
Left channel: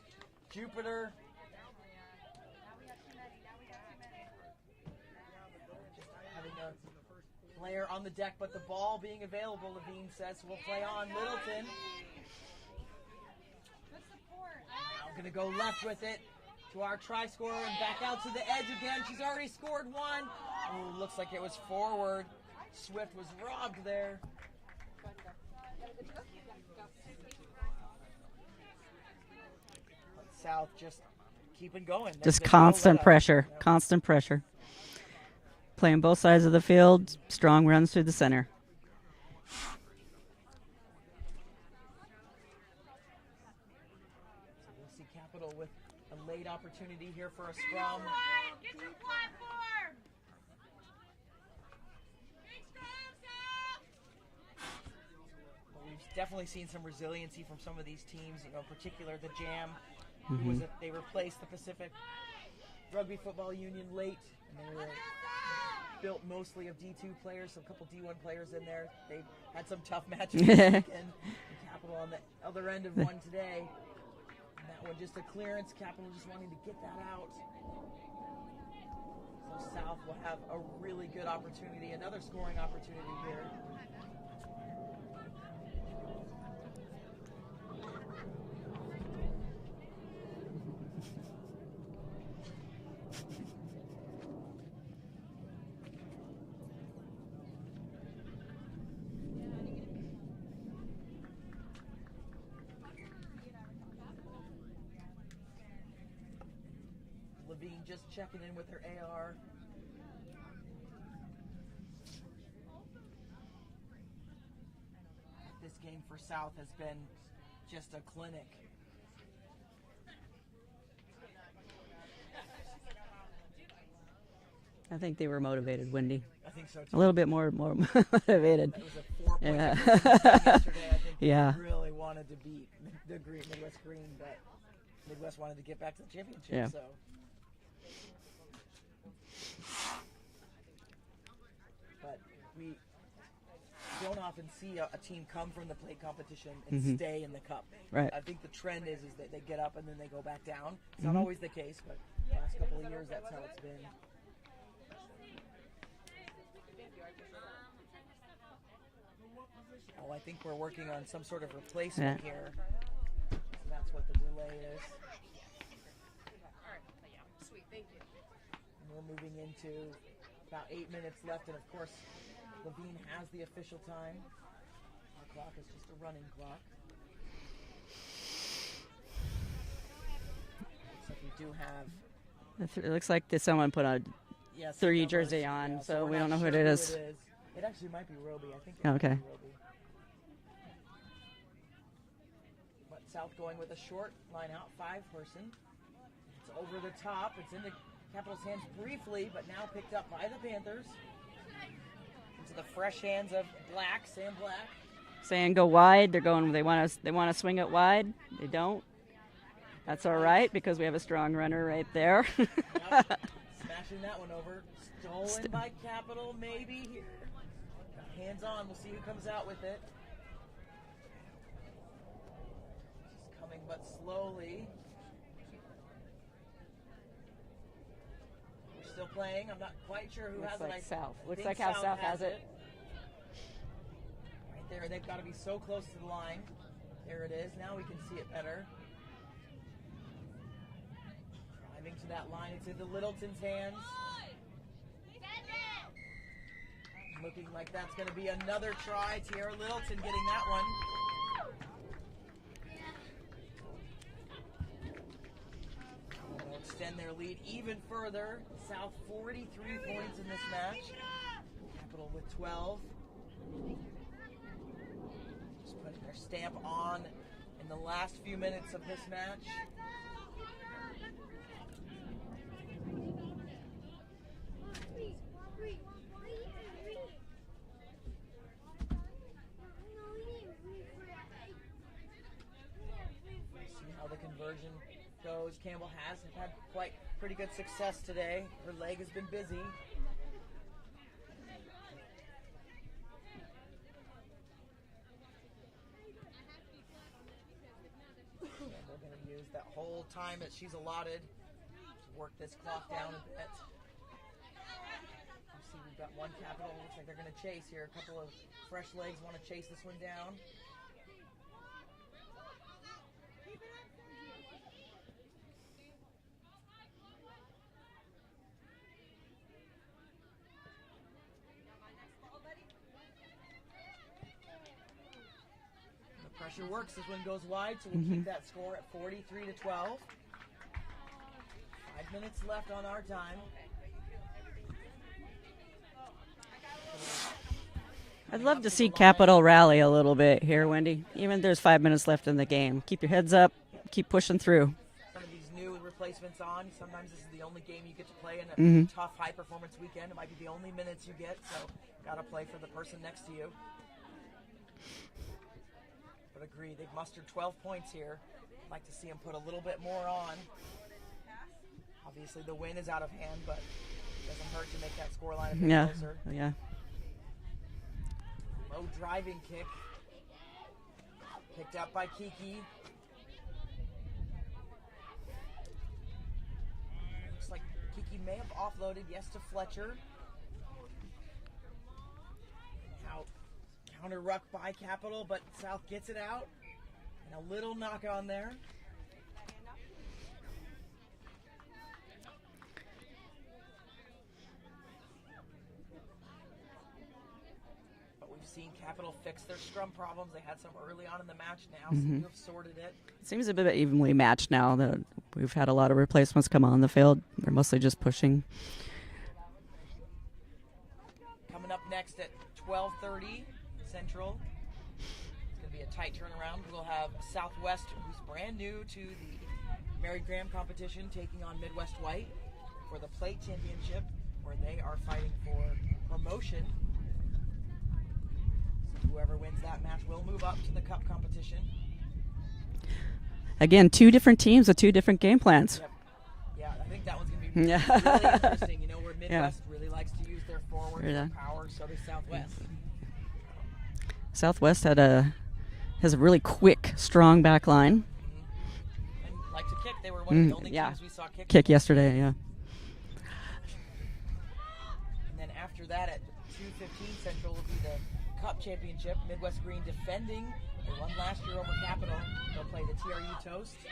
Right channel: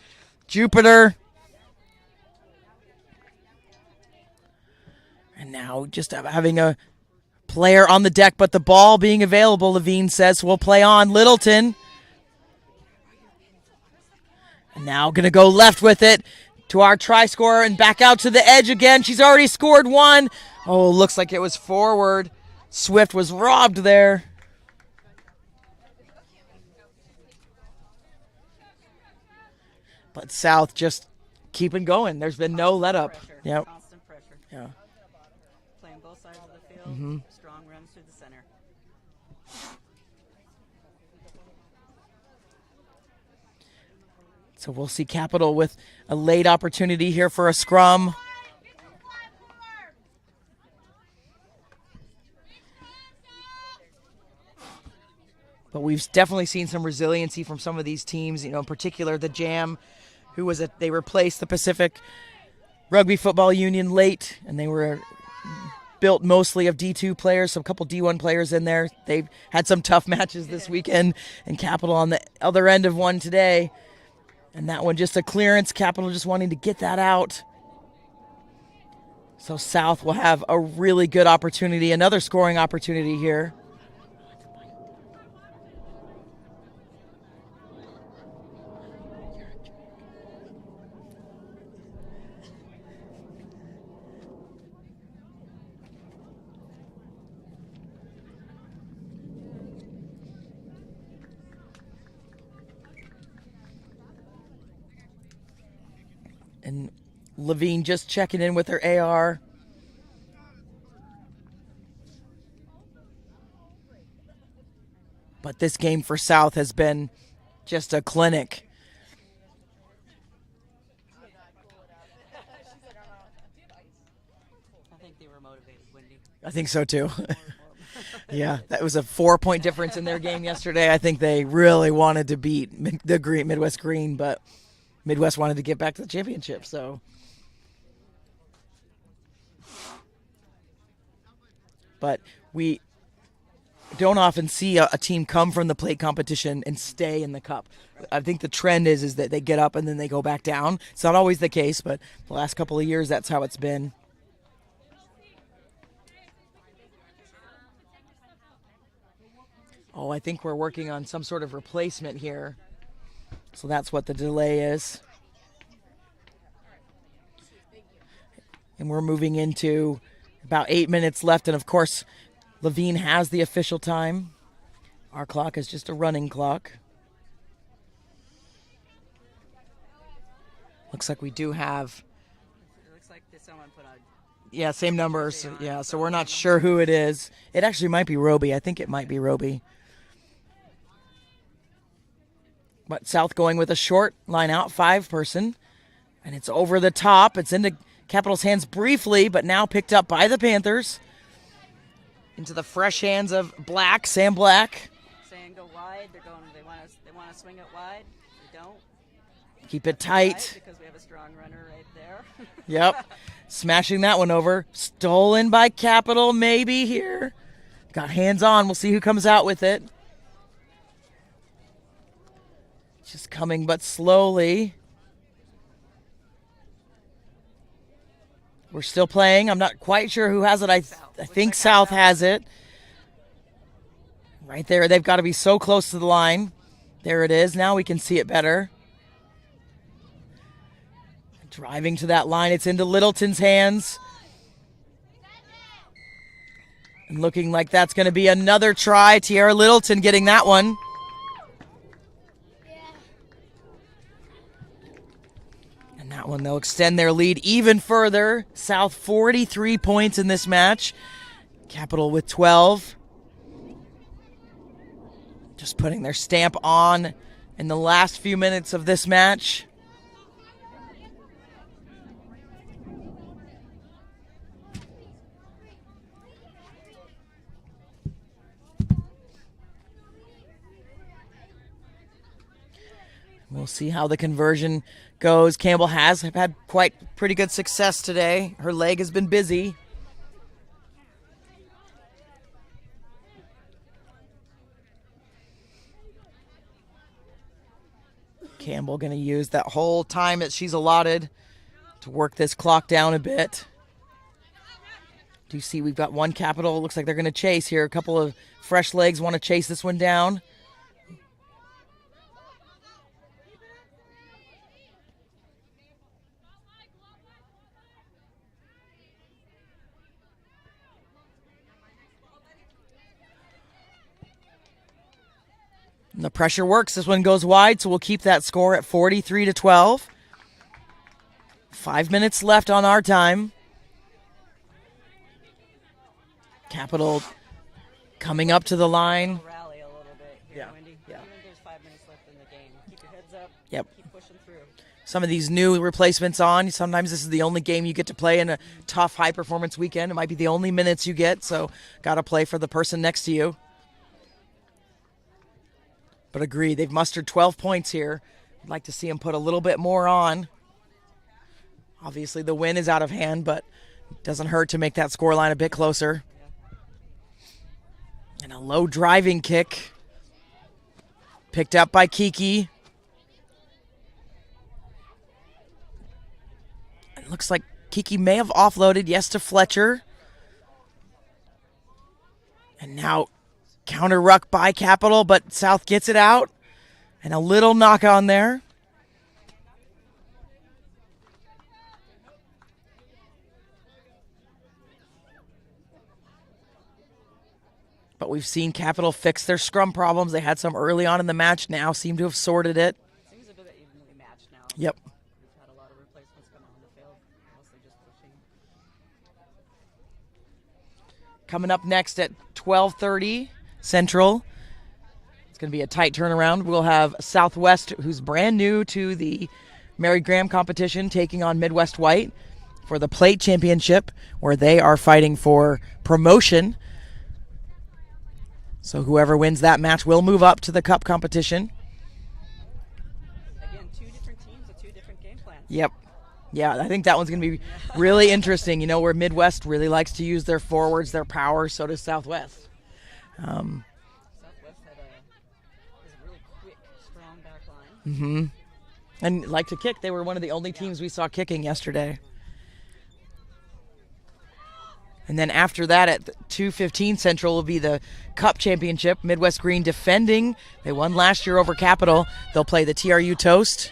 Jupiter. And now just having a player on the deck, but the ball being available, Levine says, we'll play on. Littleton. And now going to go left with it to our try scorer and back out to the edge again. She's already scored one. Oh, looks like it was forward. Swift was robbed there. But South just keeping going. There's Just been no constant let up. pressure. Yep. Constant pressure. Yeah. Playing both sides of the field. Strong runs through the center. So we'll see Capital with a late opportunity here for a scrum. But we've definitely seen some resiliency from some of these teams, in particular the Jam, who was they replaced the Pacific Rugby Football Union late, and they were built mostly of D2 players, some couple D1 players in there. They've had some tough matches this weekend, and Capital on the other end of one today. And that one just a clearance, Capital just wanting to get that out. So South will have a really good opportunity, another scoring opportunity here. And Levine just checking in with her AR. But this game for South has been just a clinic. I think they were motivated, Wendy. I think so A too. little bit more Yeah, motivated. that was a 4-point Yeah. difference in their game yesterday. I think they Yeah. really wanted to beat the Midwest Green, but Midwest wanted to get back to the championship. Yeah. So, but we don't often see a team come from the plate competition and stay in the cup. Right. I think the trend is that they get up and then they go back down. It's not always the case, but the last couple of years, that's how it's been. Oh, I think we're working on some sort of replacement here. So that's what the delay is. And we're moving into about 8 minutes left. And of course, Levine has the official time. Our clock is just a running clock. Looks like we do have, It looks like someone put a yeah, same 3 numbers. jersey on, Yeah, so so we're we not don't know who sure it who is. it is. It actually might be Roby. I think it might Okay. be Roby. But South going with a short line out, 5-person. And it's over the top. It's into Capital's hands briefly, but now picked up by the Panthers. Into the fresh hands of Black, Sam Black. saying go wide. They're going. They want to swing it wide. They don't. Keep it That's all tight. right, because we have a strong runner right there. Yep. Smashing that one over. Stolen by Capital maybe here. Got hands on. We'll see who comes out with it. Just coming but slowly. We're still playing. I'm not quite sure who has it. I think like South South. has it. Right there. They've got to be so close to the line. There it is. Now we can see it better. Driving to that line. It's into Littleton's hands. And looking like that's going to be another try. Tiara Littleton getting that one. And that one, they'll extend their lead even further. South 43 points in this match. Capital with 12. Just putting their stamp on in the last few minutes of this match. We'll see how the conversion goes. Campbell has had quite pretty good success today. Her leg has been busy. Campbell going to use that whole time that she's allotted to work this clock down a bit. Do you see we've got one Capital? Looks like they're going to chase here. A couple of fresh legs want to chase this one down. And the pressure works. This one goes wide, so we'll keep that score at 43-12. 5 minutes left on our time. Capital coming up to the line. Capital rally a little bit here, Wendy. Yeah. Even there's 5 minutes left in the game. Keep your heads up. Yep. Keep pushing through. Some of these new replacements on. Sometimes this is the only game you get to play in a tough high-performance weekend. It might be the only minutes you get, so got to play for the person next to you. But agree, they've mustered 12 points here. I'd like to see them put a little bit more on. Obviously, the win is out of hand, but it doesn't hurt to make that scoreline a bit closer. Yeah. And a low driving kick. Picked up by Kiki. It looks like Kiki may have offloaded, yes, to Fletcher. And now counter ruck by Capital, but South gets it out. And a little knock on there. But we've seen Capital fix their scrum problems. They had some early on in the match, now seem to have sorted it. Seems a bit evenly matched now. Yep. We've had a lot of replacements come on the field. They're mostly just pushing. Coming up next at 12:30 Central. It's going to be a tight turnaround. We'll have Southwest, who's brand new to the Mary Graham competition, taking on Midwest White for the plate championship, where they are fighting for promotion. So whoever wins that match will move up to the cup competition. Again, two different teams with two different game plans. Yep. Yeah, I think that one's going to be really interesting. You know, where Midwest really likes to use their forwards, their power, so does Southwest. Southwest has a really quick, strong back line. And like to kick. They were one of the only teams we saw kicking yesterday. Yeah. And then after that at 2:15 Central will be the Cup Championship. Midwest Green defending. They won last year over Capital. They'll play the TRU Toast.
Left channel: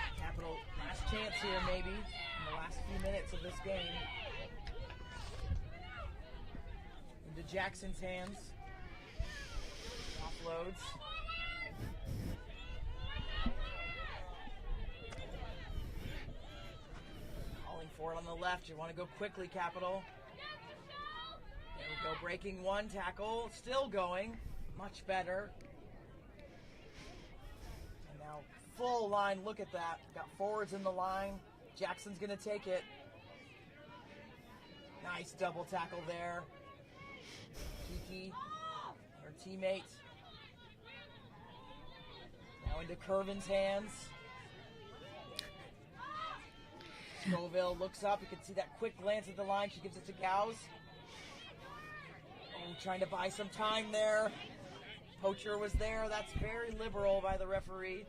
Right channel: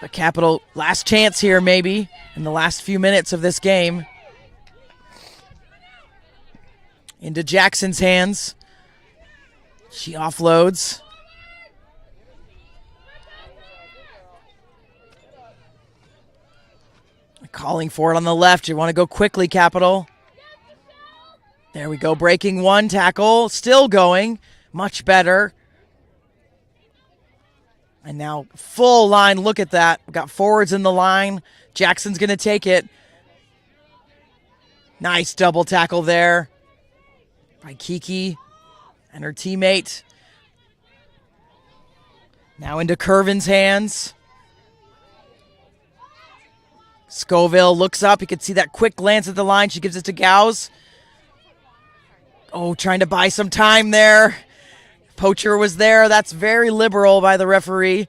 But Capital, last chance here maybe in the last few minutes of this game. Into Jackson's hands. She offloads. Calling for it on the left. You want to go quickly, Capital. There we go, breaking one tackle, still going, much better. And now full line, look at that. We've got forwards in the line. Jackson's going to take it. Nice double tackle there by Kiki and her teammate. Now into Curvin's hands. Scoville looks up. You can see that quick glance at the line. She gives it to Gauss. Oh, trying to buy some time there. Poacher was there. That's very liberal by the referee.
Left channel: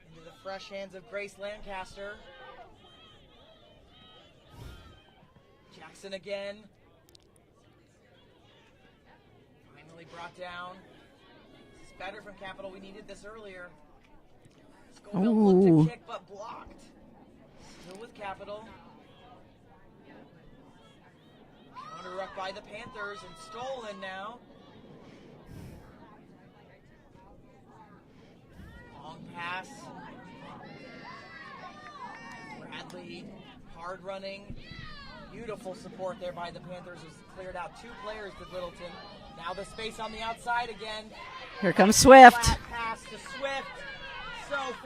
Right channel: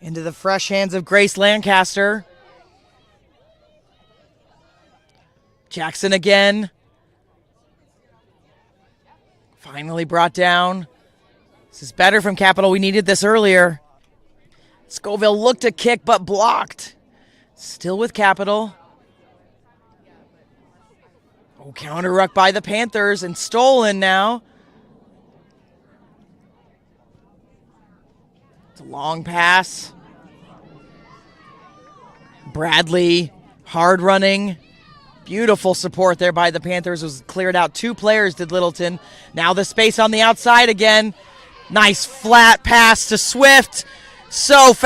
Into the fresh hands of Grace Lancaster. Jackson again. Finally brought down. This is better from Capital. We needed this earlier. Scoville looked to kick, but blocked. Still with Capital. Oh, counter ruck by the Panthers and stolen now. It's a long pass. Bradley, hard running. Beautiful support there by the Panthers. Was cleared out. Two players did Littleton. Now the space on the outside again. Here comes Nice Swift. flat pass to Swift. So